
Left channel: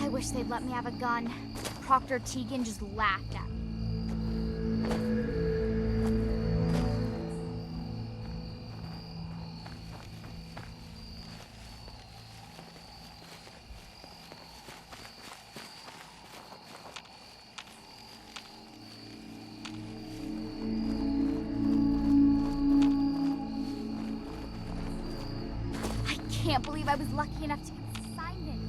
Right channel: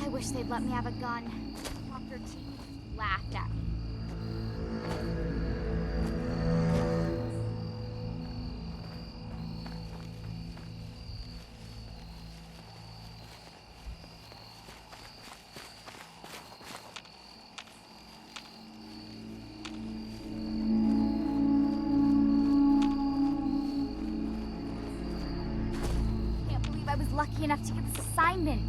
I wish they'd let me have a gun. Proctor Tegan just laughed at me. I can't believe I was lucky enough to get this assignment.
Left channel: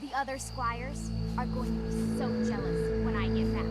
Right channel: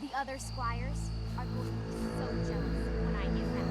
The other squires are going to be so jealous when I get back.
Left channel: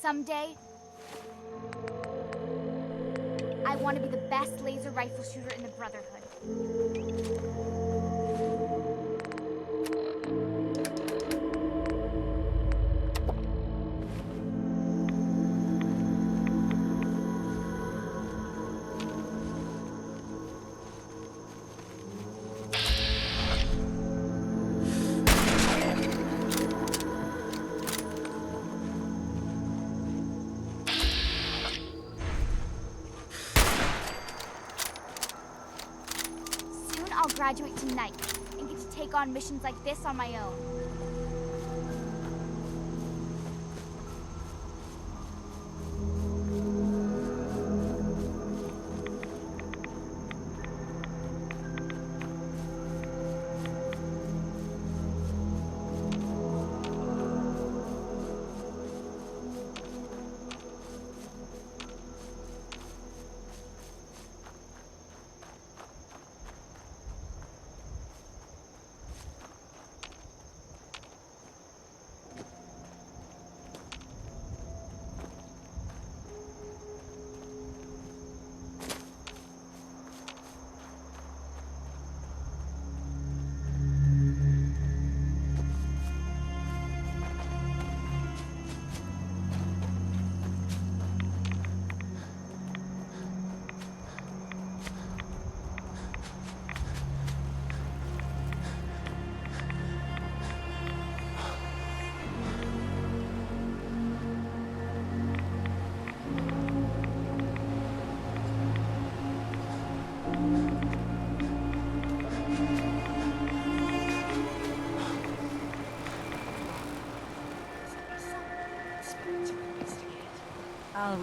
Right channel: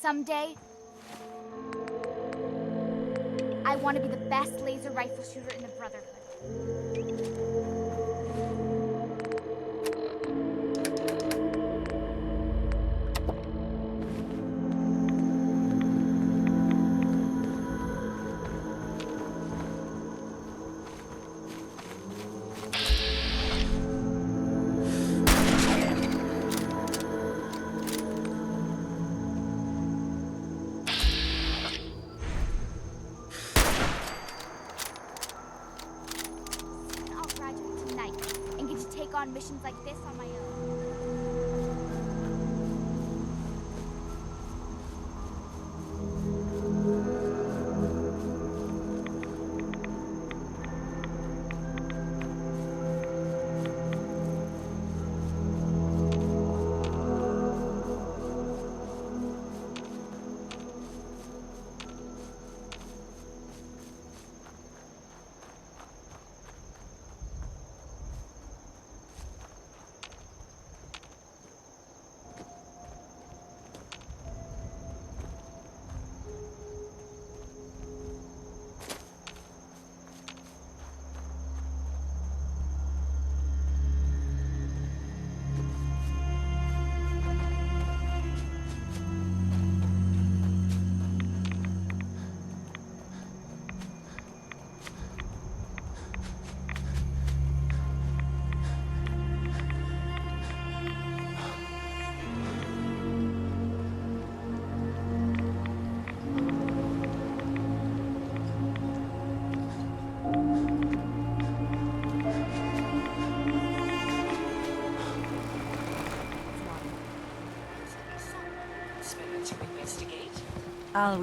Someday, I want to be the best laser rifle shooter in the Brotherhood. I'll graduate tonight and get to take on missions like this on my own.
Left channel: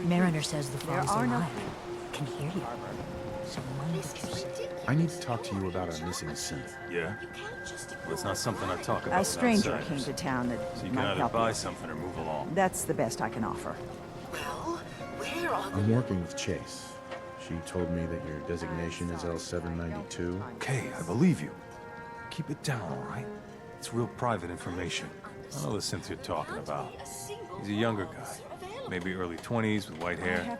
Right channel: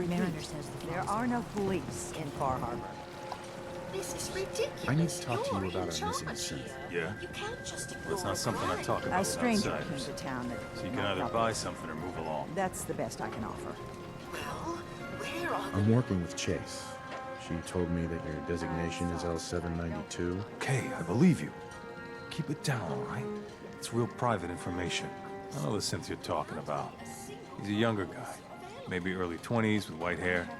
Mariner says the there fog's are no alive. police in Far Harbor. This is ridiculous. I need to talk to you about our missing synth. Yeah? You can't just Well, it's not something I talk about A with stranger outsiders. came to town that So you can might either help buy us. something or move along. That's the best I can offer. Well, where are I'm working with Chase. She told me that your designation is L792. Okay, I believe you. Keep it down, all right? It's real private information. I know the synth you're talking about. He's a younger guy. Maybe early 20s with white hair.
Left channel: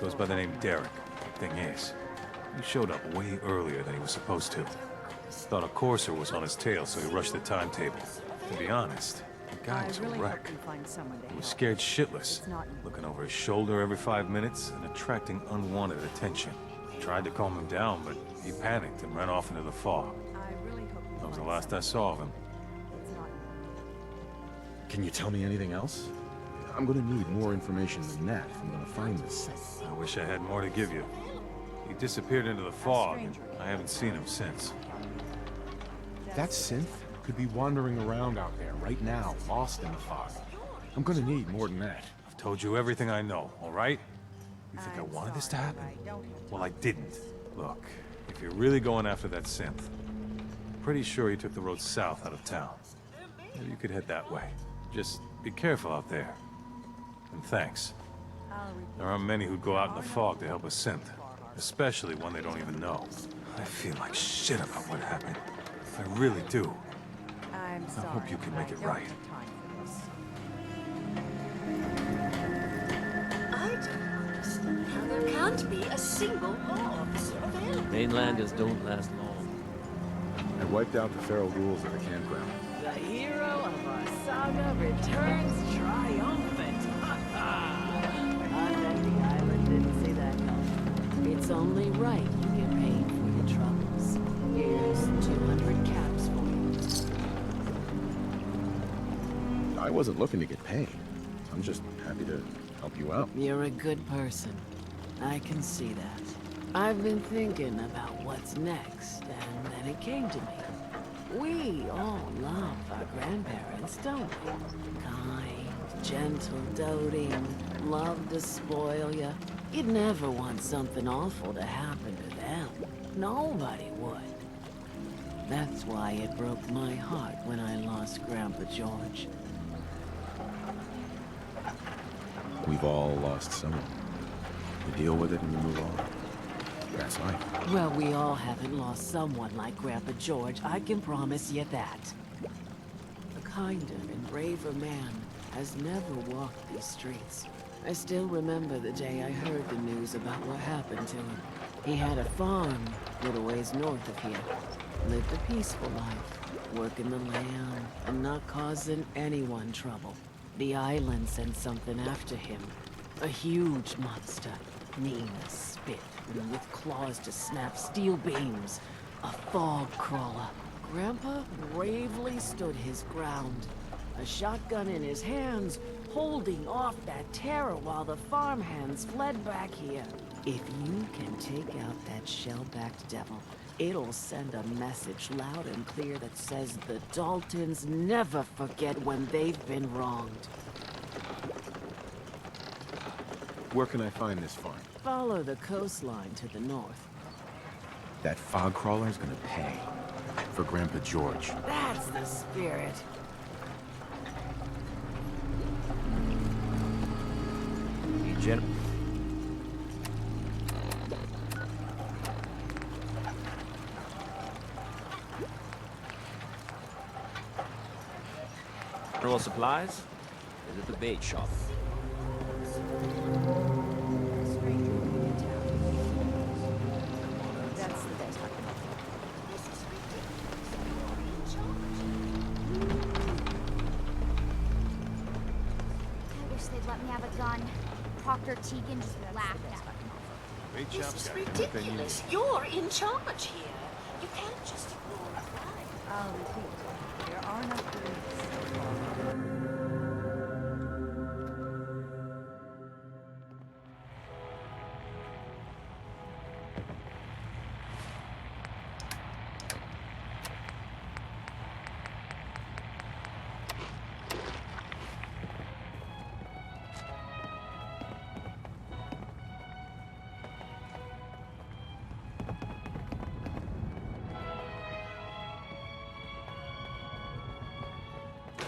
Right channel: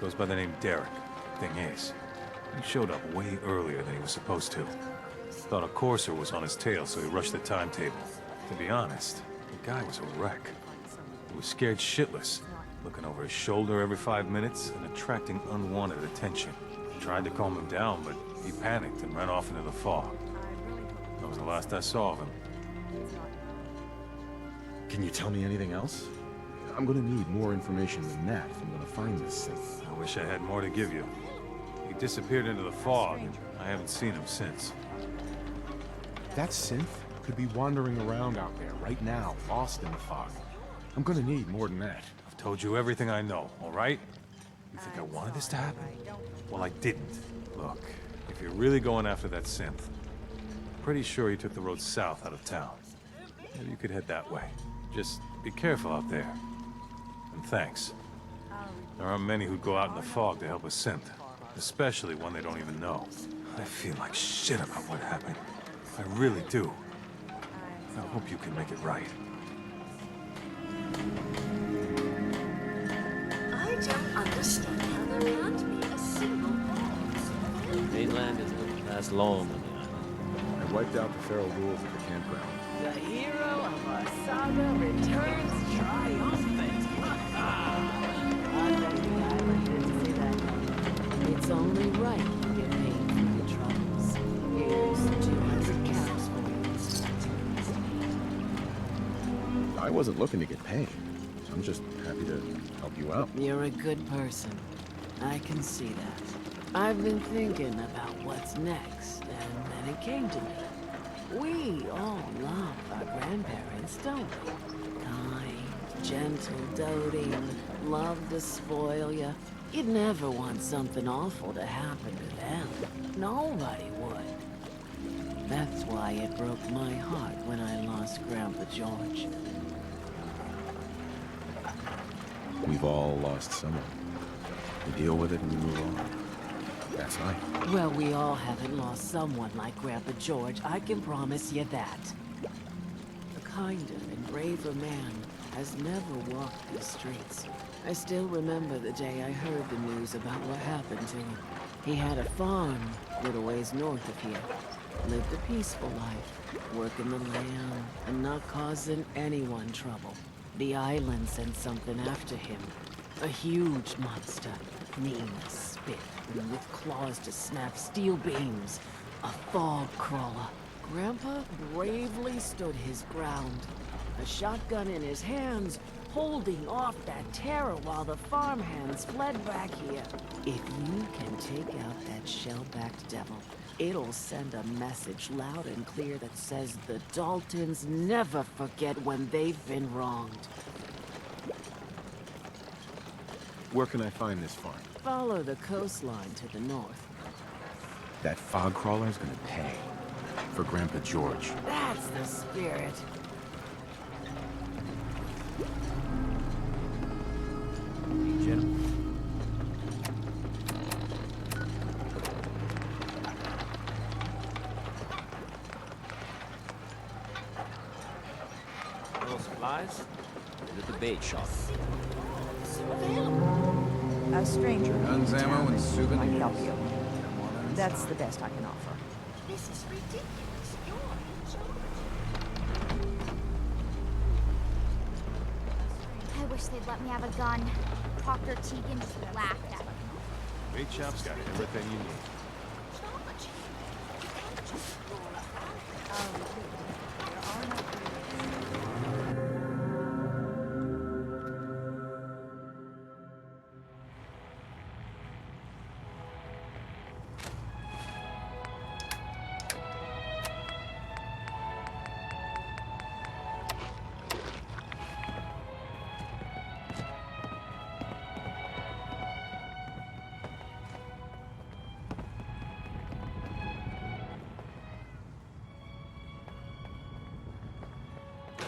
Goes by the name Derek. Thing is, he showed up way earlier than he was supposed to. Thought a courser was on his tail, so he rushed the timetable. To be honest, the guy was a wreck. He was scared shitless, looking over his shoulder every 5 minutes and attracting unwanted attention. Tried to calm him down, but he panicked and ran off into the fog. That was the last I saw of him. Can you tell me anything else? I'm gonna need more information than that if I'm gonna find this synth. I wish I had more to give you. He disappeared into the fog, and I haven't seen him since. That synth could be wandering around out there right now, lost in the fog. I'm gonna need more than that. I've told you everything I know, all right? You think I wanted this to happen? Well, I didn't. Look, if you're really going after that synth, I'm pretty sure he took the road south out of town. Maybe you could head that way. Just be careful out there. And thanks. There aren't many who'd go out in the fog to help a synth, especially one they don't even know. I feel like shit about what happened. I really do. I hope you can make it right. I don't understand how there can't be a single corpse. Mainlanders don't last long. I wiped out the feral ghouls at the campground. The hero of our saga returns triumphant. I bet the island didn't see that coming. It's only right you get paid for your troubles. Here's 200 caps for you. I wasn't looking to get paid. I'm just happy to help you out. You're a good person. I can see that. I've been thinking about what's next, and then it came to me. We all love our grandparents, don't we? Kind, gentle, doting, love to spoil you. You'd never want something awful to happen to them. Nobody would. That's why it broke my heart when I lost Grandpa George. We've all lost someone. You deal with it and you move on. That's life. Well, we all haven't lost someone like Grandpa George, I can promise you that. A kinder and braver man has never walked these streets. I still remember the day I heard the news about what happened to him. He had a farm a little ways north of here. Lived a peaceful life, working the land and not causing anyone trouble. The island sent something after him. A huge monster, mean as spit, and with claws to snap steel beams. A fog crawler. Grandpa bravely stood his ground. A shotgun in his hands, holding off that terror while the farmhands fled back here. If you can take out that shell-backed devil, it'll send a message loud and clear that says the Daltons never forget when they've been wronged. Where can I find this farm? Follow the coastline to the north. That fog crawler's gonna pay. For Grandpa George. That's the spirit. Hey, Jen. Rural supplies? Is it the bait shop? A stranger. Guns, ammo, and souvenirs. Help you. That's the best I can offer. This is ridiculous. You're in charge. I wish they'd let me have a gun. Proctor Tegan just laughed at me. Bait shop's got everything you need. You're in charge here. You can't just ignore a fire. I'll repeat. There are no police.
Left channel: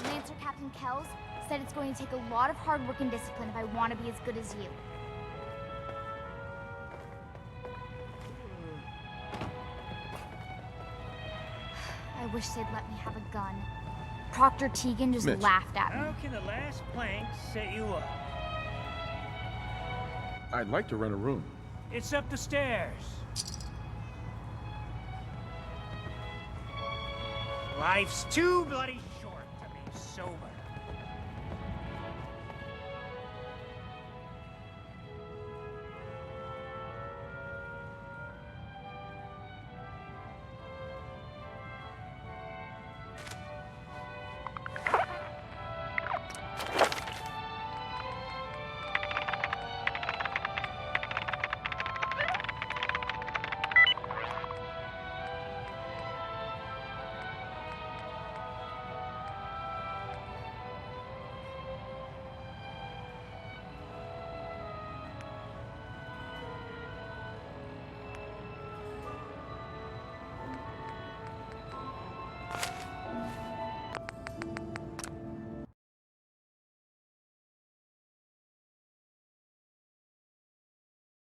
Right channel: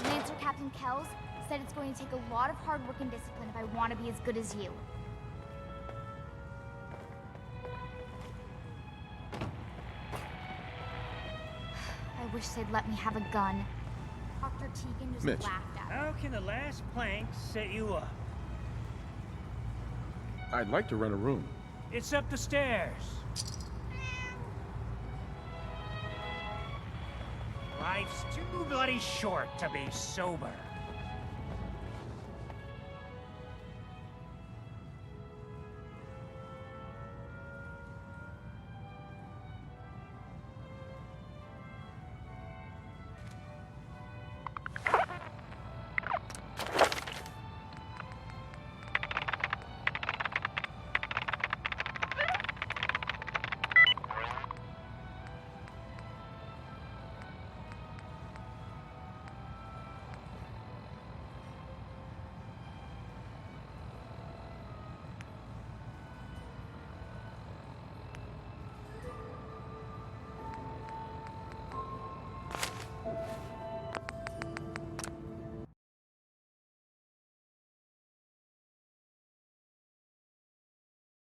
Lancer Captain Kells said it's going to take a lot of hard work and discipline if I want to be as good as you. I wish they'd let me have a gun. Proctor Tegan just Mitch. laughed at me. How can the last plank set you up? I'd like to rent a room. It's up the stairs. Life's too bloody short to be sober.